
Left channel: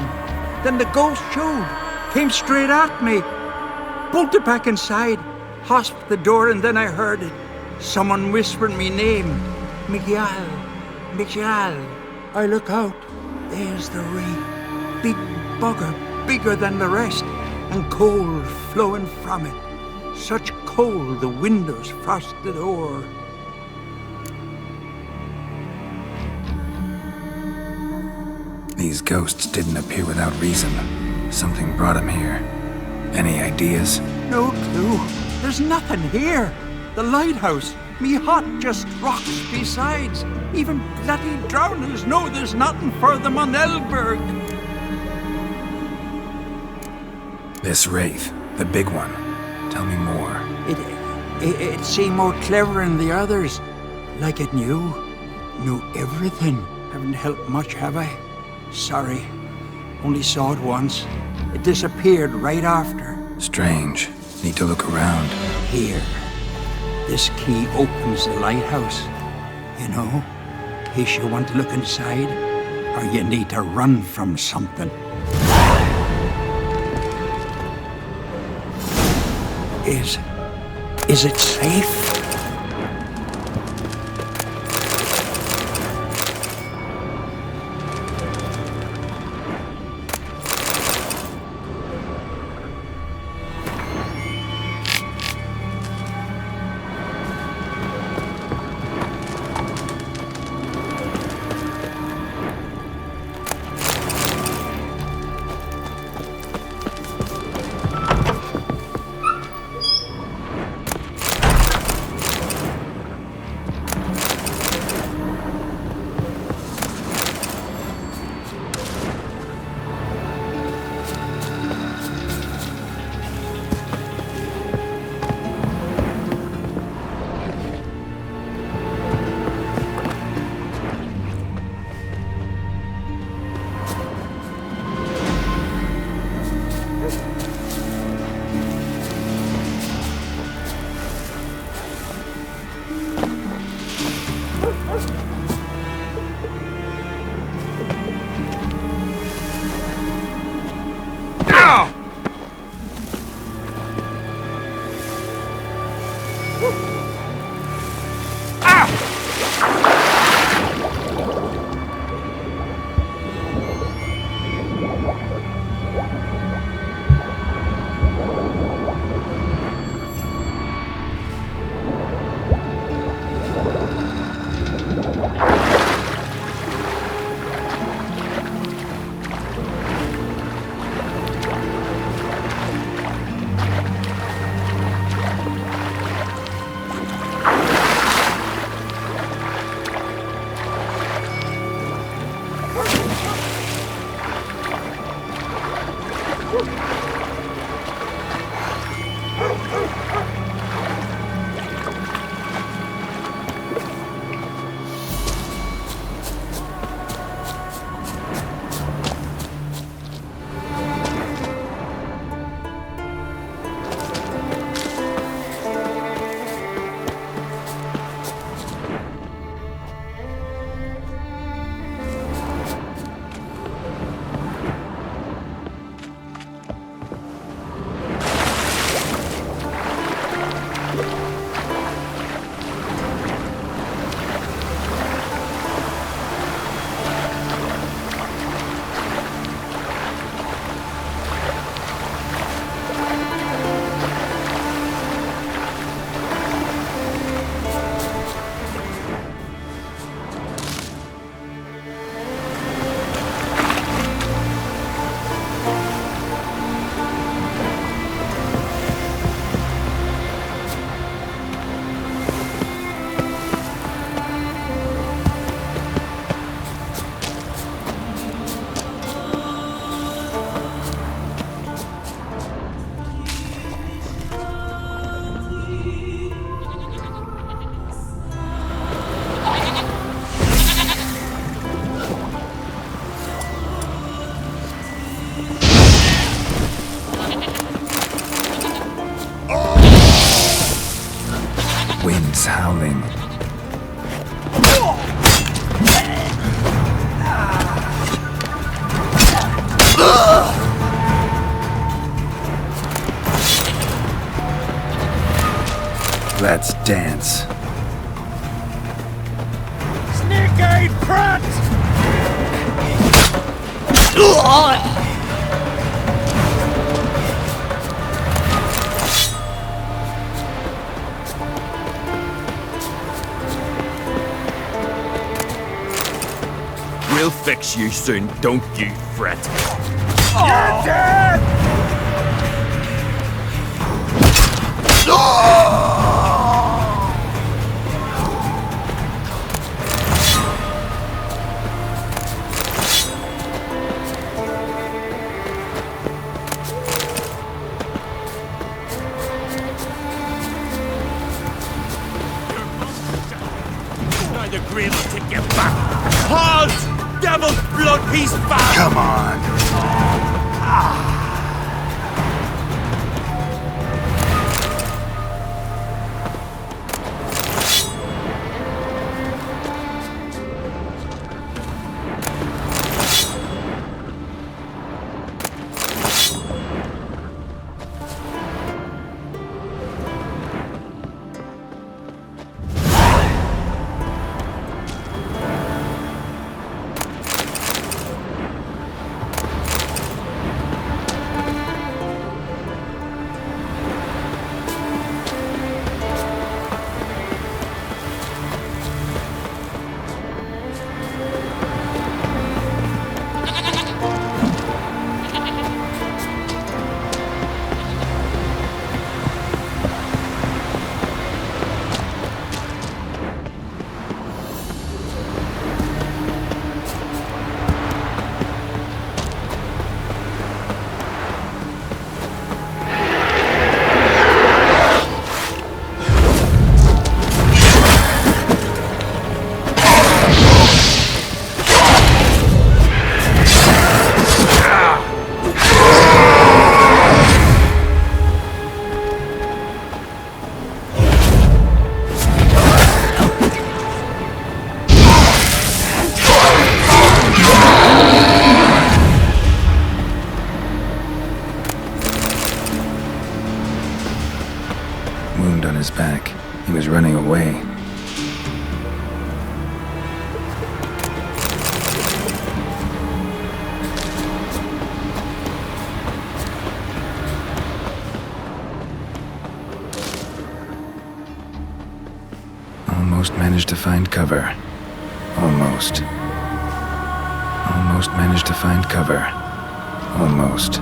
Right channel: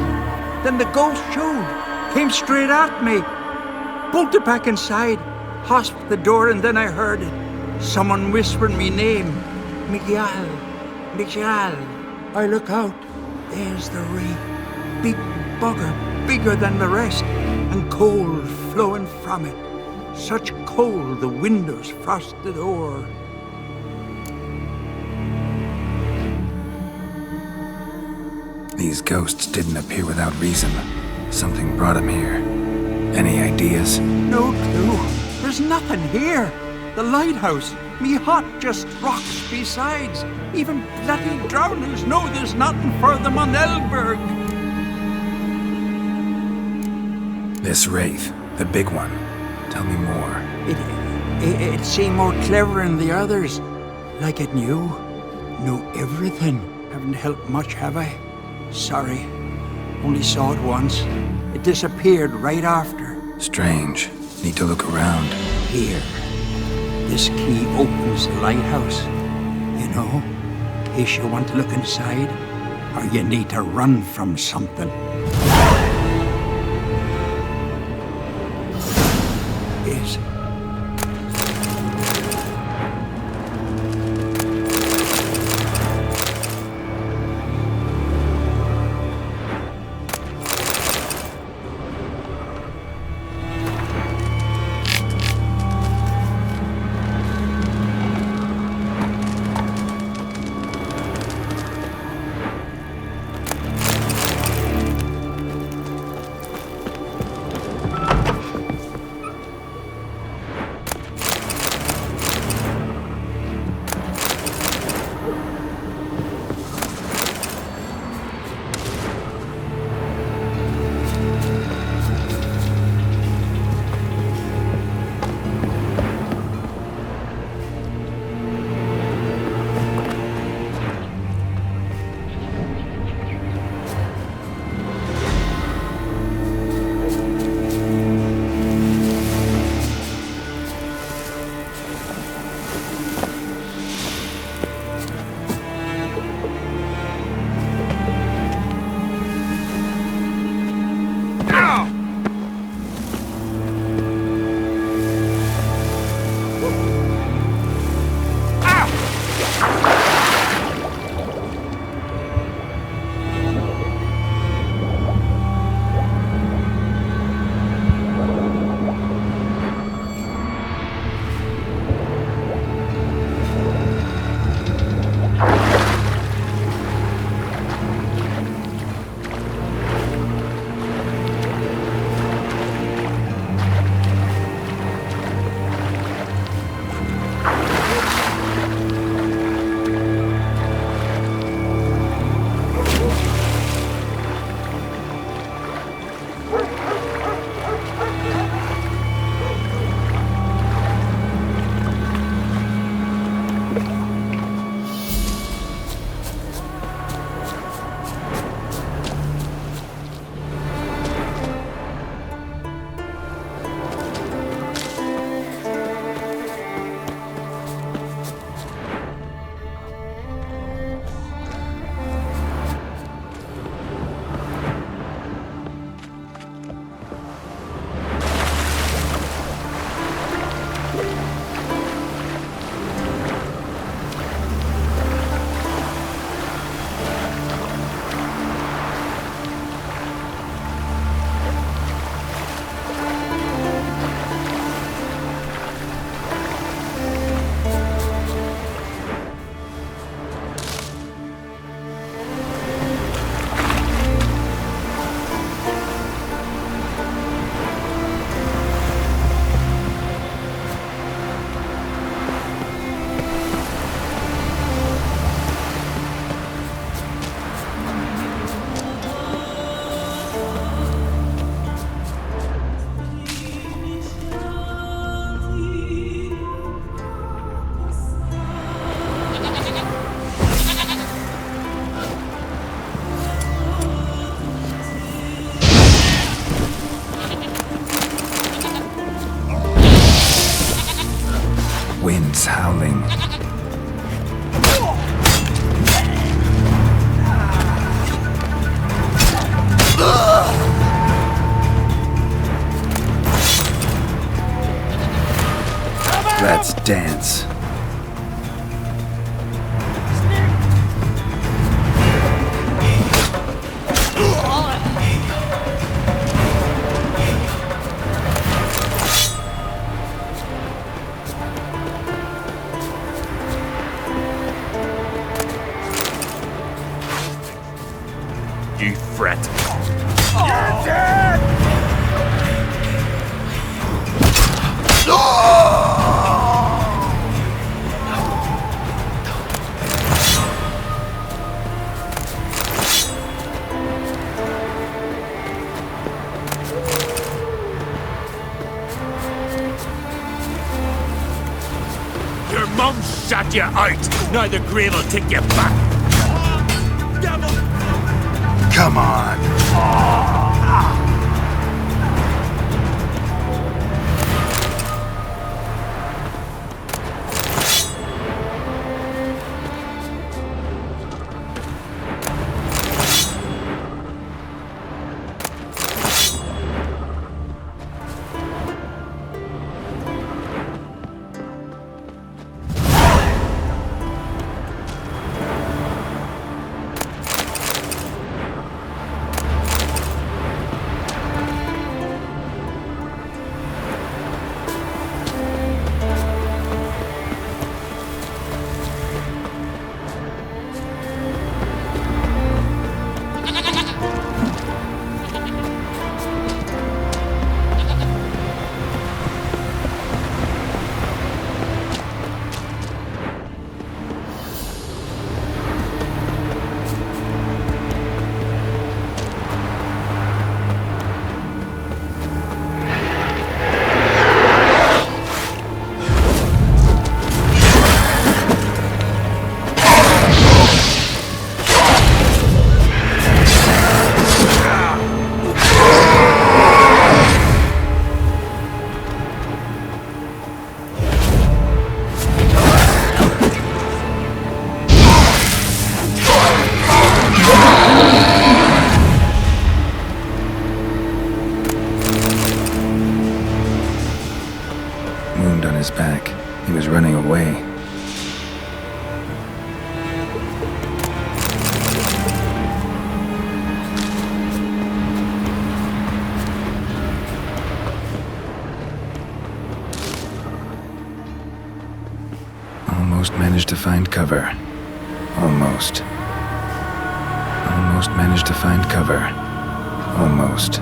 Then the ghost showed, came straight at me. Bolted back inside, hosped the door, and then I heard it. Someone whispered me name. Mikjal. Mikjal. I look out. There's the wraith. Big bugger, bigger than the rest, and cold flowing from it. Such cold the windows frosted o'er. These ghosts didn't appear without reason. Something brought them here. Any ideas? No clue. There's nothing here. The lighthouse, me hut, just rocks besides. Even bloody drowners know there's nothing for them on Elberg. This wraith, the big one. Tell me more. It seemed more clever than the others. Like it knew everything. Haven't helped much, have I? Sorry. Only saw it once. It disappeared right after. Strange. Need to look around. Here. This key opens the lighthouse. You know, in case you want to look inside, or you need to run from something. Is it safe? dance. Snake-eyed prat! We'll fix you soon, don't you fret. You're dead! Your mum shot you out. Now the grave will take you back. Halt! Devil's blood piece back! Come on! Wound on his back. He was running away. Almost managed to find cover. Almost. Almost managed to find cover. Almost.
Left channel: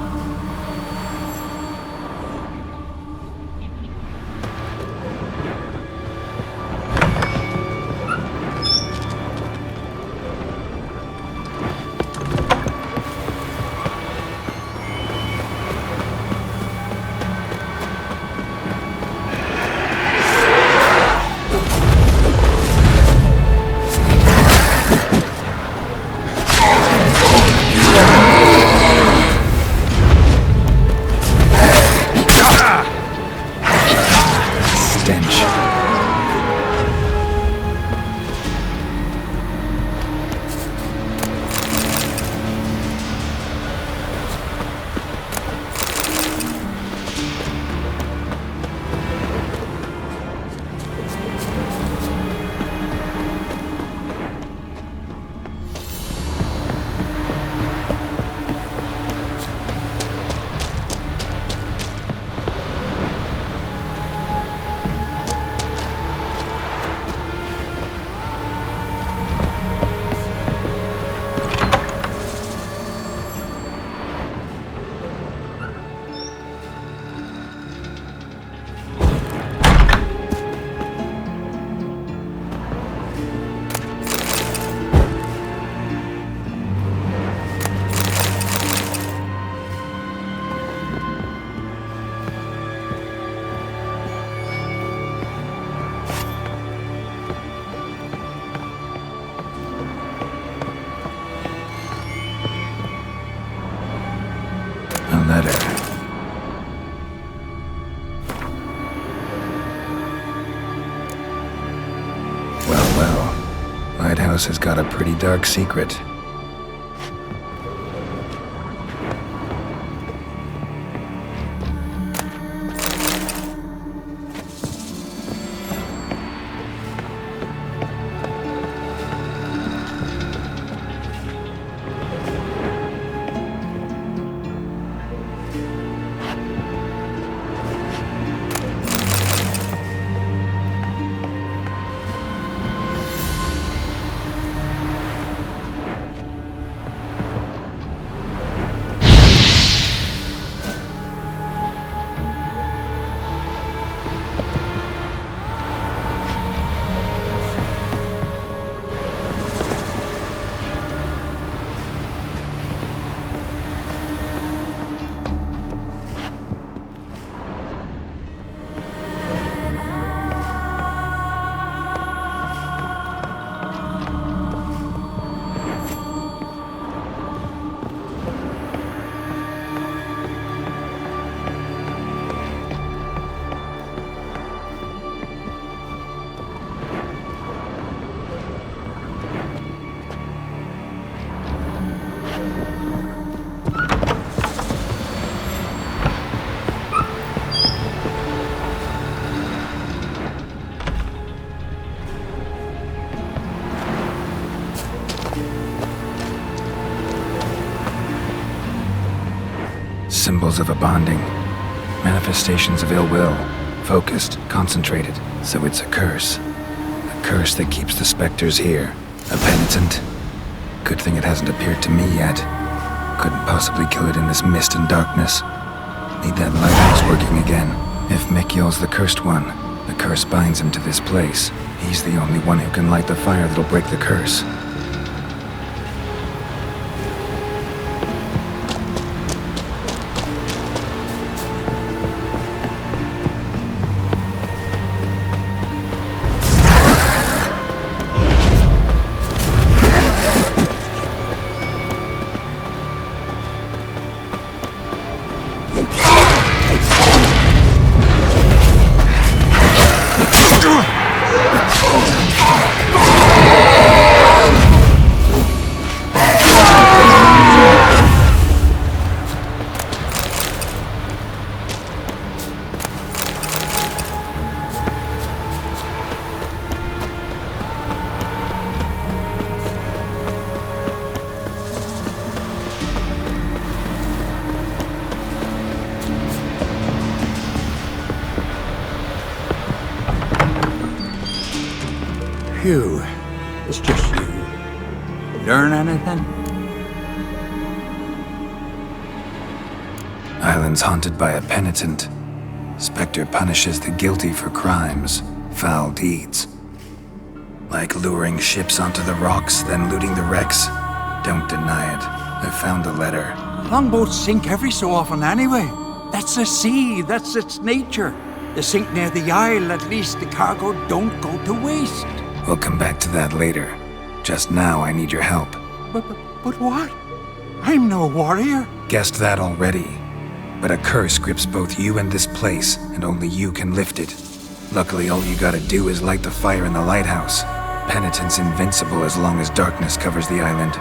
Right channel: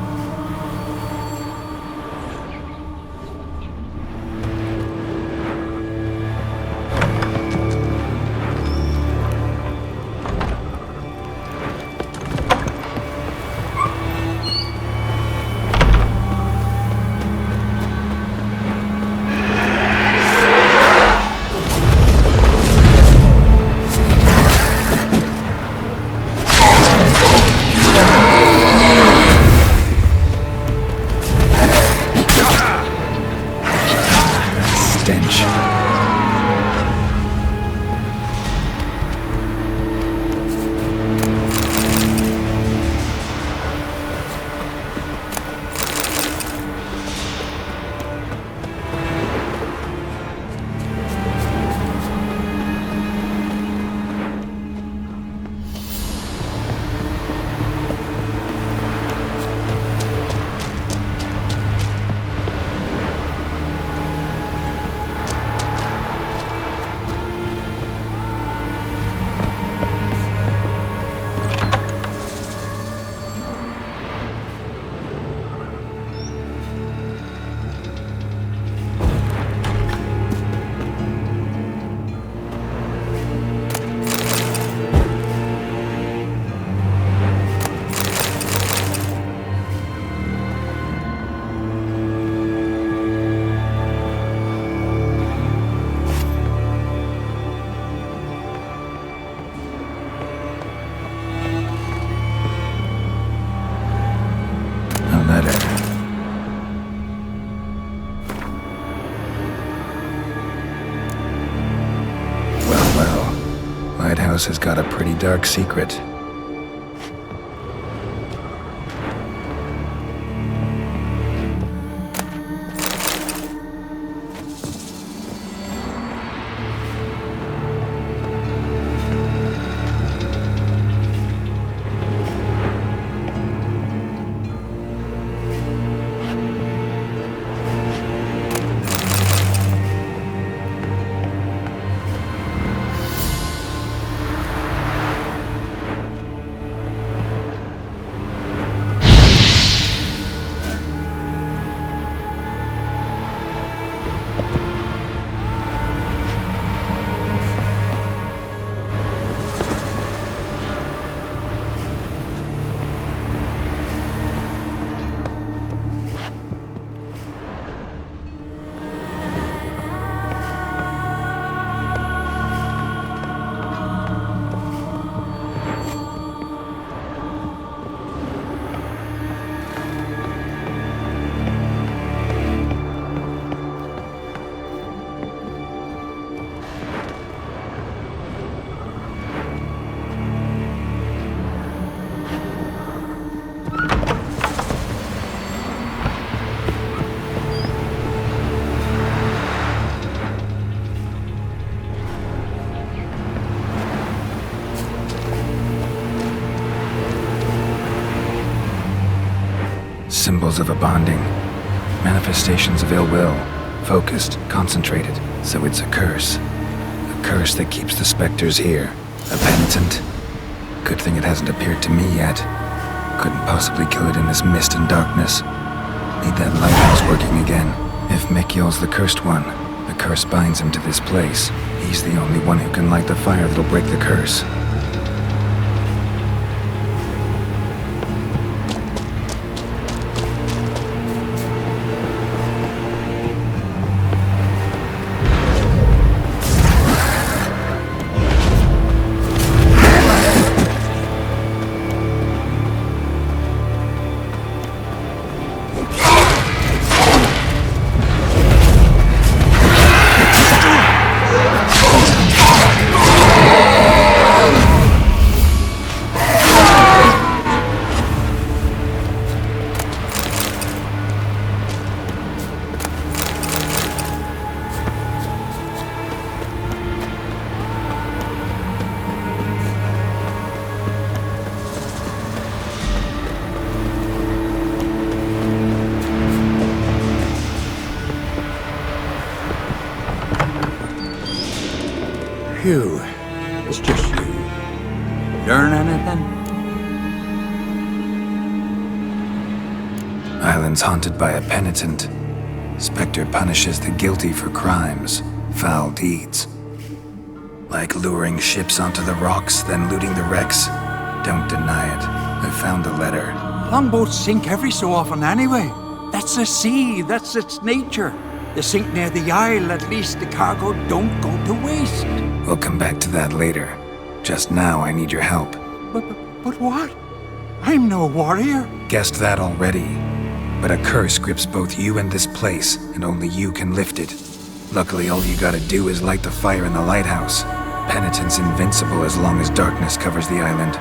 Lighthouse has got a pretty dark secret. symbols of a bonding. Manifestations of ill will. Focused, concentrated. So it's a curse. A curse that keeps the specters here. A penitent. Good thing it hasn't appeared to me yet. Couldn't possibly kill it in this mist and darkness. Need that lighthouse working again. If Mikyol's the cursed one, the curse binds him to this place. He's the only one who can light the fire that'll break the curse. Phew. It's just you. Learn anything? Island's haunted by a penitent. Spectre punishes the guilty for crimes, foul deeds. Like luring ships onto the rocks, then looting the wrecks. Don't deny it. I found the letter. Longboats sink every so often anyway. That's the sea, that's its nature. They sink near the isle, at least the cargo don't go to waste. We'll come back to that later. Just now, I need your help. But what? I'm no warrior. Guessed that already. But a curse grips both you and this place, and only you can lift it. Luckily, all you gotta do is light the fire in the lighthouse. Penitent's invincible as long as darkness covers the island.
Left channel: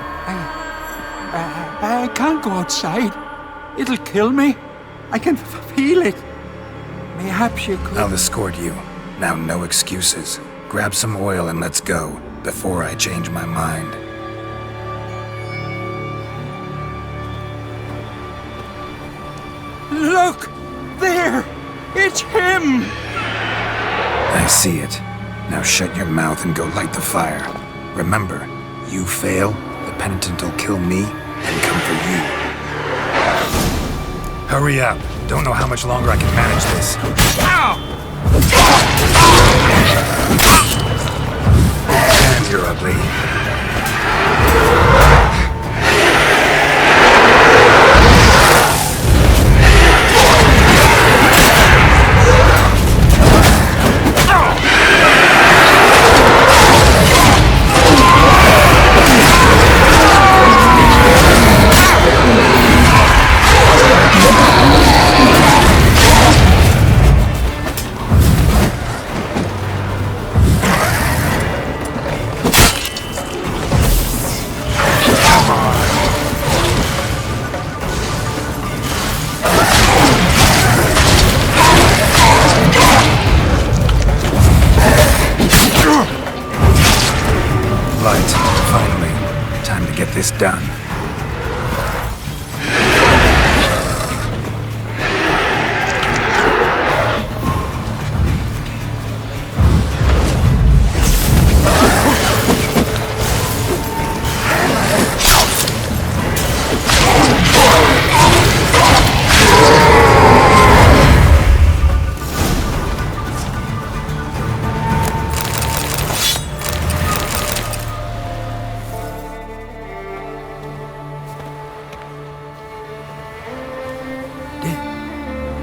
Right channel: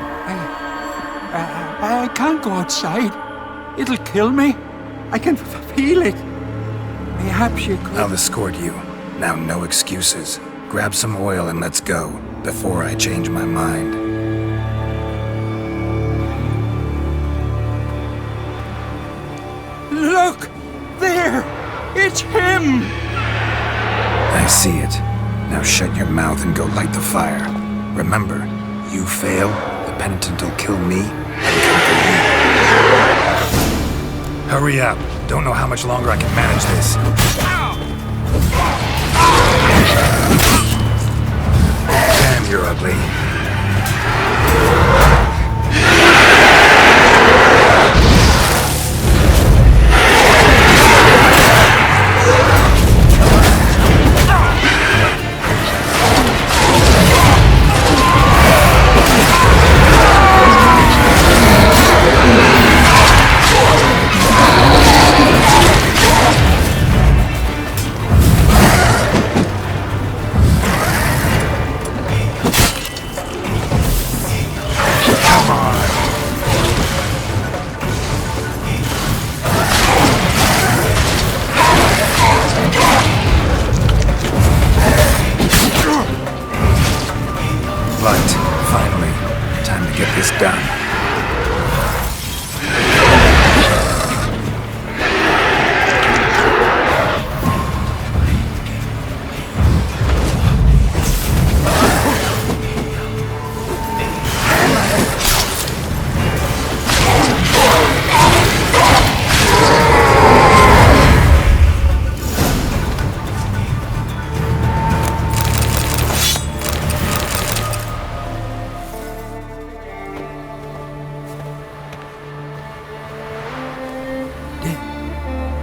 I can't go outside. It'll kill me. I can feel it. Perhaps you could... I'll escort you. Now, no excuses. Grab some oil and let's go, before I change my mind. Look! There! It's him! I see it. Now shut your mouth and go light the fire. Remember, you fail, the penitent will kill me and come for you. Hurry up. Don't know how much longer I can manage this. Damn, you're ugly. Finally, time to get this done.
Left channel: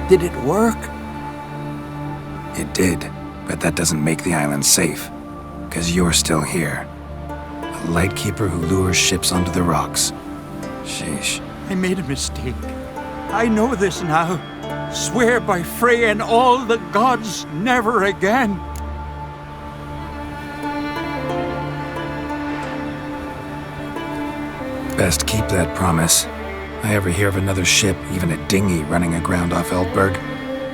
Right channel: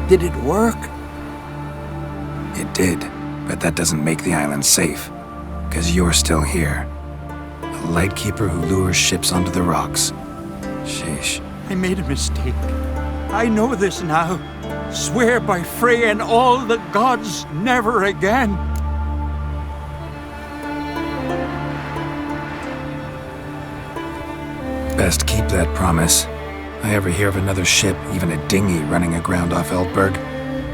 Did it work? It did, but that doesn't make the island safe. 'Cause you're still here. A lightkeeper who lures ships onto the rocks. Sheesh. I made a mistake. I know this now. Swear by Freya and all the gods, never again. Best keep that promise. I ever hear of another ship, even a dinghy, running aground off Eldberg,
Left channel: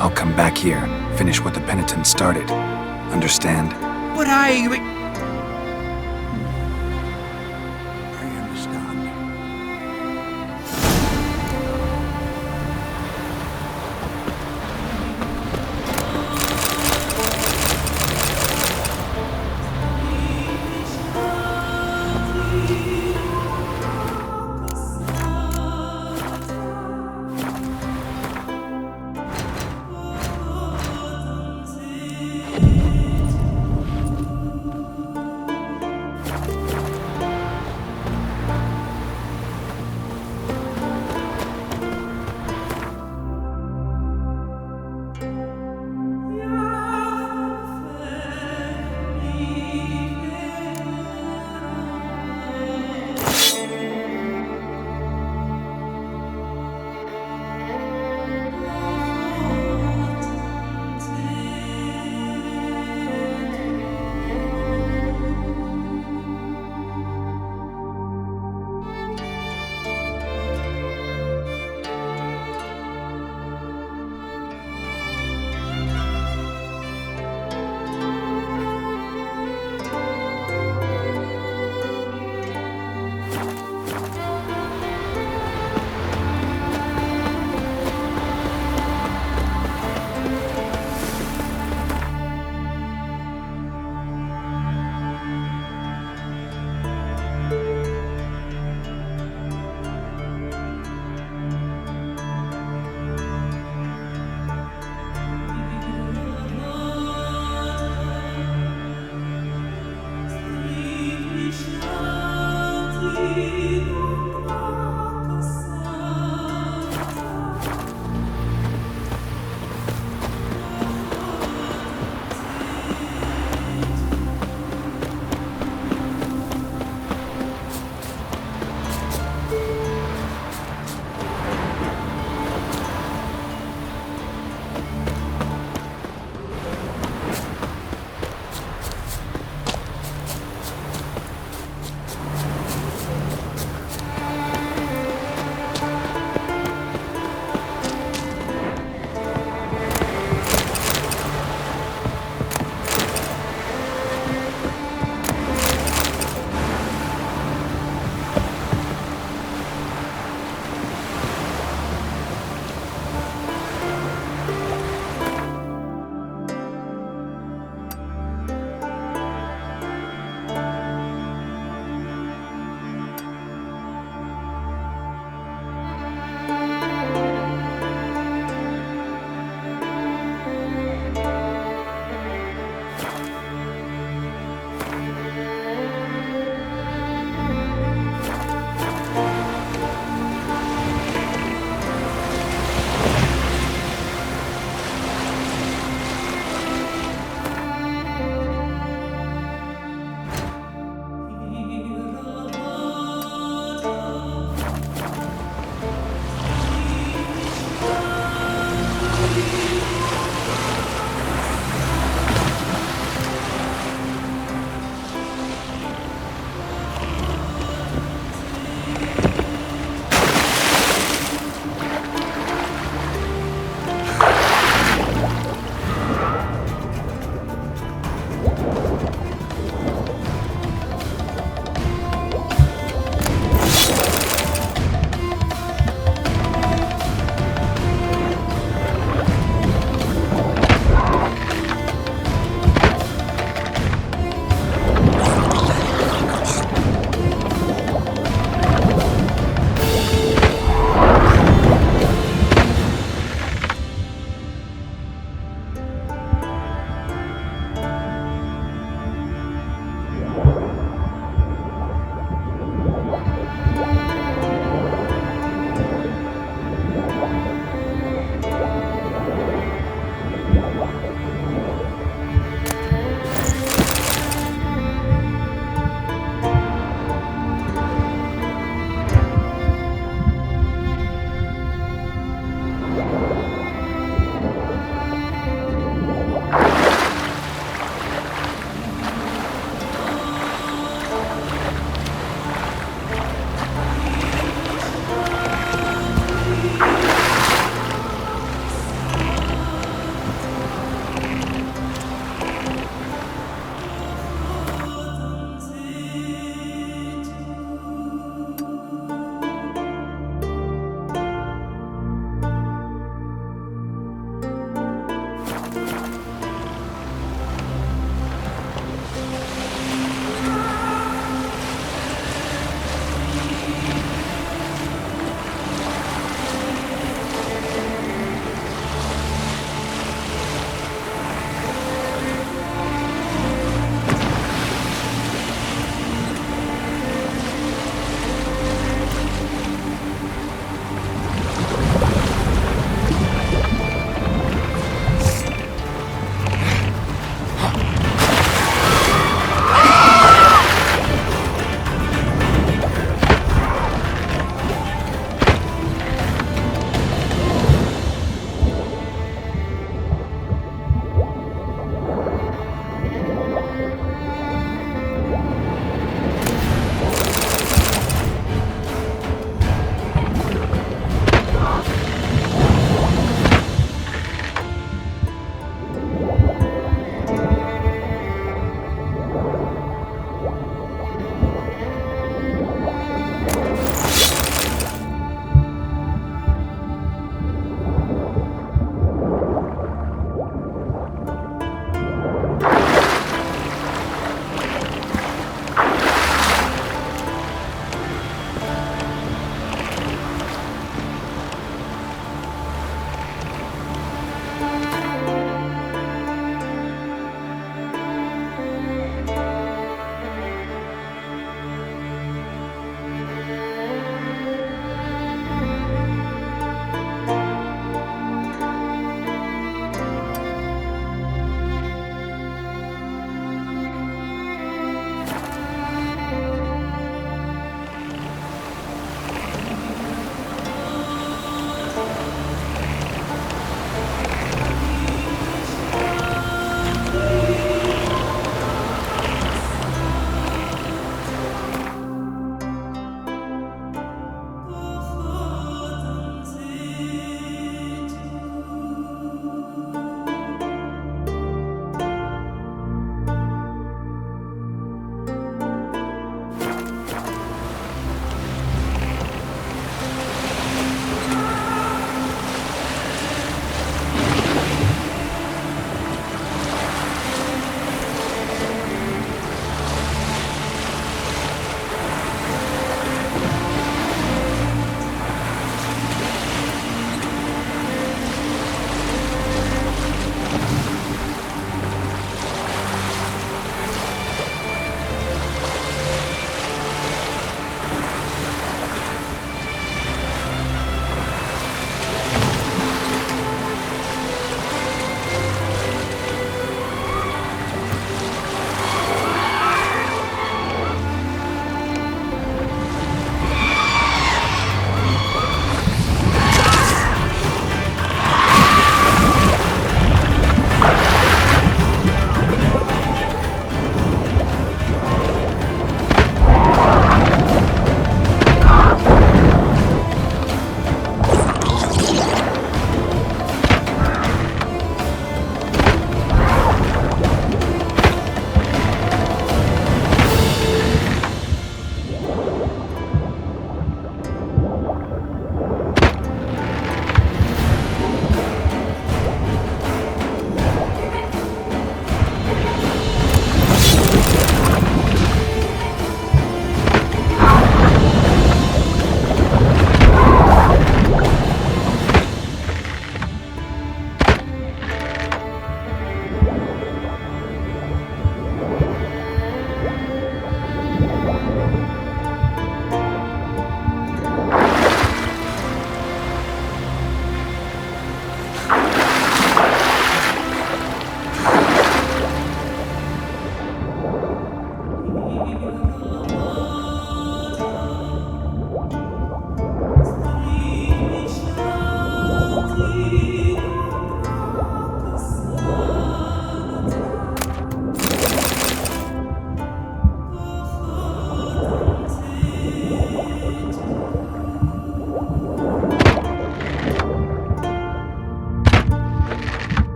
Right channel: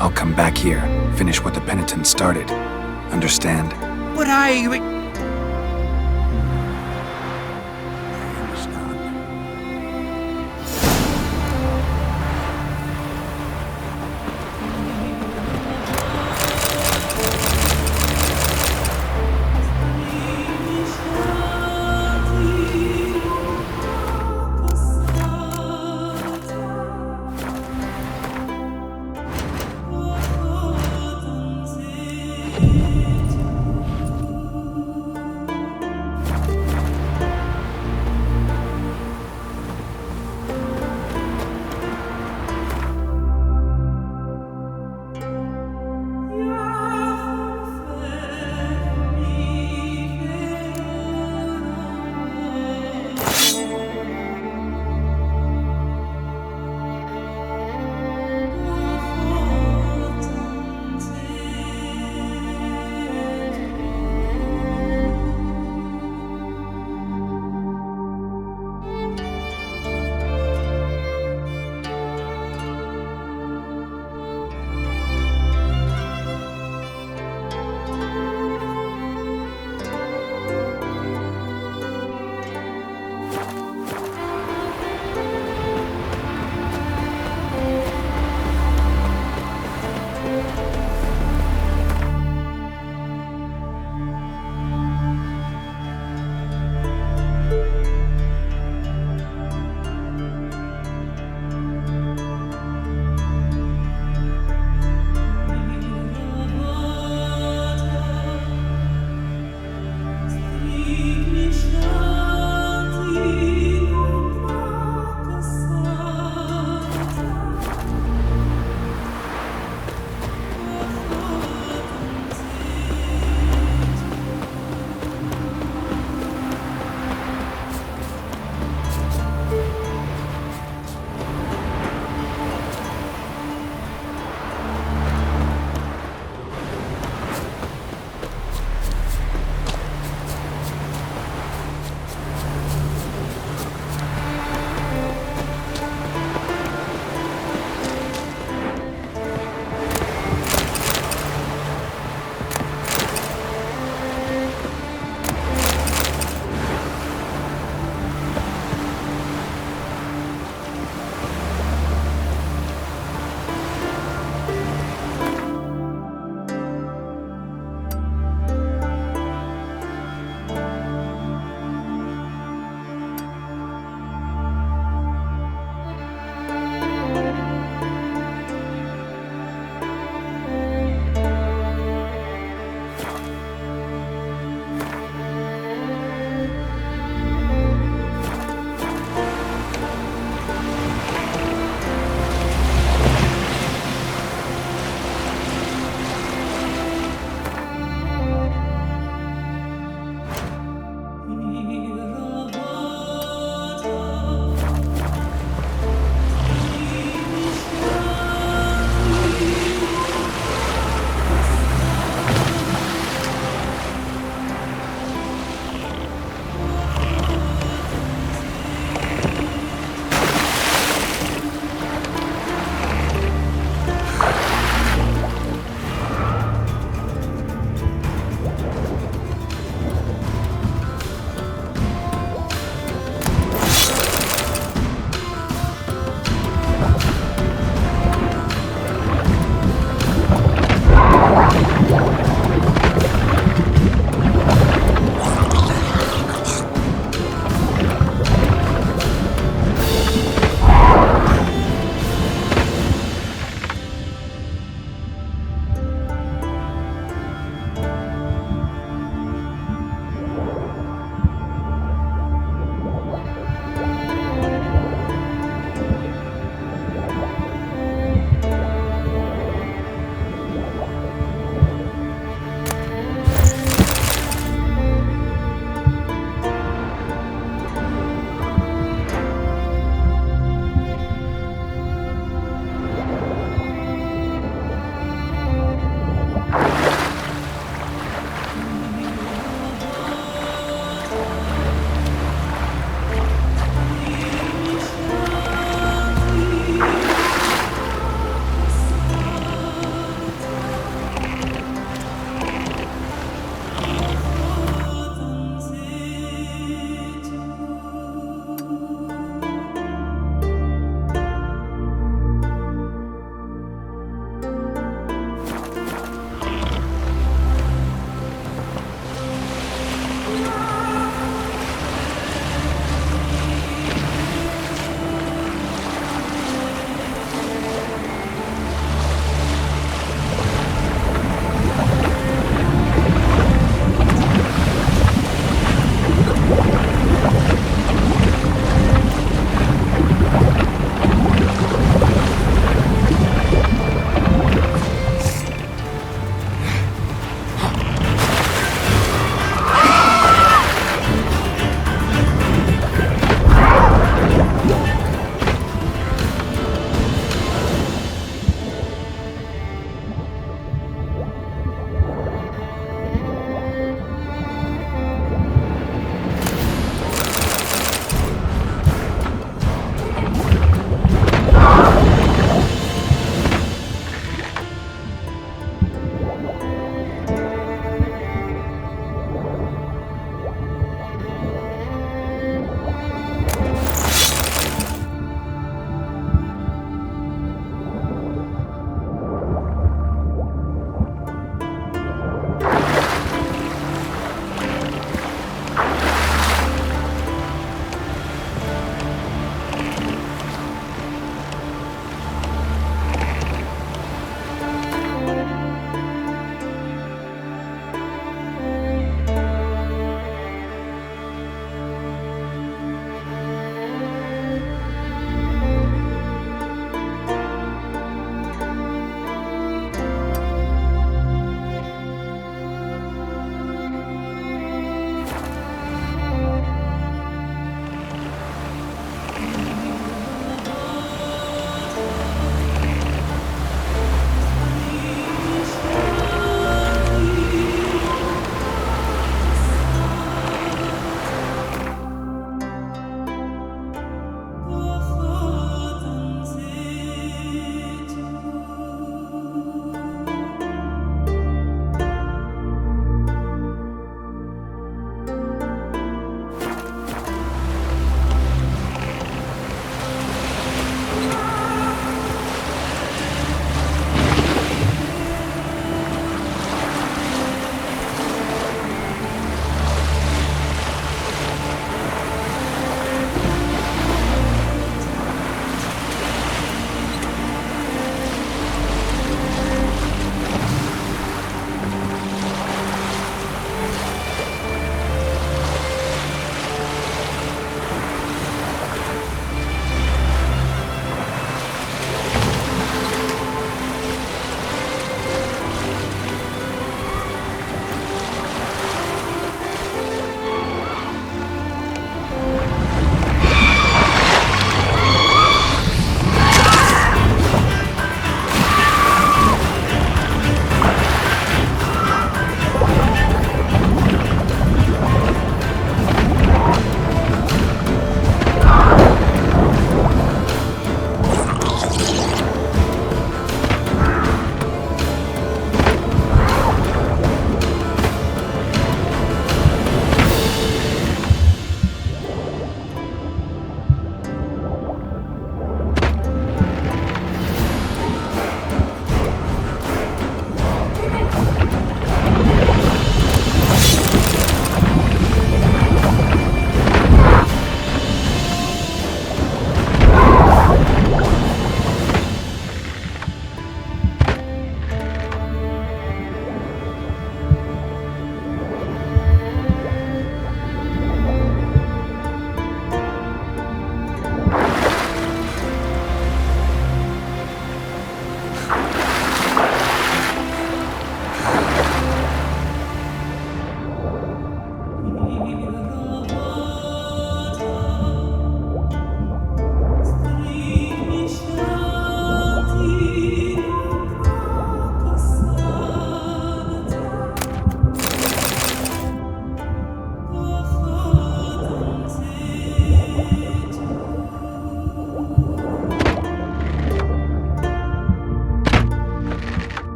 I'll come back here, finish what the penitent started. Understand? But I understand.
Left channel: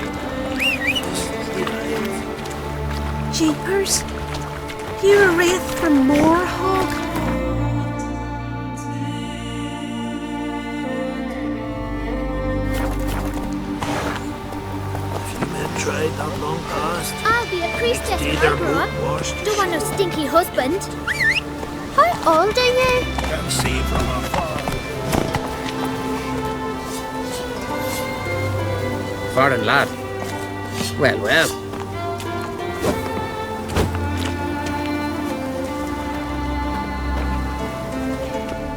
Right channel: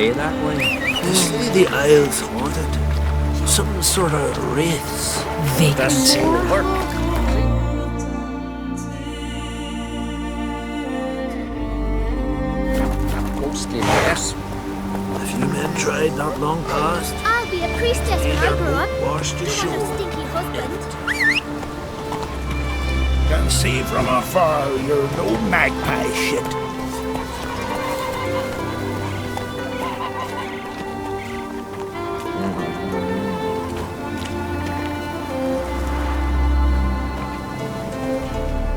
pay that way? You see the Isles haunted? Some sort of wraith. You're ready for more, Hog? Have you men tried that long past? I'll be a priestess when I grow up. Don't want no stinky husband. How old are you? Can see from afar you're no magpie shit. Foreign lad. Well, well.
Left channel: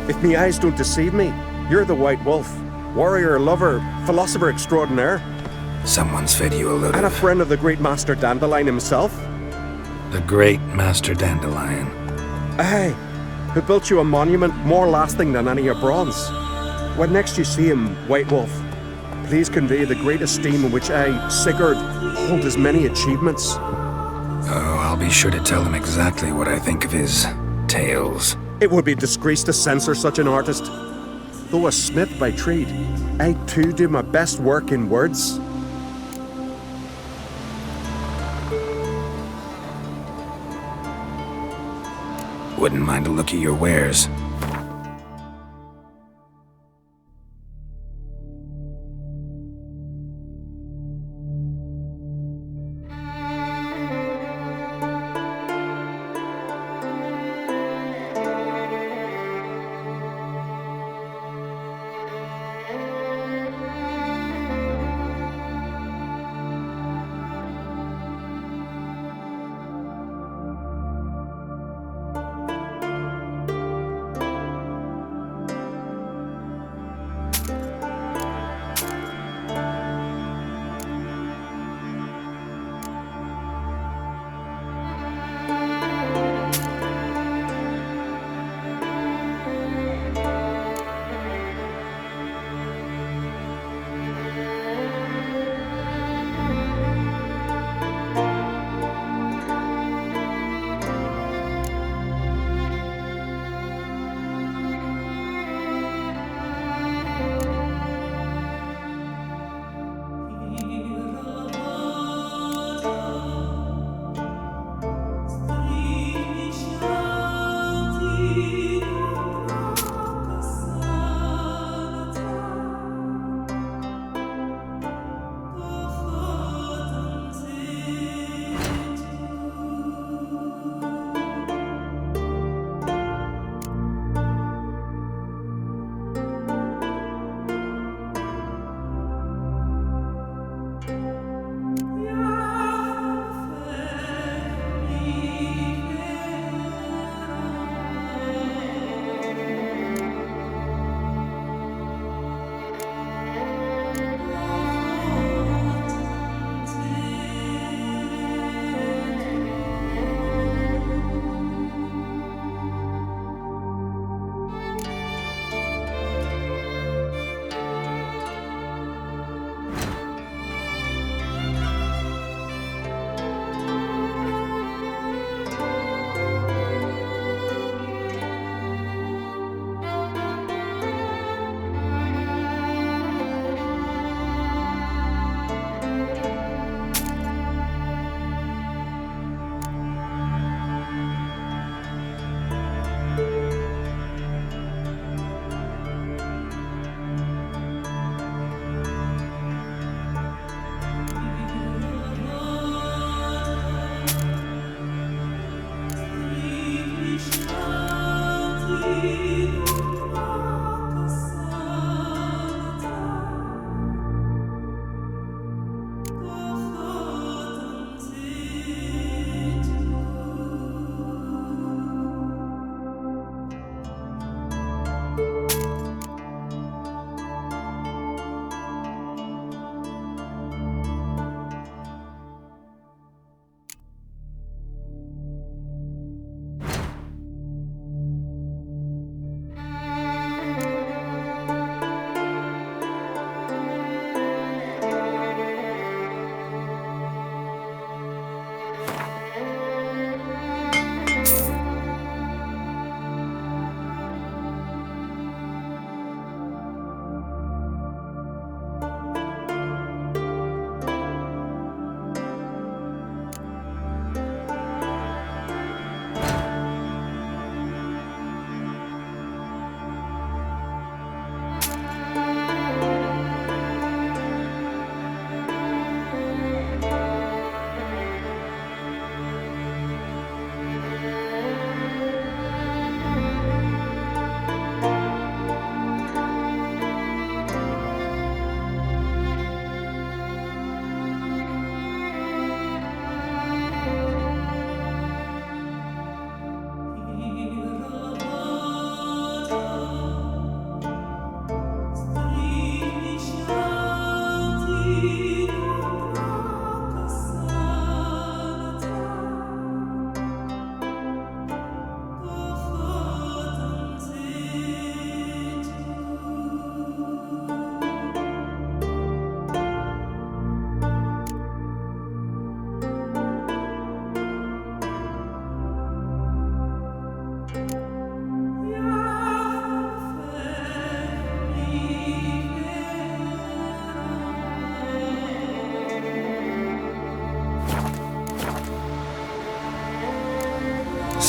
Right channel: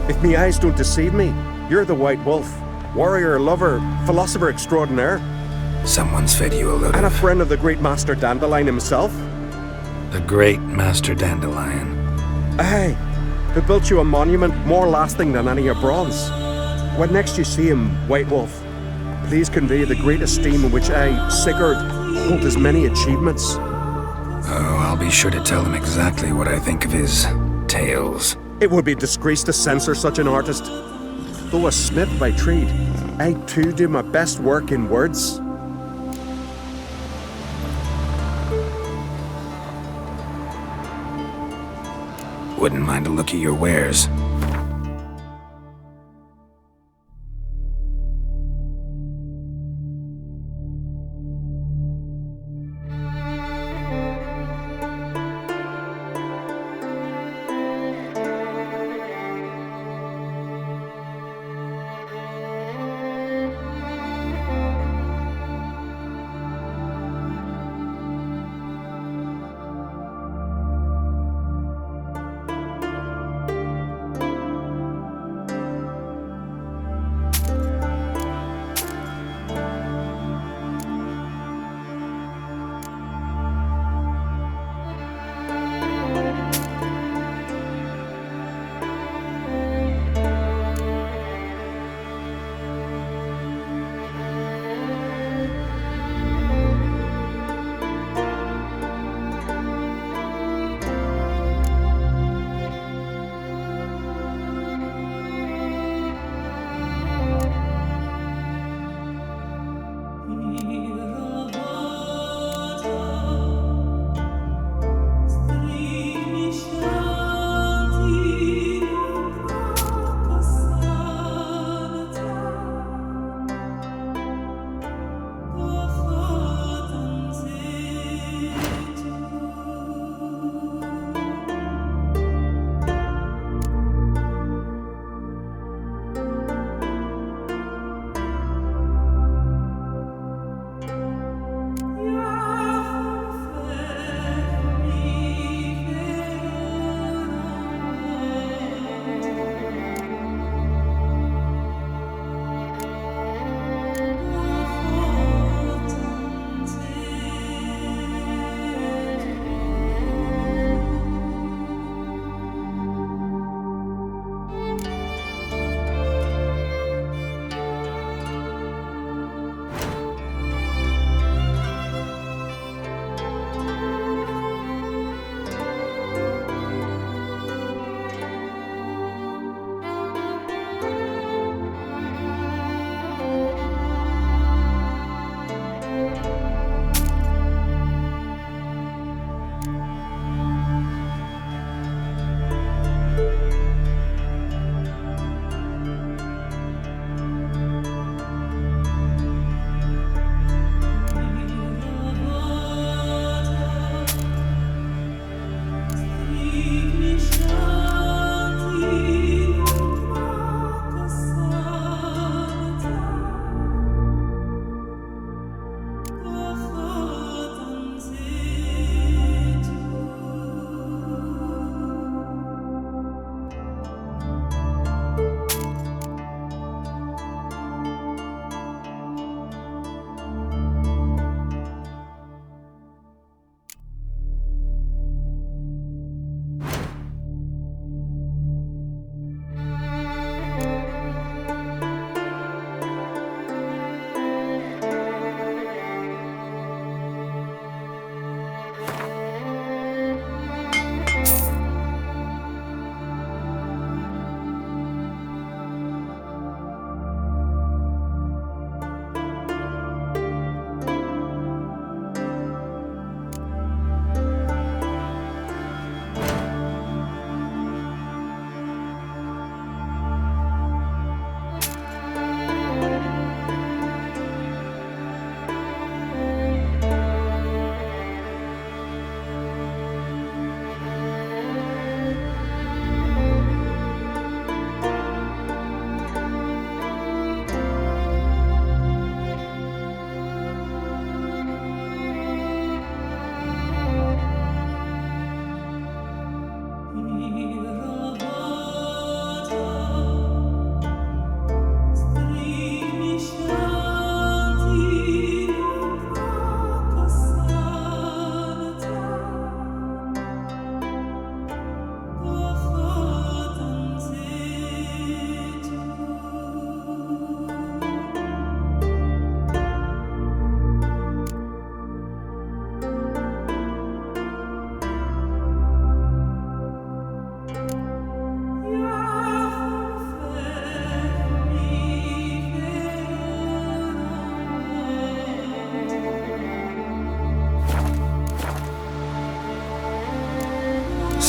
If me eyes don't deceive me, you're the White Wolf. Warrior, lover, philosopher extraordinaire. Someone's fed you a load And a of... friend of the great Master Dandelion himself. The great Master Dandelion. Aye, who built you a monument more lasting than any of bronze. When next you see him, White Wolf, please convey the great esteem in which I, Sigurd, hold his many achievements. Oh, I'll be sure to tell him exactly what I think of his tales. It would be disgrace to censor such an artist. Though a smith by trade, I too do my best work in words. Wouldn't mind a look at your wares.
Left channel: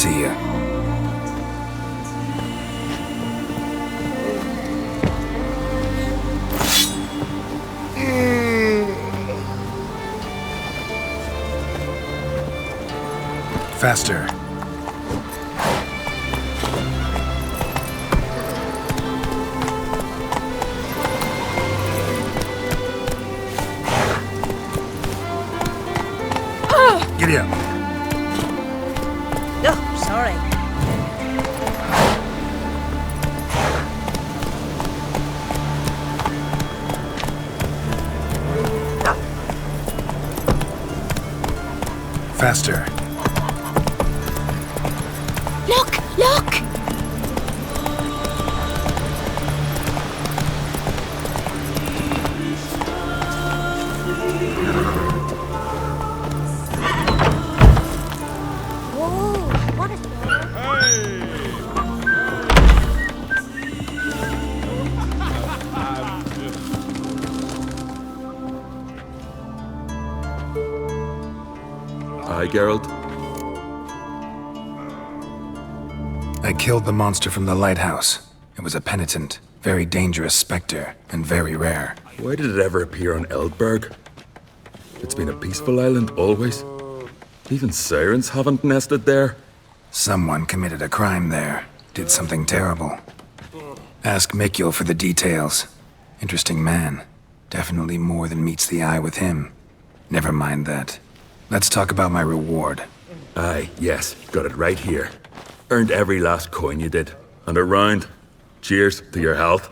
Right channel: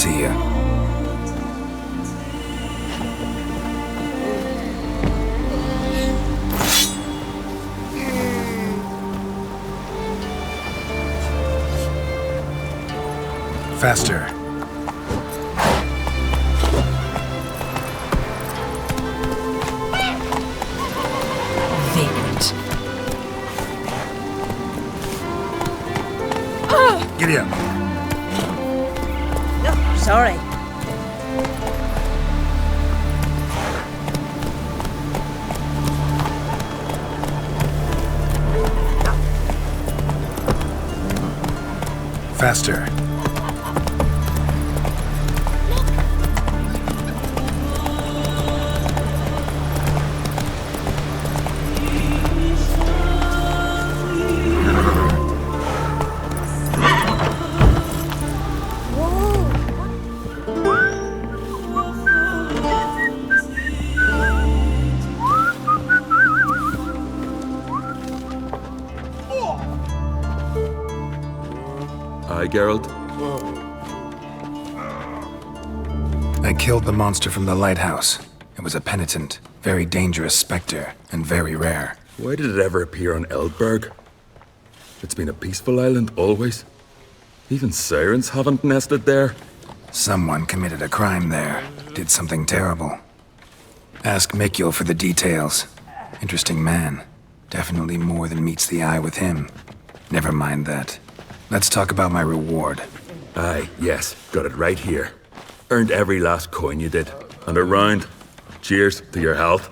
see ya. Faster. Giddy up. Oh, sorry. Faster. Look! Look! Whoa! What is... Aye, Geralt? I killed the monster from the lighthouse. It was a penitent, very dangerous specter, and very rare. Why did it ever appear on Eldberg? It's been a peaceful island, always. Even sirens haven't nested there. Someone committed a crime there. Did something terrible. Ask Mikkel for the details. Interesting man. Definitely more than meets the eye with him. Never mind that. Let's talk about my reward. Aye, yes. Got it right here. Earned every last coin you did. And a round. Cheers to your health.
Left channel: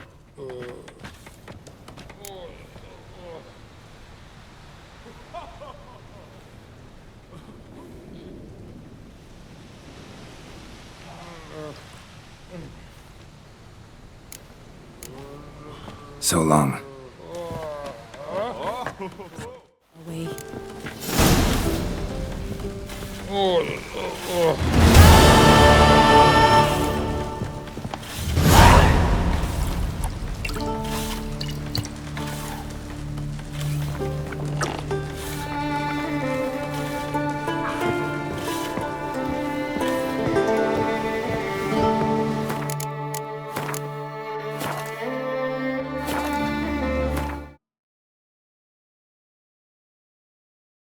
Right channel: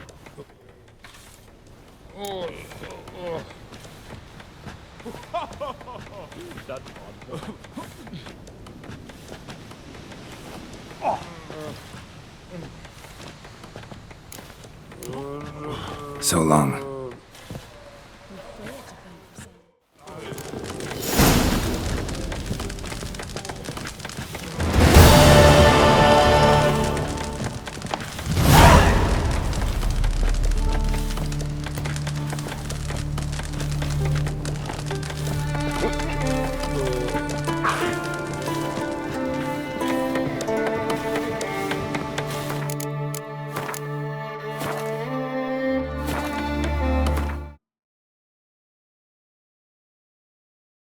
So long.